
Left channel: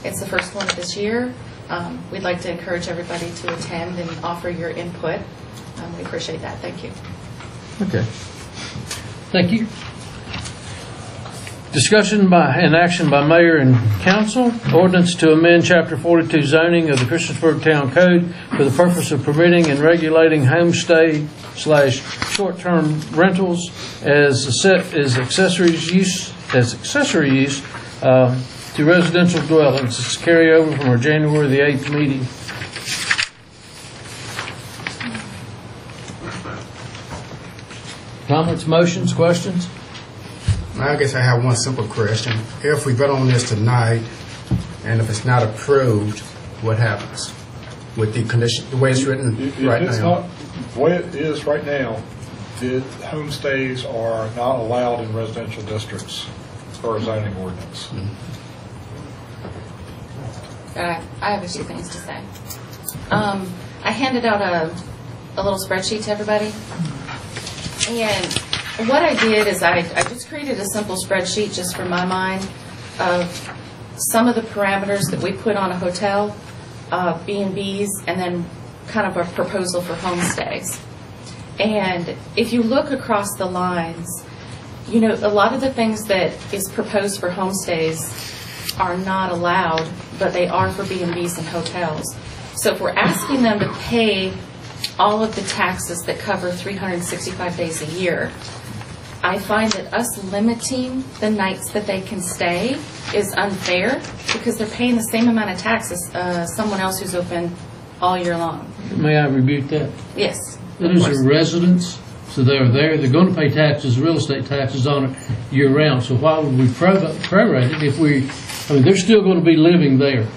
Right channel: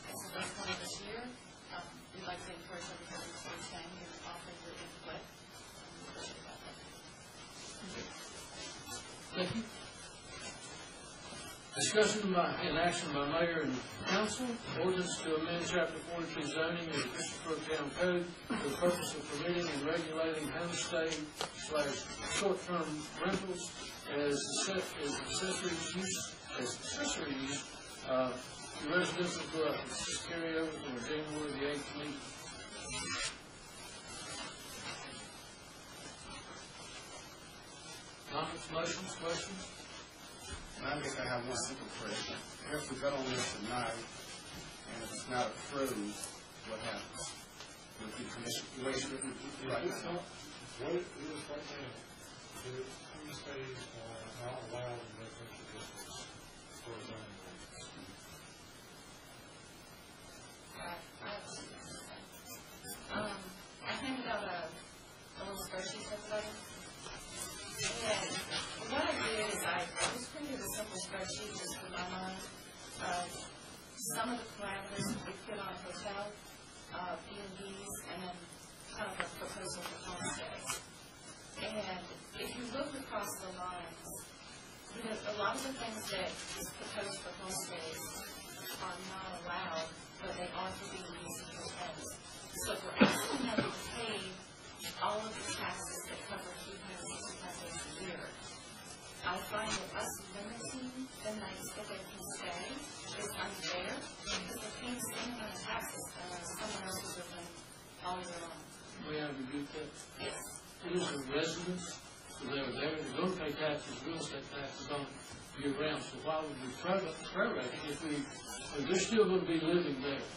It's the first one of this year. We'd like to encourage everybody to attend and offer your input. We appreciate that. Thank you. Okay. Thank you. Discussion and action by mayor and council. Ordinance to amend Chapter 42 zoning of the Christiansburg Town Code for the purpose of permitting and regulating homestay/short-term rentals as accessory use to residential dwellings. It's carryover from our January the 8th meeting. Comments, motions, questions? I guess I have one simple question. If we vote on this tonight, and if it's not approved, what happens with the condition, the way it's written right It's now? not, the way it is right now, the homestays are not allowed in residential districts as far as zoning ordinance. I have a few things to say. I handed out a little spreadsheet to everybody. And what I did is I just created a simple spreadsheet just for my mind of some of the parameters that we put on a hotel, B&Bs, and then kind of a proposal for homestays. And if you look across the lines, you know, a lot of the things that is proposed for homestays are not allowed, but they are for B&Bs and hotels. So if we're asking them to pay all of the taxes that cover 365 days a year, I find that us limiting the nights that they can stay is unfair because they're paying the same amount of taxes as someone else who's open all year long. May I rebuke that? Yes. Those are residents, so they're there. They're going to pay taxes, real estate taxes on it year-round. So why would we prorate it if they're still going to be living there.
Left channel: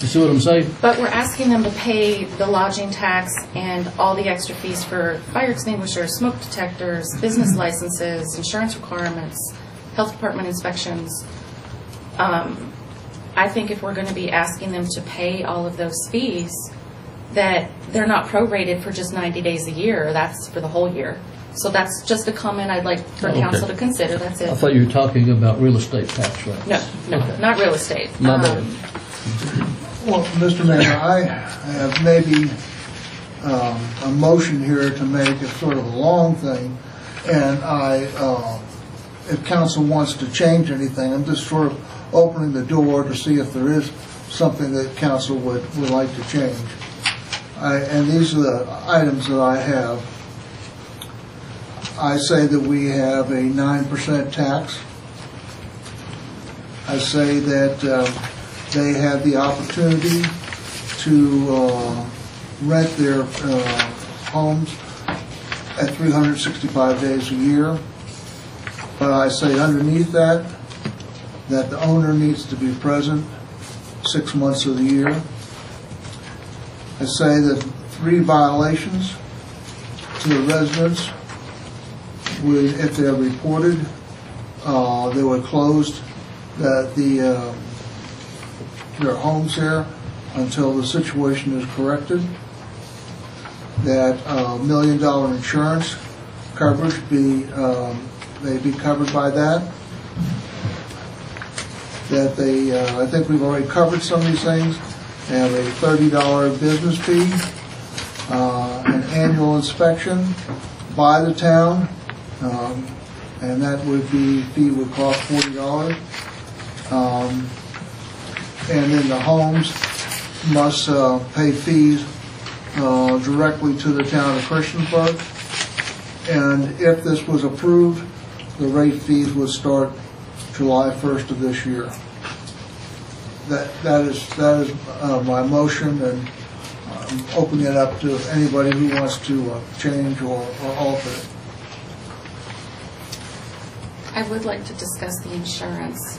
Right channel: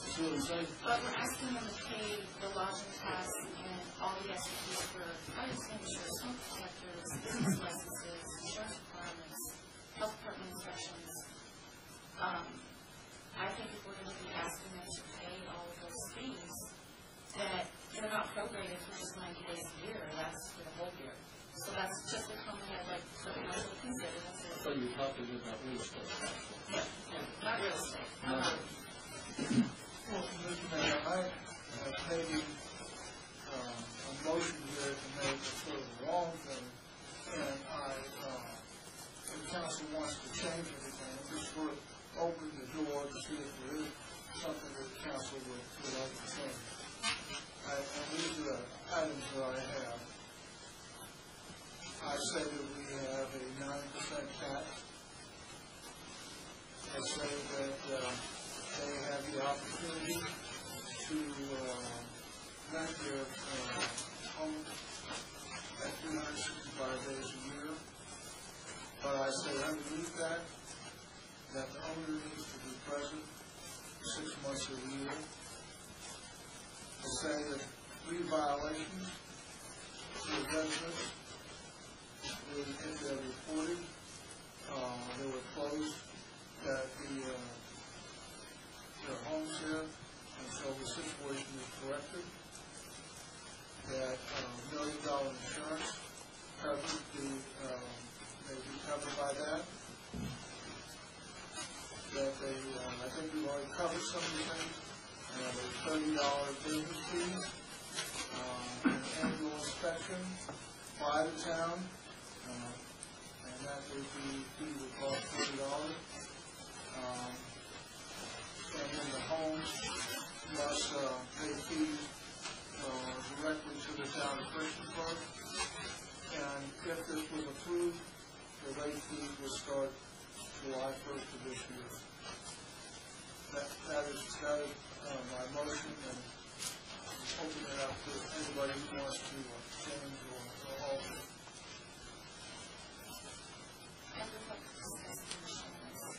You see what I'm saying? But we're asking them to pay the lodging tax and all the extra fees for fire extinguishers, smoke detectors, business licenses, insurance requirements, health department inspections. I think if we're going to be asking them to pay all of those fees, that they're not prorated for just 90 days a year. That's for the whole year. So that's just a comment I'd like for council to consider. That's it. I thought you were talking about real estate tax rates. No, Okay. not real estate. My bad. Well, Mr. Mayor, I have maybe a motion here to make. It's sort of a long thing, and if council wants to change anything, I'm just sort of opening the door to see if there is something that council would like to change. And these are the items that I have. I say that we have a 9% tax. I say that they have the opportunity to rent their homes at 365 days a year. But I say underneath that the owner needs to be present 6 months of the year. I say that 3 violations to the residents would, if they're reported, they would closed that their homes there until the situation is corrected, that $1 million insurance coverage may be covered by that, that they, I think we've already covered some of these things, have a $30 business fee, an annual inspection by the town, and that fee would cost $40. And then the homes must pay fees directly to the town of Christiansburg. And if this was approved, the rate fees would start July 1st of this year. That is my motion, and I'm opening it up to anybody who wants to change or alter it. I would like to discuss the insurance.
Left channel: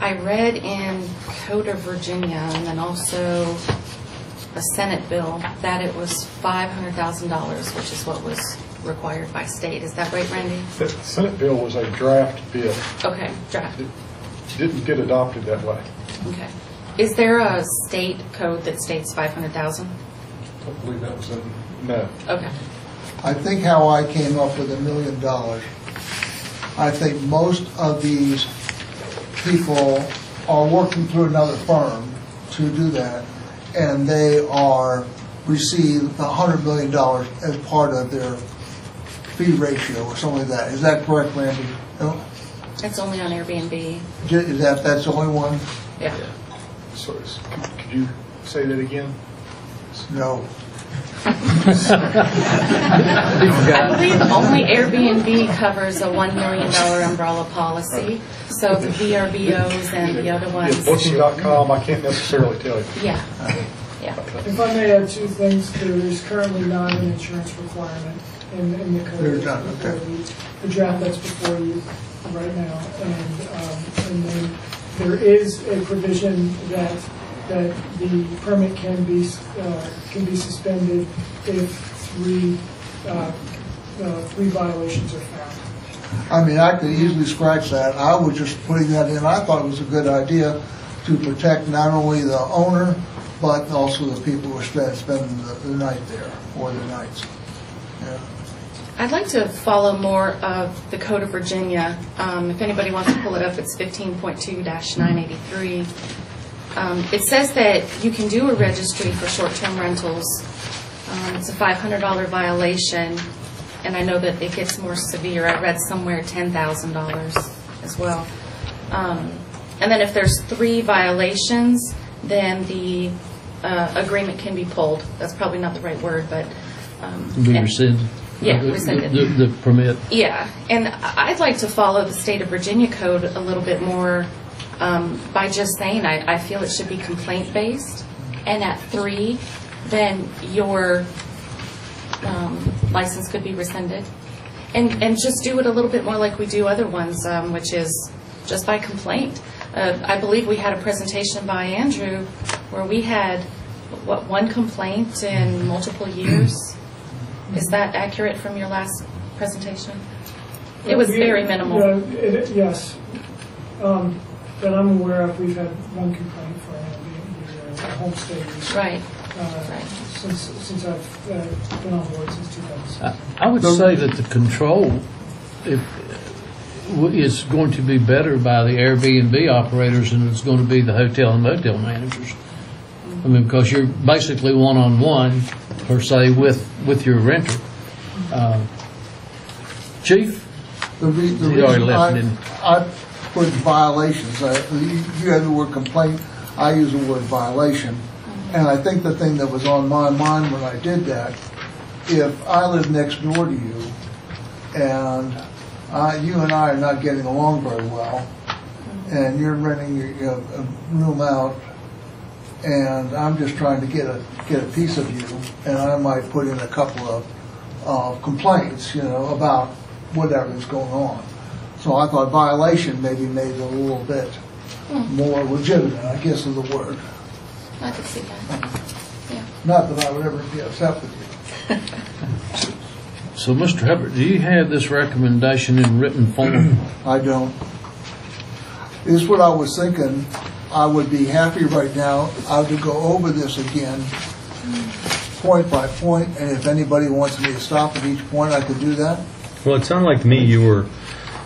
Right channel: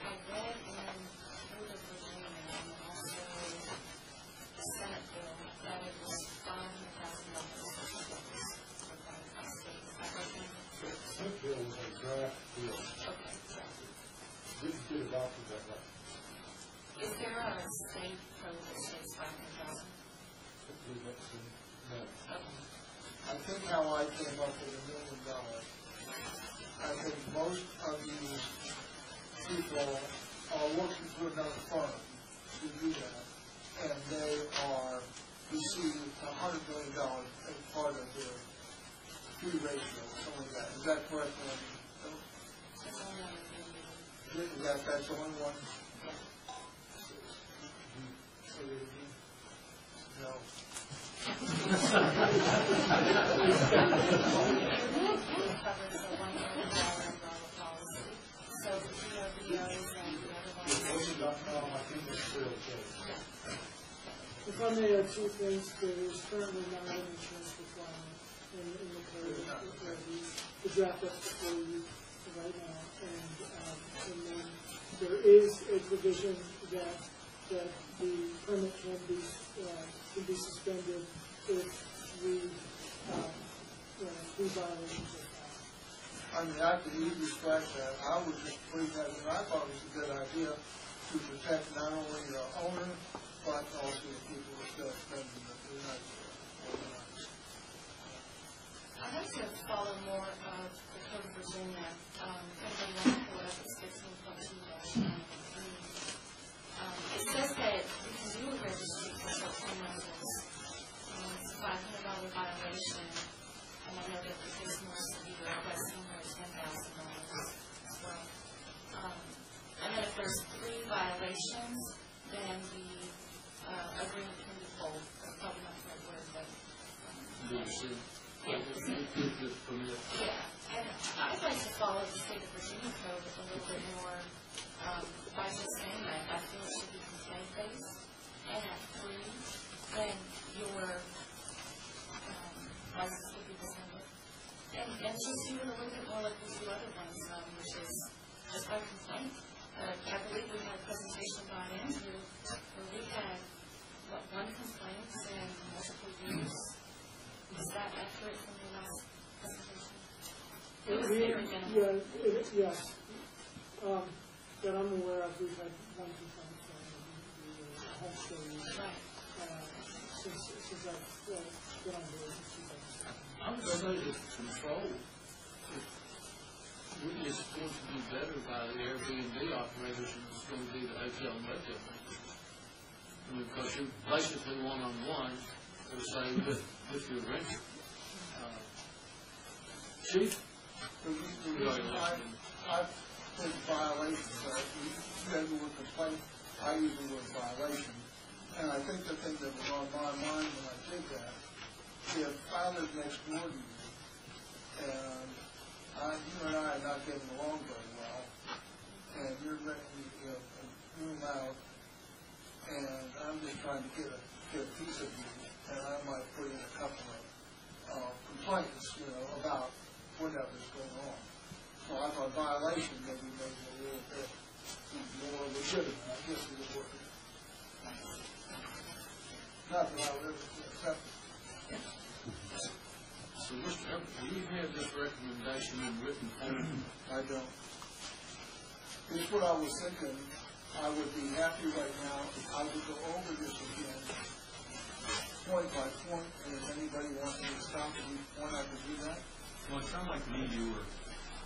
I read in Code of Virginia and then also a Senate bill that it was $500,000, which is what was required by state. Is that right, Randy? The Senate bill was a draft bill. Okay, draft. It didn't get adopted that way. Okay. Is there a state code that states $500,000? I believe that was no. Okay. I think how I came up with $1 million, I think most of these people are working through another firm to do that, and they receive $100 million as part of their fee ratio or something like that. Is that correct, Randy? No? It's only on Airbnb. Is that's the only one? Yeah. Sorry, could you say that again? No. I believe only Airbnb covers a $1 million umbrella policy. So the VRBOs and the other ones. Yeah, Booking.com, I can't necessarily tell you. Yeah. Yeah. If I may add two things, there is currently not an insurance requirement in the code. There's not, okay. The draft that's before you right now, and then there is a provision that the permit can be suspended if three violations are found. I mean, I could easily scratch that. I was just putting that in. I thought it was a good idea to protect not only the owner, but also the people who are spending the night there, or the nights. Yeah. I'd like to follow more of the Code of Virginia. If anybody wants to pull it up, it's 15.2-983. It says that you can do a registry for short-term rentals. It's a $500 violation, and I know that it gets more severe. I read somewhere $10,000 as well. And then if there's 3 violations, then the agreement can be pulled. That's probably not the right word, but... Be rescinded? Yeah, rescinded. The permit? Yeah, and I'd like to follow the state of Virginia code a little bit more by just saying I feel it should be complaint-based, and at 3, then your license could be rescinded. And just do it a little bit more like we do other ones, which is just by complaint. I believe we had a presentation by Andrew where we had, 1 complaint in multiple years? Is that accurate from your last presentation? It was very minimal. Yes. That I'm aware of, we've had 1 complaint for a homestay. Right. Since I've been on board since 2006. I would say that the control is going to be better by the Airbnb operators than it's going to be the hotel and motel managers. I mean, because you're basically one-on-one, per se, with your renter. Chief? The reason I put violations, you had the word complaint, I use the word violation. And I think the thing that was on my mind when I did that, if I live next door to you, and you and I are not getting along very well, and you're renting your room out, and I'm just trying to get a piece of you, and I might put in a couple of complaints, about whatever's going on. So I thought violation maybe made it a little bit more legitimate, I guess is the word. I could see that. Yeah. Not that I would ever be upset with you. So, Mr. Hubbard, do you have this recommendation in written form? I don't. This is what I was thinking. I would be happy right now, I would go over this again, point by point, and if anybody wants me to stop at each point, I could do that. Well, it sounded like to me you were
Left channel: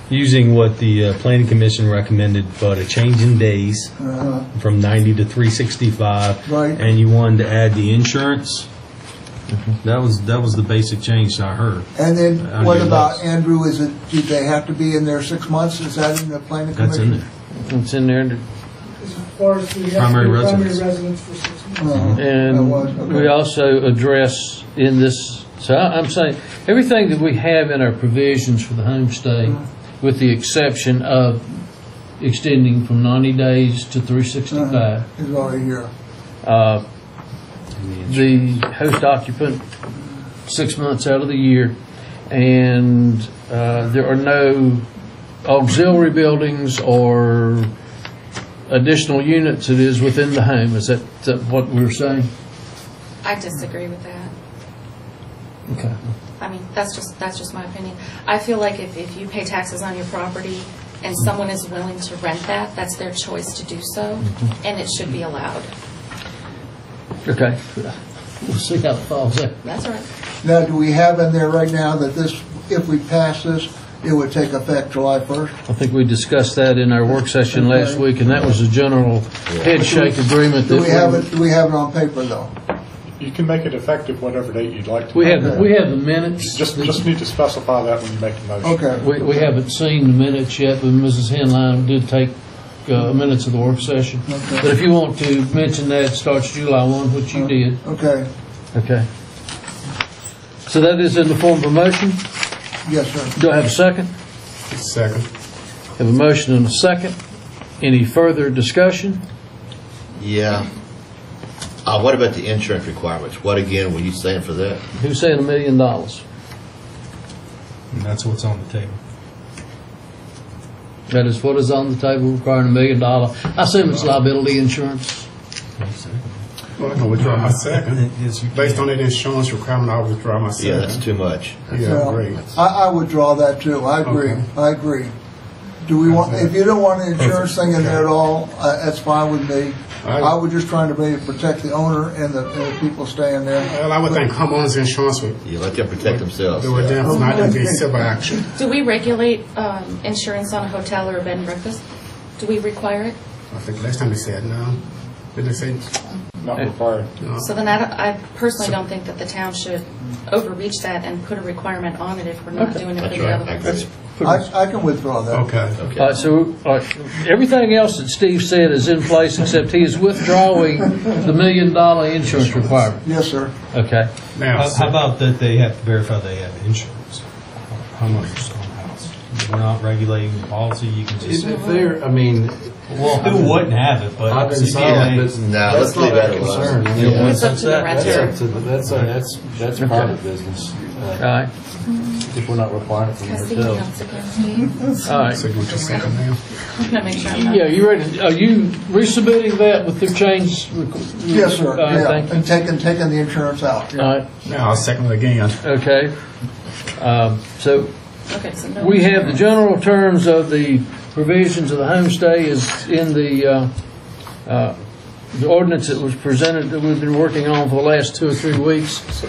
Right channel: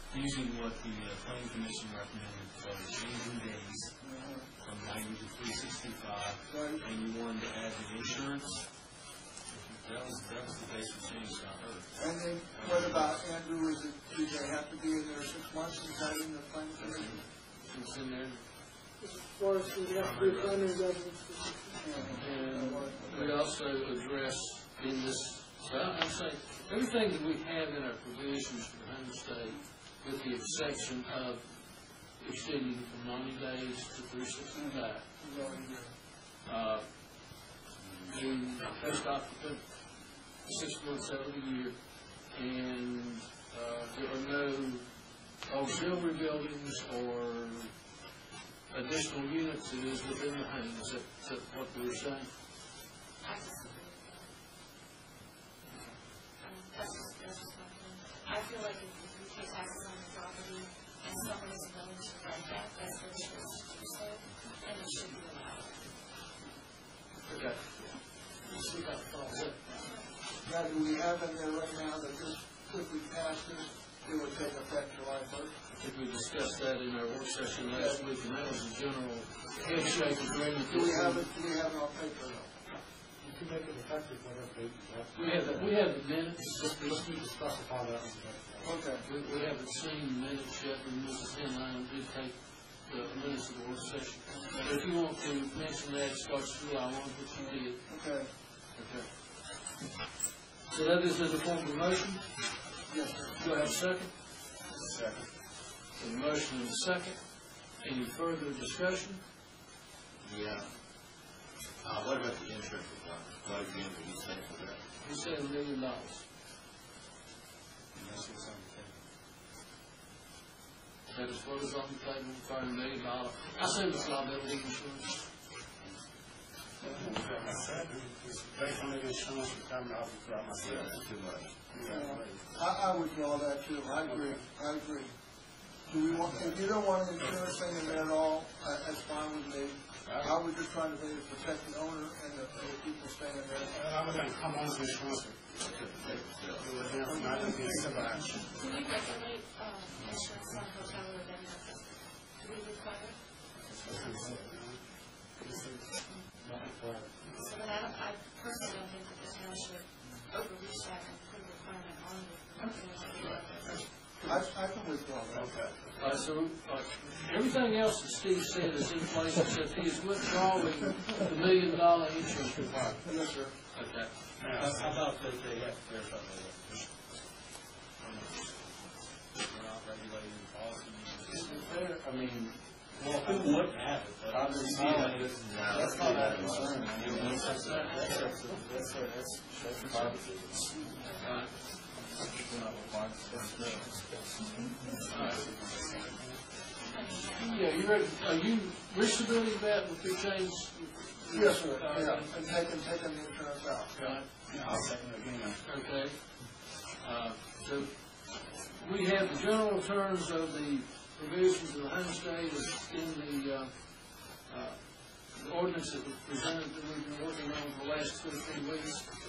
using what the Planning Commission recommended, but a change in days from 90 to 365. Right. And you wanted to add the insurance. That was the basic change I heard. And then what about, Andrew, do they have to be in there 6 months? Is that in the Planning Commission? That's in there. It's in there. As far as we have Primary to be residence. primary residence for 6 months. And we also address in this, so I'm saying, everything that we have in our provisions for the homestay, with the exception of extending from 90 days to 365. Is already here. The host occupant 6 months out of the year, and there are no auxiliary buildings or additional units. It is within the home. Is that what we're saying? I disagree with that. Okay. I mean, that's just my opinion. I feel like if you pay taxes on your property and someone is willing to rent that, that's their choice to do so, and it should be allowed. Okay. We'll see how it falls out. That's all right. Now, do we have in there right now that this, if we pass this, it would take effect July 1st? I think we discussed that in our work session last week, and that was a general head shake agreement. Do we have it on paper, though? You can make it effective whatever date you'd like to. We have the minutes. Just need to specify that when you make the motion. Okay. We haven't seen the minutes yet, but Mrs. Henline did take minutes of the work session. Okay. But if you want to mention that it starts July 1, which you did. Okay. Okay. So that is in the form of a motion? Yes, sir. Do I have a second? Second. Have a motion and a second. Any further discussion? Yeah. What about the insurance requirements? What again were you saying for that? Who's saying $1 million? And that's what's on the table. That is what is on the table, requiring $1 million. I assume it's liability insurance. Well, I can withdraw my second. Based on that insurance requirement, I'll withdraw my second. Yeah, that's too much. Yeah, great. I withdraw that too. I agree. Okay. I agree. Do we want? If you don't want an insurance thing in there at all, that's fine with me. I was just trying to maybe protect the owner and the people staying there. Well, I would think homeowners insurance would You let them protect themselves. do it then, it's not going to be civil action. Do we regulate insurance on a hotel or a bed and breakfast? Do we require it? I think last time they said no. Did they say? Not required. No. So then I personally don't think that the town should overreach that and put a requirement on it if we're not doing it for That's the right. other I ones. agree. I can withdraw that. Okay. All right, so everything else that Steve said is in place, except he is withdrawing the $1 million insurance requirement. Yes, sir. Okay. Now, How about that they have to verify they have insurance? Homeowners on the house. We're not regulating the policy. You can just. If they're, I mean, Well, who wouldn't have it? But I've been CPA silent, but No, let's that's not leave that that alone. concern. I mean, You don't want It's up to the That's renter. up to the, that's private business. All right. If we're not requiring it from I the see hotel. you once again, Steve. All right. so you want your second now? I'm going to make sure I'm not. Yeah, you ready? Are you resubmitting that with the change? Yes, sir. All right, Yeah, thank you. and taking the insurance out. Yeah. All right. Now, I'll second it again. Okay. So Okay, so no. we have the general terms of the provisions of the homestay is in the ordinance that was presented that we've been working on for the last 2 or 3 weeks. So,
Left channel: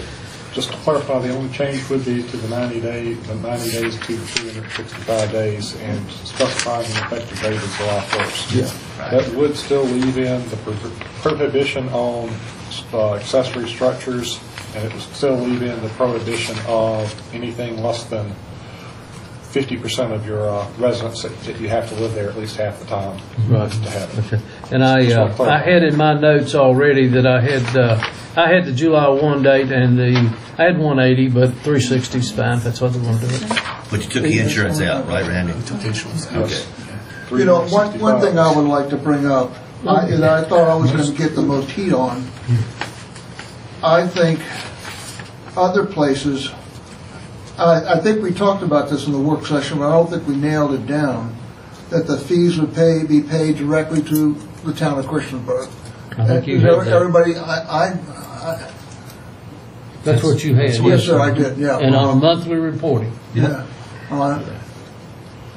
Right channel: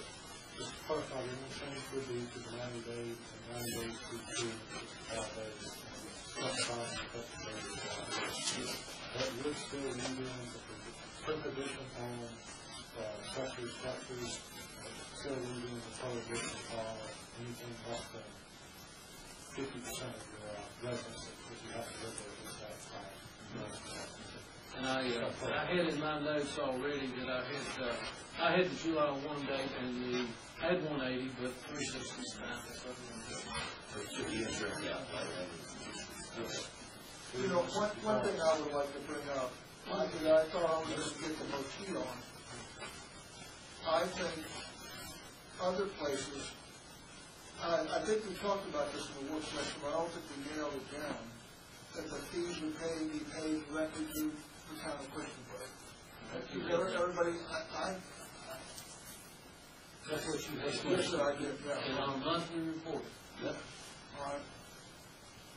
just to clarify, the only change would be to the 90 days to 365 days, and specifying the effective date is July 1st. Yeah. That would still leave in the prohibition on accessory structures, and it would still leave in the prohibition of anything less than 50% of your residents that you have to live there at least half the time Right. to have it. Okay. And I had in my notes already that I had the July 1 date and I had 180, but 360 is fine if that's what they want to do it. But you took the insurance out, right, Randy? Took the insurance out. Okay. You know, one thing I would like to bring up, and I thought I was going to get the most heat on, I think other places, I think we talked about this in the work session, but I don't think we nailed it down, that the fees would be paid directly to the town of Christiansburg. I think you had that. Everybody, That's what you had. Yes, sir, I did, yeah. And on a monthly reporting. Yeah.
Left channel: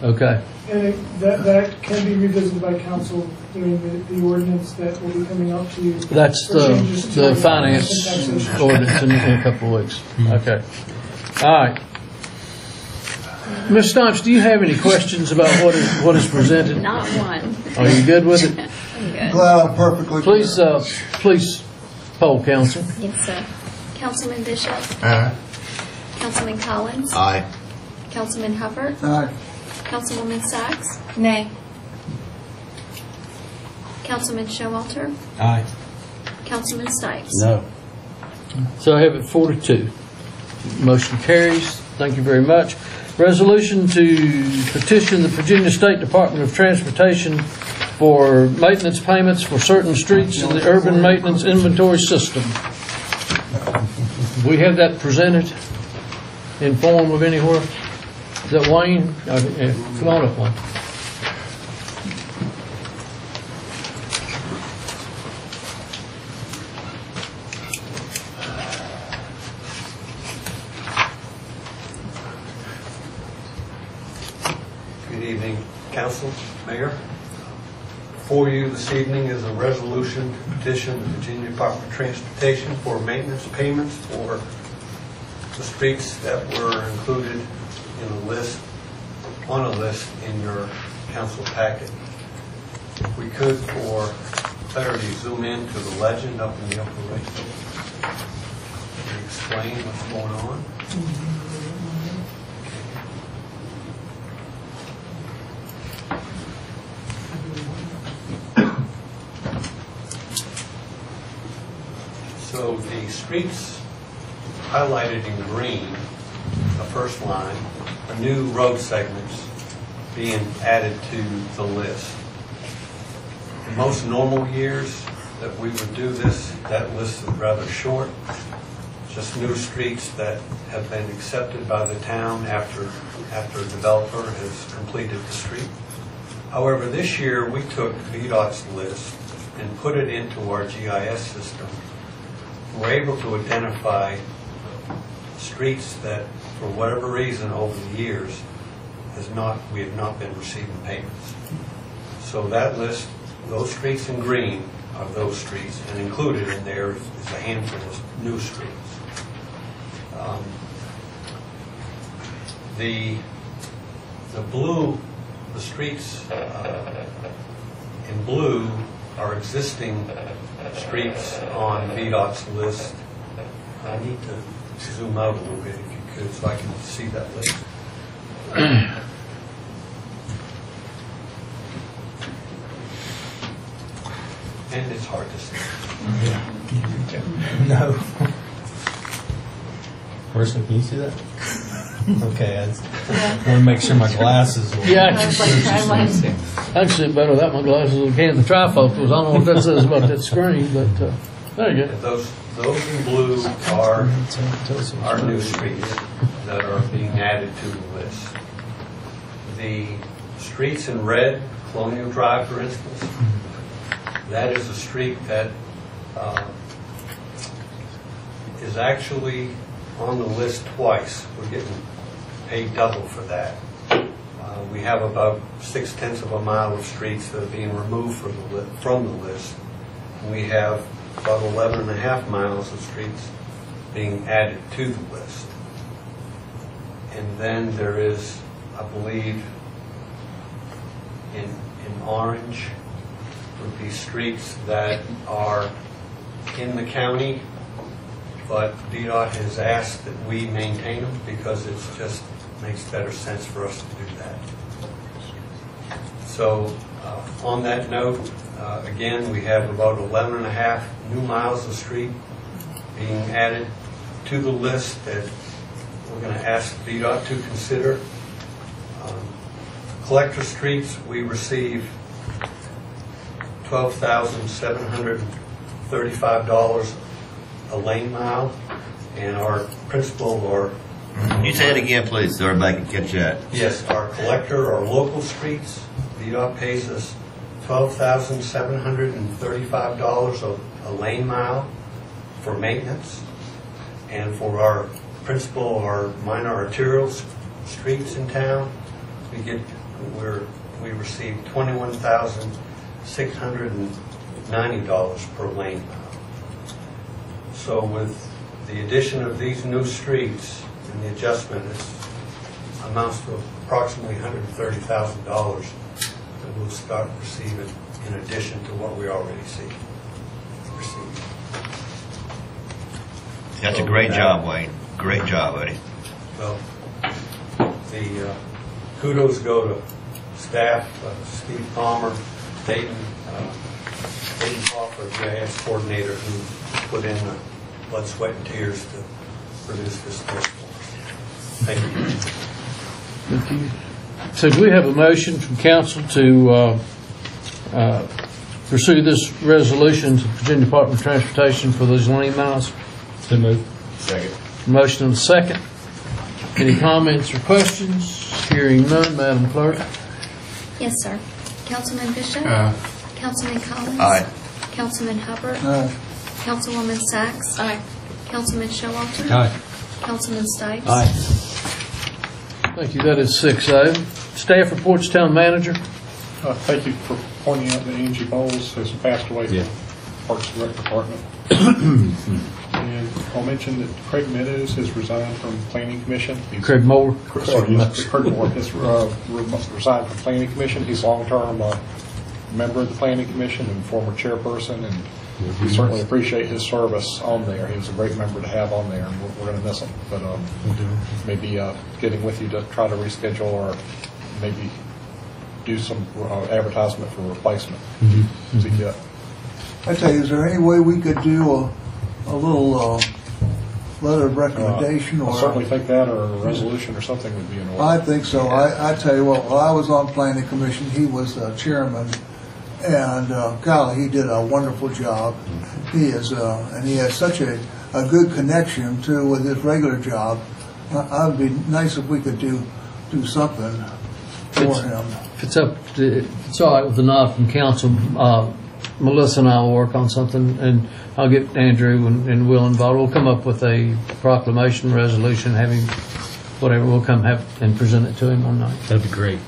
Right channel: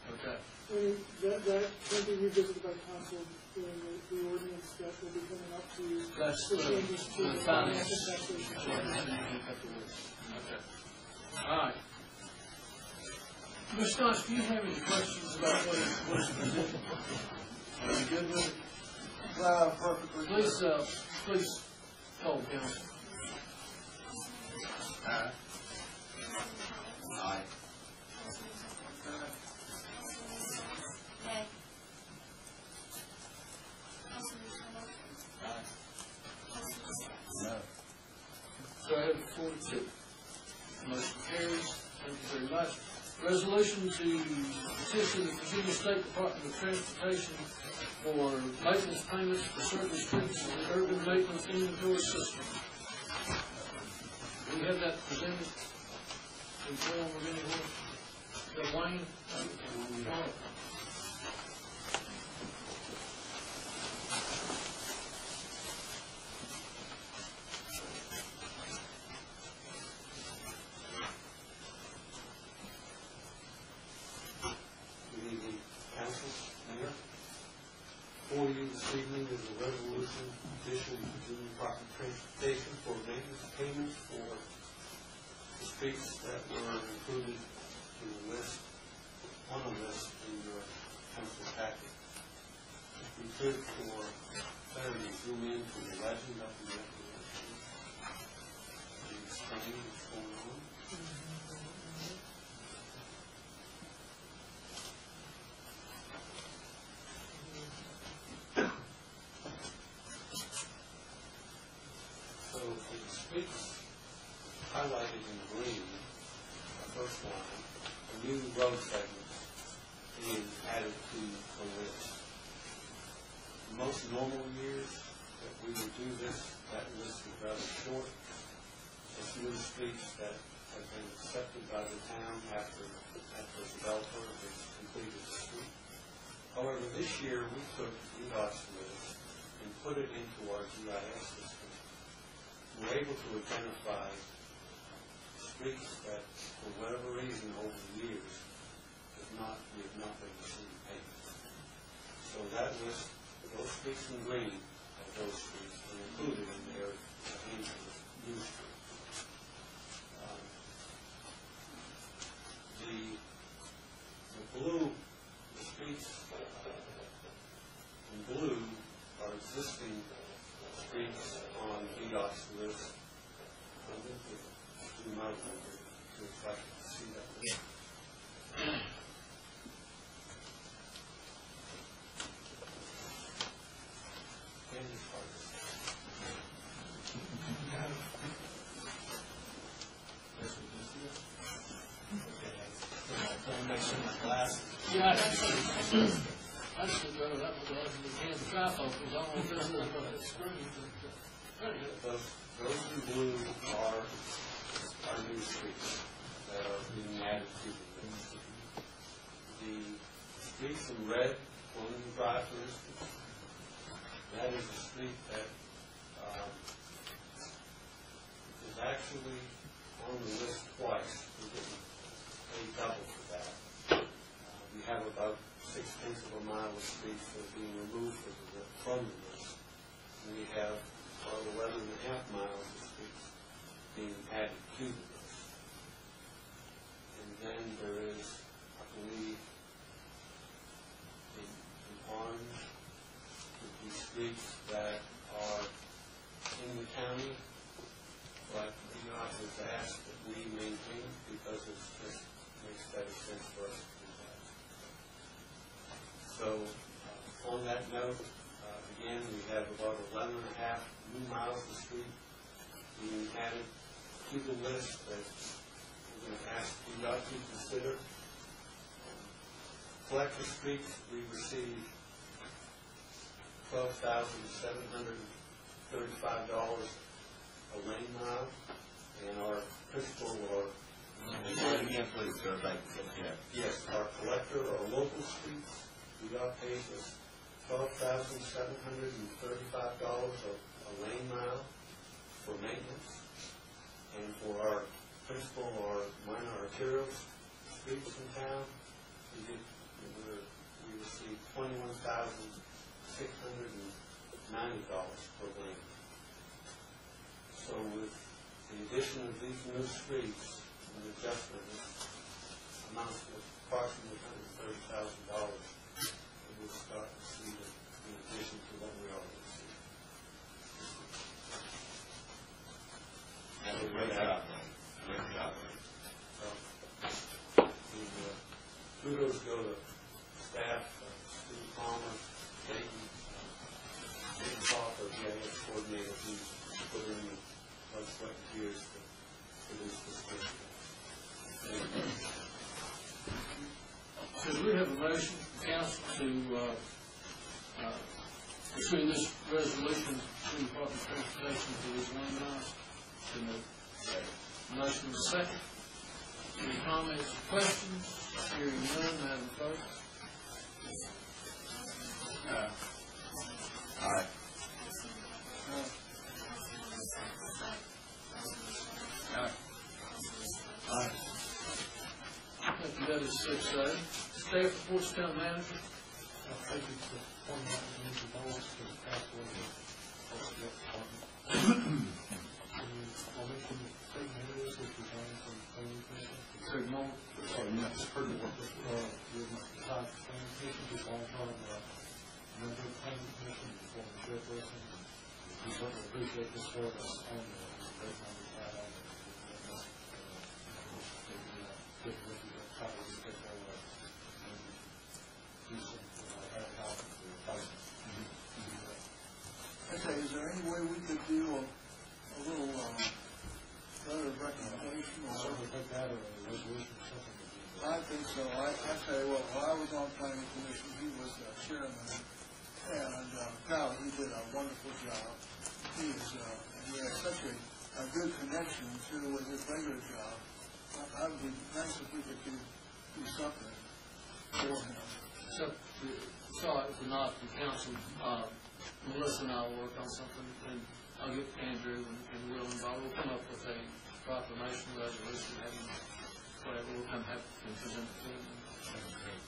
Okay. And that can be revisited by council during the ordinance that will be coming up to you. That's for changes to the finance taxation. ordinance in a couple of weeks. Okay. All right. Ms. Stomps, do you have any questions about what is presented? Not one. Are you good with it? I'm good. Glad I'm perfectly. Please poll council. Yes, sir. Councilman Bishop. Councilman Collins. Aye. Councilman Hubbard. Aye. Councilwoman Sachs. Nay. Councilman Showalter. Aye. Councilman Stipes. No. So I have it 4-2. Motion carries. Thank you very much. Resolution to petition the Virginia State Department of Transportation for maintenance payments for certain streets in the urban maintenance inventory system. We have that presented in form of anywhere. Is that Wayne? Come on up, Wayne. Good evening, Council, Mayor. Before you this evening is a resolution to petition the Virginia Department of Transportation for maintenance payments for the streets that were included in a list, on a list in your council packet. If we could, for clarity, zoom in to the legend up in the upper right. Explain what's going on. So the streets highlighted in green, the first line, are new road segments being added to the list. In most normal years that we would do this, that list is rather short. Just new streets that have been accepted by the town after a developer has completed the street. However, this year we took VDOT's list and put it into our GIS system. We're able to identify streets that, for whatever reason, over the years, we have not been receiving payments. So that list, those streets in green are those streets, and included in there is a handful of new streets. The streets in blue are existing streets on VDOT's list. I need to zoom out a little bit if you could so I can see that list. And it's hard to see. No. Marissa, can you see that? Okay, I want to make sure my glasses will... Yeah, I can see it better without my glasses than I can the trifocals. I don't know what that says about that screen, but there you go. Those in blue are new streets that are being added to the list. The streets in red, Colonial Drive, for instance, that is a street that is actually on the list twice. We're getting paid double for that. We have about 0.6 of a mile of streets that are being removed from the list. And we have about 11.5 miles of streets being added to the list. And then there is, I believe, in orange would be streets that are in the county, but VDOT has asked that we maintain them because it just makes better sense for us to do that. So on that note, again, we have about 11.5 new miles of street being added to the list that we're going to ask VDOT to consider. Collector streets, we receive $12,735 a lane mile, and our principal or... Can you say it again, please, so everybody can catch that? Yes, our collector, our local streets, VDOT pays us $12,735 a lane mile for maintenance, and for our principal or minor arterial streets in town, we we received $21,690 per lane mile. So with the addition of these new streets and the adjustment, it amounts to approximately $130,000 that we'll start receiving in addition to what we already receive. That's a great job, Wayne. Great job, Eddie. Well, the kudos go to staff, Steve Palmer, Dayton Crawford, GIS coordinator, who put in the blood, sweat, and tears to produce this list for us. Thank you. Thank you. So do we have a motion from council to pursue this resolution to Virginia Department of Transportation for those lane miles? So moved. Second. Motion and a second. Any comments or questions? Hearing none, Madam Clerk. Yes, sir. Councilman Bishop? Councilman Collins? Aye. Councilman Hubbard? Aye. Councilwoman Sacks? Aye. Councilman Showalter? Aye. Councilman Stipes? Aye. Thank you. That is 6-0. Staff reports, Town Manager. Thank you for pointing out that Angie Bowles has passed away from Parks and Rec Department. And I'll mention that Craig Meadows has resigned from Planning Commission. Craig Moore. Sorry, yes, Craig Moore has resigned from Planning Commission. He's a long-term member of the Planning Commission and former chairperson, and we certainly appreciate his service on there. He was a great member to have on there, and we're going to miss him. But maybe getting with you to try to reschedule or maybe do some advertisement for replacement. I tell you, is there any way we could do a little letter of recommendation? I or certainly think that, or a resolution or something would be in order. I think so. I tell you what, while I was on Planning Commission, he was chairman, and golly, he did a wonderful job. He is, and he has such a good connection too with his regular job. It would be nice if we could do something for him. If it's all right with the nod from council, Melissa and I will work on something, and I'll get Andrew and Will involved. We'll come up with a proclamation, resolution, have him, whatever, we'll come have and present it to him one night. That'd be great.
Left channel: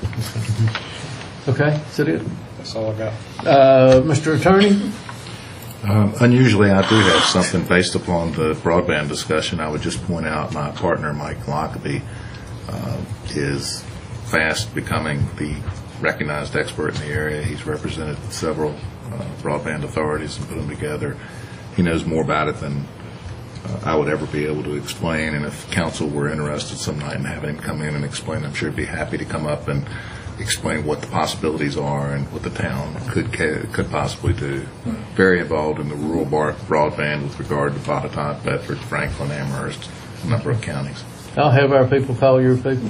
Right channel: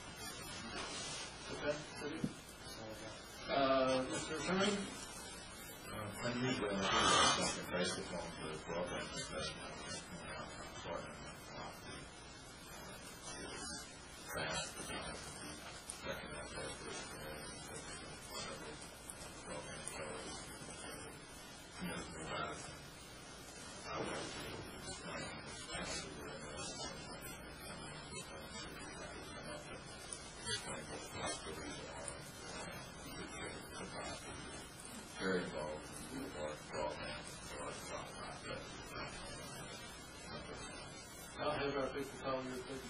Okay, is that it? That's all I got. Mr. Attorney? Unusually, I do have something based upon the broadband discussion. I would just point out my partner, Mike Lockaby, is fast becoming the recognized expert in the area. He's represented several broadband authorities and put them together. He knows more about it than I would ever be able to explain, and if council were interested some night in having him come in and explain, I'm sure he'd be happy to come up and explain what the possibilities are and what the town could possibly do. Very involved in the rural broadband with regard to Botetourt, Bedford, Franklin, Amherst, a number of counties. I'll have our people call your people.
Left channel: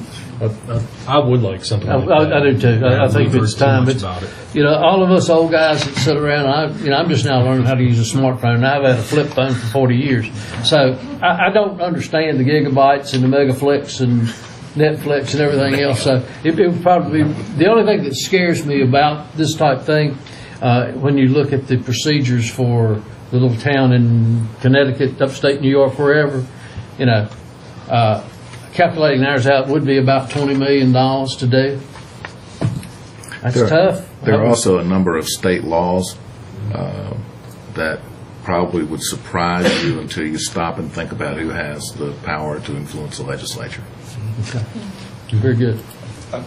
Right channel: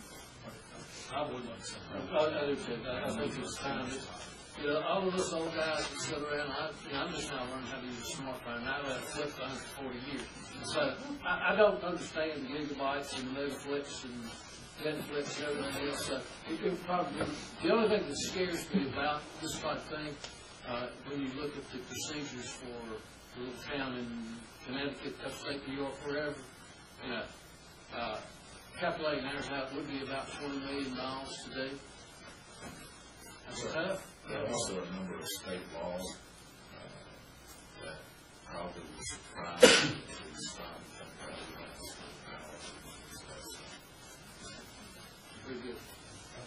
I would like something like that. I do too. I think it's time. It's, about it. you know, all of us old guys that sit around, I'm just now learning how to use a smartphone. I've had a flip phone for 40 years. So I don't understand the gigabytes and the megaflix and Netflix and everything else. So it would probably be the only thing that scares me about this type thing when you look at the procedures for the little town in Connecticut, upstate New York, wherever, you know, calculating ours out would be about $20 million to do. That's tough. There are also a number of state laws that probably would surprise you until you stop and think about who has the power to influence the legislature. Okay. Very good.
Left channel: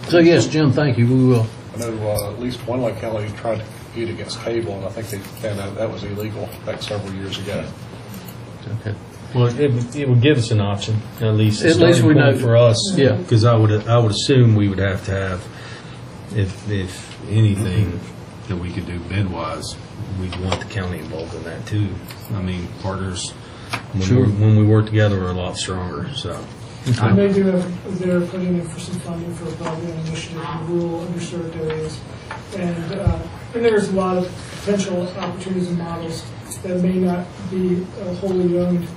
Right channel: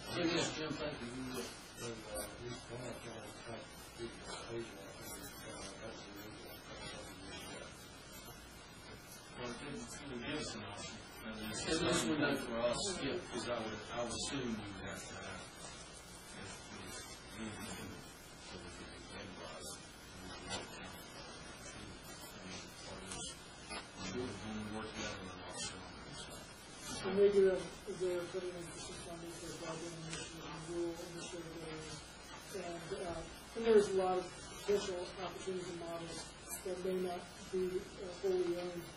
So, yes, Jim, thank you. We will. I know at least one locality tried to compete against cable, and I think they found out that was illegal back several years ago. Okay. Well, it would give us an option, at least. At least we know for us. Yeah. Because I would assume we would have to have, if anything that we could do bid-wise, we'd want the county involved in that too. I mean, partners, when we work together, we're a lot stronger. So. And they do have, they're putting in for some funding for a broadband initiative in rural underserved areas. And there's a lot of potential opportunities and models that may not be a wholly owned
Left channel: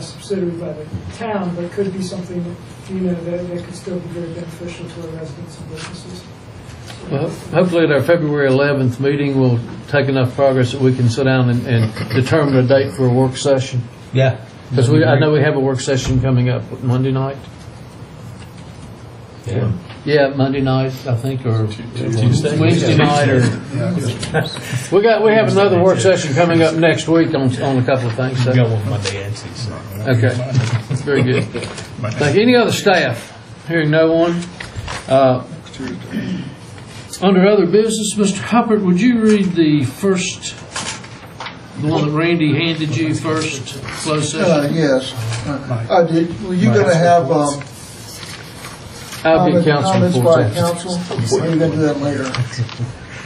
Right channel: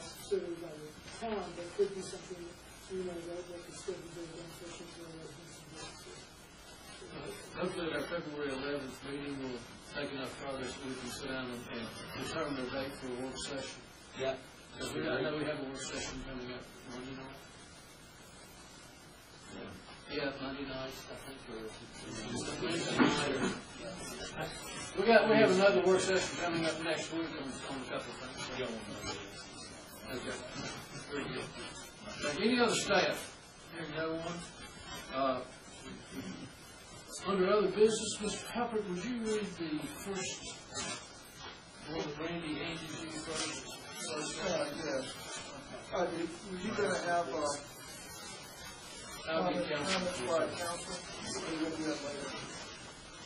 subsidiary by the town, but could be something that could still be very beneficial to our residents and businesses. Well, hopefully at our February 11th meeting, we'll take enough progress that we can sit down and determine a date for a work session. Yeah. Because I know we have a work session coming up Monday night. Yeah. Yeah, Monday night, I think, or Tuesday? Wednesday night, or we have another work session coming up next week on a couple of things. So. We got one Monday and Tuesday. Okay, very good. Thank you. Any other staff? Hearing no one. Under other business, Mr. Hubbard, would you read the one that Randy handed you first, closed session? Yes, I did. Were you going to have I'll be council comments before by council? Or are you going to do that later?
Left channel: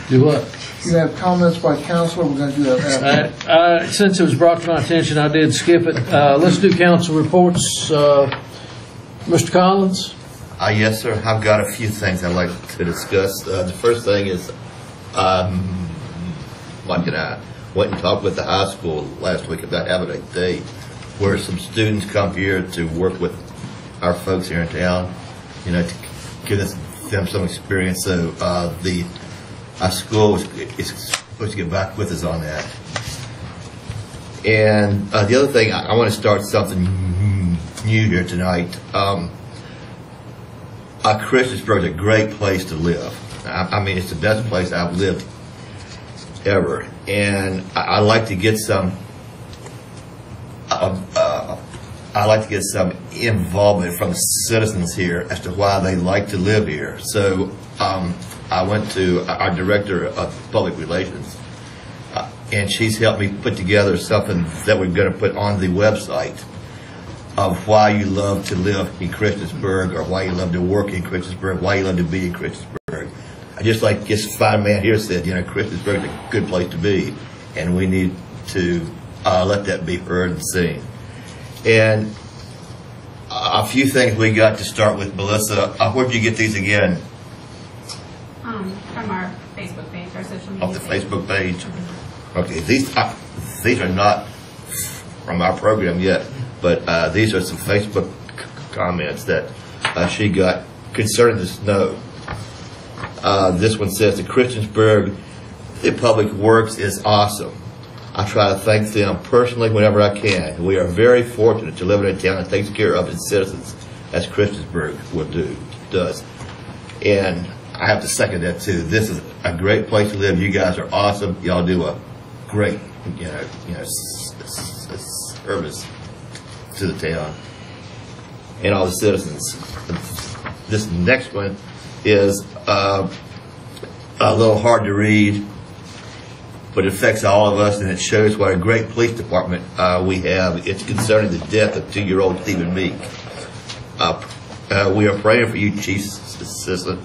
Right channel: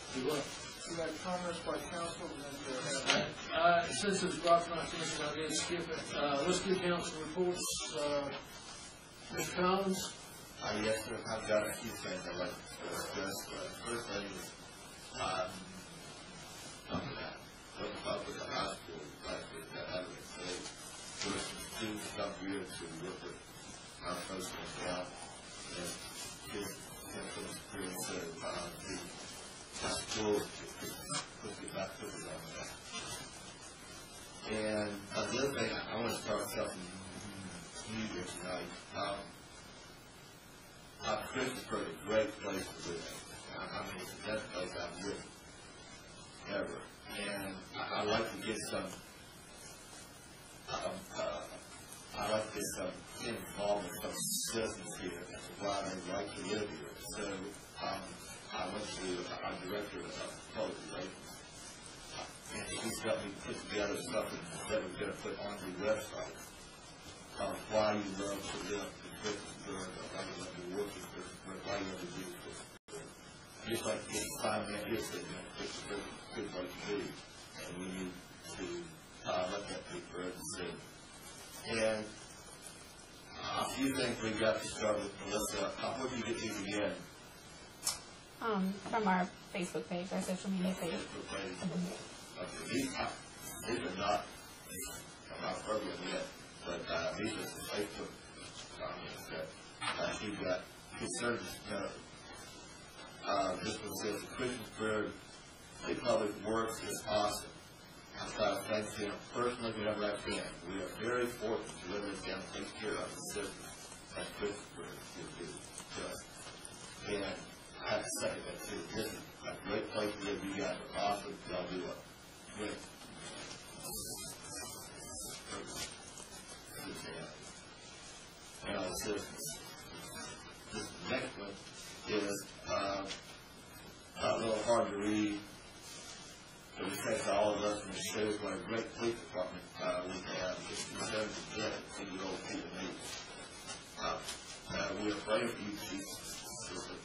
Do what? You have comments by council, or we're going to do that after? Since it was brought to my attention, I did skip it. Let's do council reports. Mr. Collins? Yes, sir. I've got a few things I'd like to discuss. The first thing is, Mike and I went and talked with the high school last week about having a day where some students come here to work with our folks here in town, you know, to give them some experience. So our school is supposed to get back with us on that. And the other thing, I want to start something new here tonight. Christiansburg is a great place to live. I mean, it's the best place I've lived ever. And I like to get some. I like to get some involvement from the citizens here as to why they like to live here. So I went to our director of public relations, and she's helped me put together something that we're going to put on the website of why you love to live in Christiansburg, or why you love to work in Christiansburg, why you love to be in Christiansburg. I just like this fine man here said, you know, Christiansburg is a good place to be, and we need to let that be heard and seen. And a few things we got to start with, Melissa. Where did you get these again? From our Facebook page, our social media. Off the Facebook page. Okay, these are not from our program yet, but these are some Facebook comments that she got concerning the snow. This one says, the Christiansburg Public Works is awesome. I try to thank them personally whenever I can. We are very fortunate to live in a town that takes care of its citizens, as Christiansburg does. And I have to second that too. This is a great place to live. You guys are awesome. Y'all do a great, service to the town and all the citizens. This next one is a little hard to read, but it affects all of us, and it shows what a great police department we have. It's concerning the death of 2-year-old Stephen Meek. We are praying for you, Chief Assistant,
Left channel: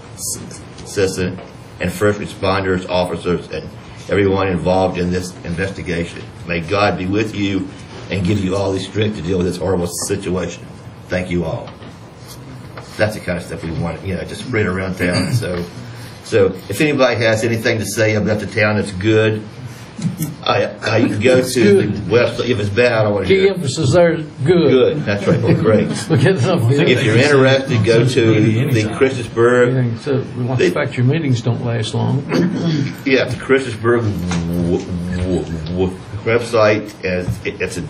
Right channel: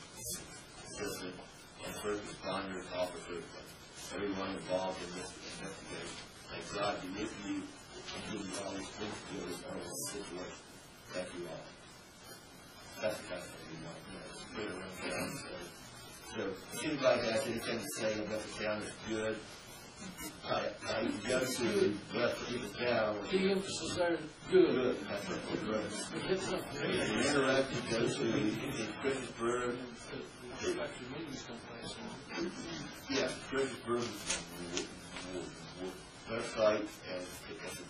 and first responders, officers, and everyone involved in this investigation. May God be with you and give you all the strength to deal with this horrible situation. Thank you all. That's the kind of stuff we want, to spread around town. So if anybody has anything to say about the town that's good, you can go to the website. If it's bad, I don't want to hear it. Key emphasis there is good. Good, that's right. Well, great. If you're interested, go to the Christiansburg. So we want the fact your meetings don't last long. Yeah, the Christiansburg website, and it's a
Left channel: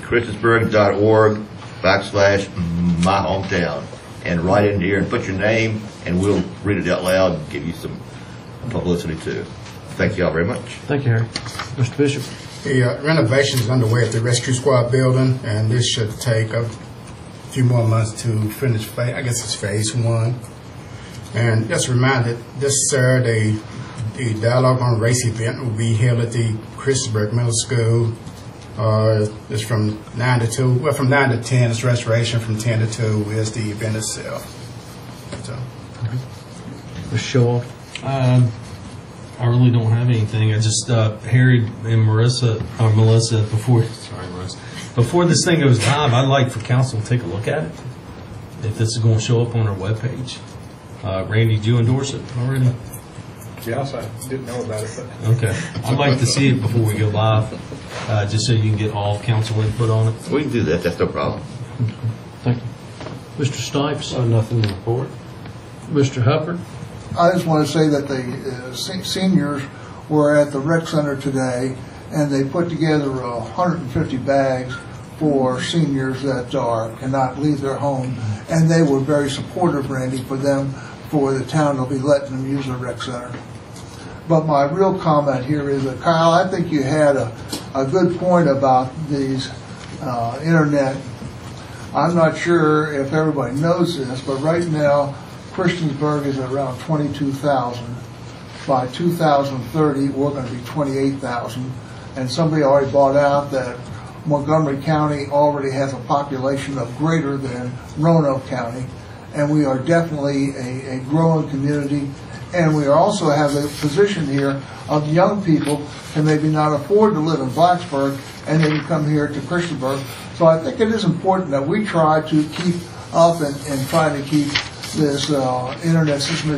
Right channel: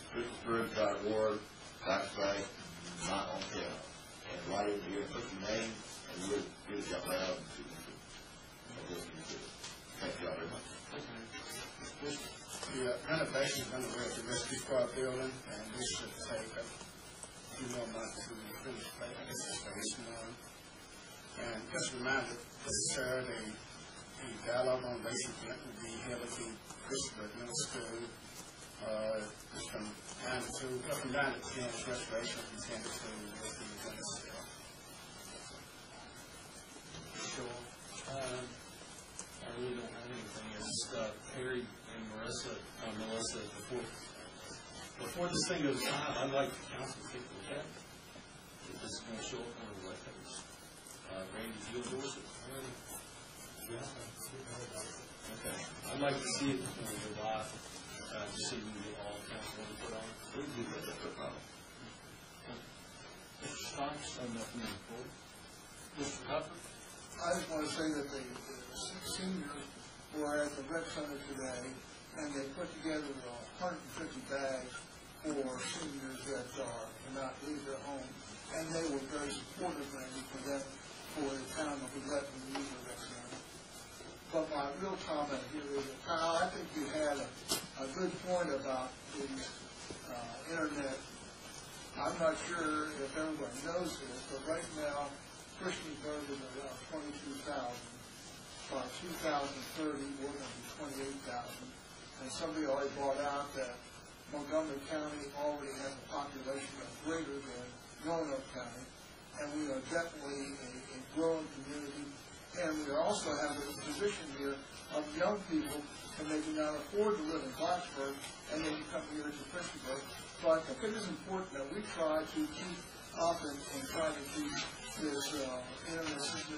Christiansburg.org/my hometown, and write in here and put your name, and we'll read it out loud and give you some publicity too. Thank you all very much. Thank you, Harry. Mr. Bishop. The renovation is underway at the Rescue Squad building, and this should take a few more months to finish. I guess it's phase 1. And just a reminder, this Saturday, the Dialogue on Race event will be held at the Christiansburg Middle School. It's from 9 to 2. Well, from 9 to 10 is restoration. From 10 to 2 is the event itself. So, Mr. Shaw. I really don't have anything. I just Harry and Melissa, before this thing goes live, I'd like for council to take a look at it. If this is going to show up on our webpage. Randy, did you endorse it already? Yes, I didn't know about it. But Okay. I'd like to see it before we go live, just so you can get all council input on it. We can do that. That's no problem. Thank you. Mr. Stipes. Nothing to report. Mr. Hubbard. I just want to say that the seniors were at the rec center today, and they put together 150 bags for seniors that cannot leave their home. And they were very supportive, Randy, for the town to be letting them use the rec center. But my real comment here is that, Kyle, I think you had a good point about these internet. I'm not sure if everybody knows this, but right now, Christiansburg is around 22,000. By 2030, we're going to be 28,000. And somebody already bought out that Montgomery County already has a population of greater than Roanoke County. And we are definitely a growing community. And we also have a position here of young people who maybe not afford to live in Blacksburg, and they can come here to Christiansburg. So I think it is important that we try to keep up and try to keep this internet system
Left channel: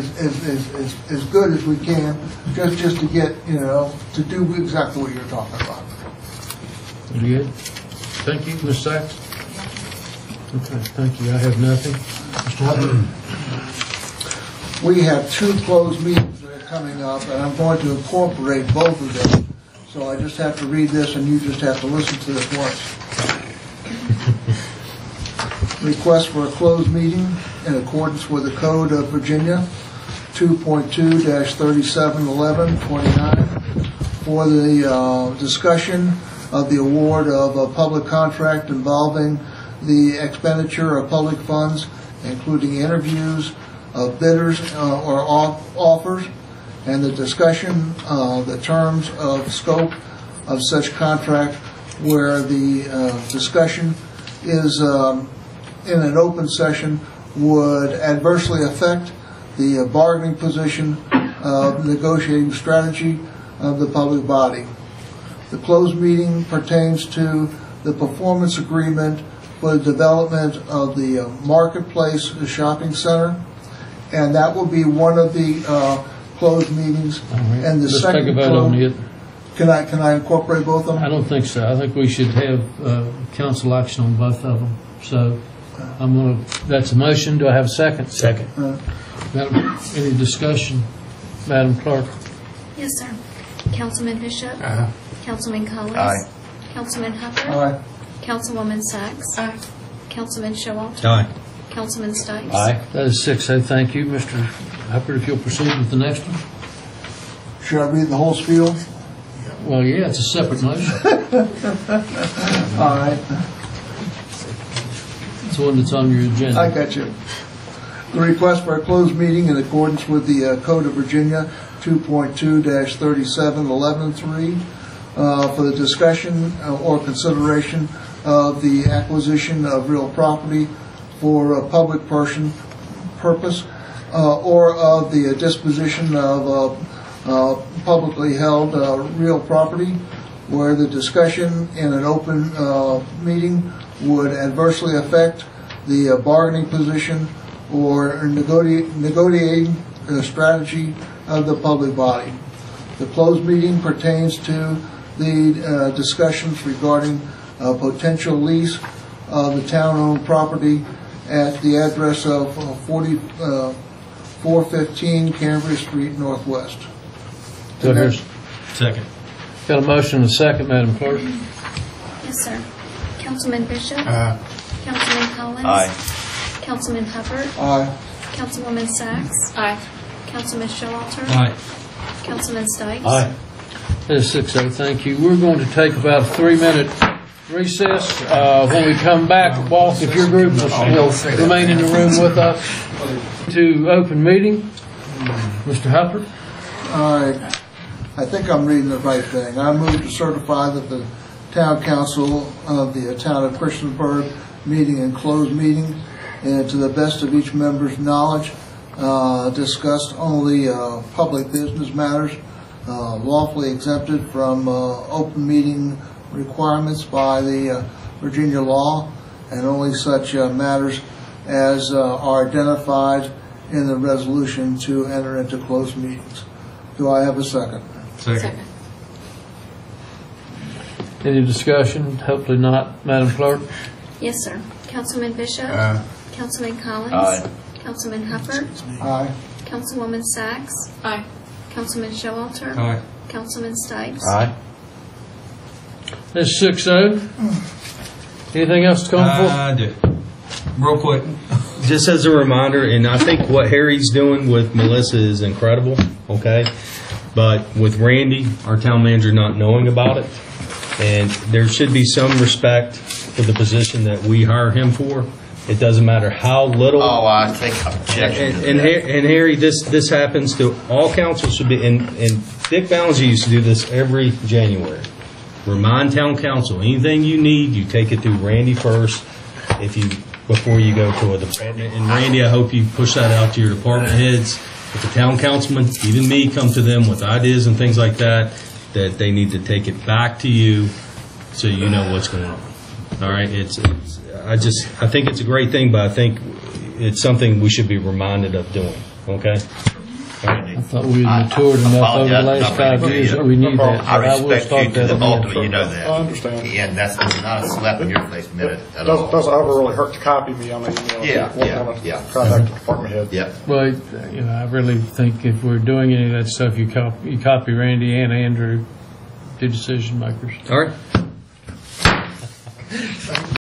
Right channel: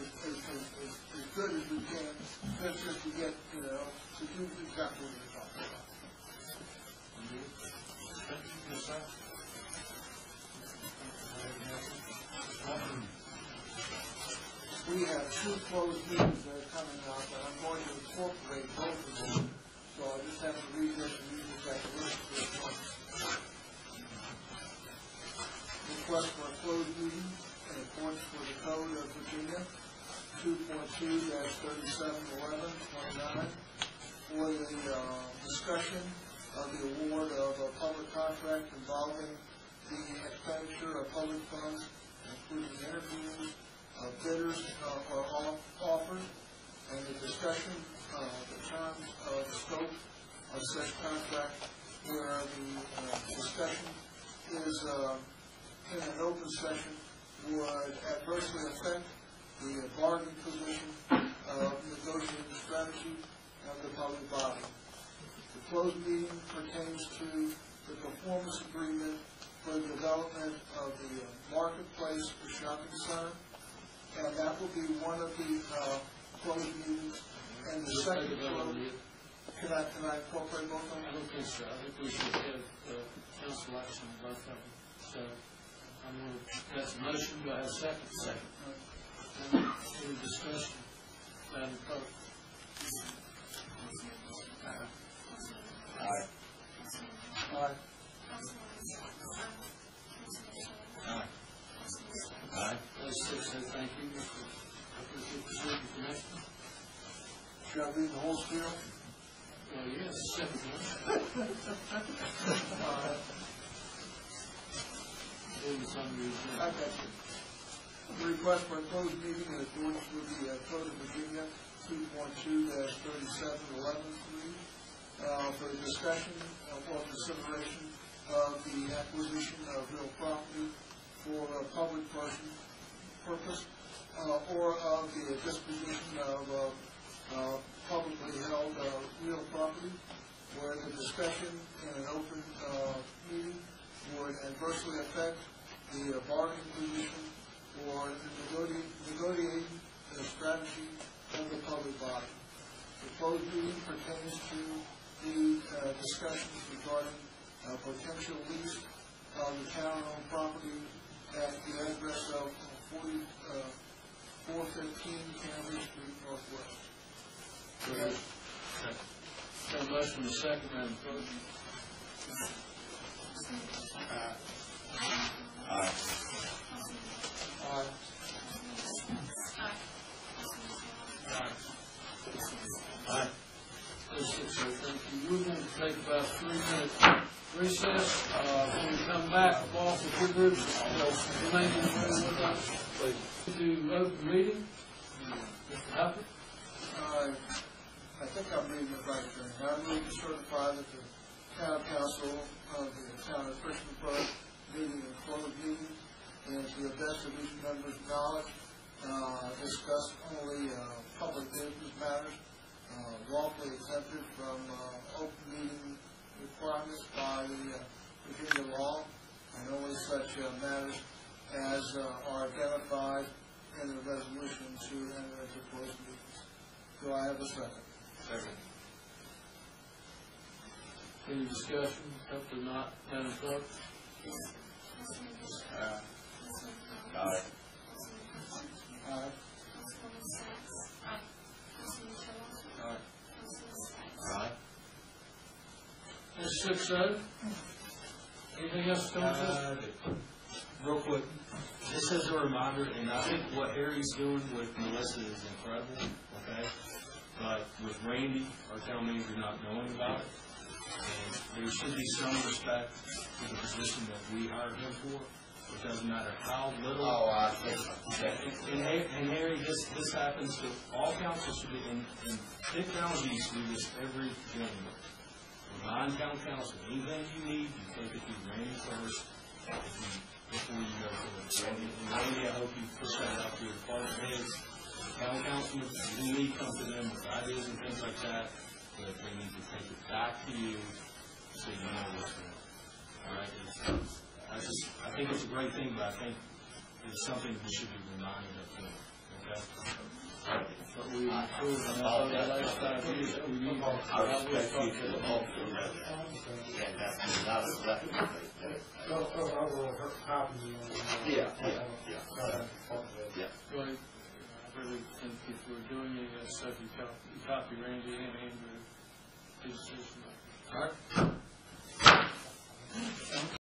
as good as we can, just to get, to do exactly what you're talking about. Very good. Thank you, Ms. Sachs. Okay, thank you. I have nothing. Mr. Hubbard? We have 2 closed meetings that are coming up, and I'm going to incorporate both of them. So I just have to read this, and you just have to listen to it once. Request for a closed meeting in accordance with the Code of Virginia, 2.2-3711-29, for the discussion of the award of a public contract involving the expenditure of public funds, including interviews of bidders or offers, and the discussion of the terms of scope of such contract, where the discussion is in an open session would adversely affect the bargaining position of negotiating strategy of the public body. The closed meeting pertains to the performance agreement for the development of the Marketplace shopping center, and that will be one of the closed meetings. Right. And the Let's second take a vote on it. Can I incorporate both of them? I don't think so. I think we should have council action on both of them. So that's a motion. Do I have a second? Second. Madam, any discussion? Madam Clerk? Yes, sir. Councilman Bishop? Councilman Collins? Aye. Councilman Hubbard? Aye. Councilwoman Sachs? Aye. Councilman Showalter? Aye. Councilman Stipes? Aye. That is 6-0. Thank you. Mr. Hubbard, if you'll proceed with the next one. Should I read the whole spiel? Well, yeah, it's a separate motion. All right. It's the one that's on your agenda. I got you. The request for a closed meeting in accordance with the Code of Virginia, 2.2-3711-3, for the discussion or consideration of the acquisition of real property for a public purpose, or of the disposition of publicly held real property, where the discussion in an open meeting would adversely affect the bargaining position or negotiating strategy of the public body. The closed meeting pertains to the discussions regarding potential lease of the town-owned property at the address of 415 Cambridge Street Northwest. So here's Second. got a motion and a second, Madam Clerk. Yes, sir. Councilman Bishop? Councilman Collins? Aye. Councilman Hubbard? Aye. Councilwoman Sachs? Aye. Councilman Showalter? Aye. Councilman Stipes? Aye. That is 6-0. Thank you. We're going to take about a 3-minute recess. When we come back, Walt, if your group will remain in the room with us to open meeting. Mr. Hubbard? All right. I think I'm reading the right thing. I move to certify that the town council of the town of Christiansburg meeting in closed meeting, and to the best of each member's knowledge, discussed only public business matters lawfully exempted from open meeting requirements by the Virginia law, and only such matters as are identified in the resolution to enter into closed meetings. Do I have a second? Second. Any discussion? Hopefully not. Madam Clerk? Yes, sir. Councilman Bishop? Councilman Collins? Aye. Councilman Hubbard? Aye. Councilwoman Sachs? Aye. Councilman Showalter? Aye. Councilman Stipes? Aye. That's 6-0. Anything else to come for? I do. Real quick, just as a reminder, and I think what Harry's doing with Melissa is incredible, okay? But with Randy, our town manager, not knowing about it, and there should be some respect for the position that we hire him for. It doesn't matter how little. Oh, I take objection to And that. Harry, this happens to all councils should be, and Dick Ballinger used to do this every January. Remind town council, anything you need, you take it through Randy first before you go to a department. And Randy, I hope you push that out to your department heads. If the town councilman, even me, come to them with ideas and things like that they need to take it back to you so you know what's going on. All right? I think it's a great thing, but I think it's something we should be reminded of doing. Okay? I thought we had matured enough over the last 5 years that we knew that. I respect you to the ultimate, you know I that. understand. And that's not a slap in your face minute at all. Doesn't ever really hurt to copy me on the email. Yeah. Contact the department head. Yep. Well, I really think if we're doing any of that stuff, you copy Randy and Andrew, the decision makers. All right.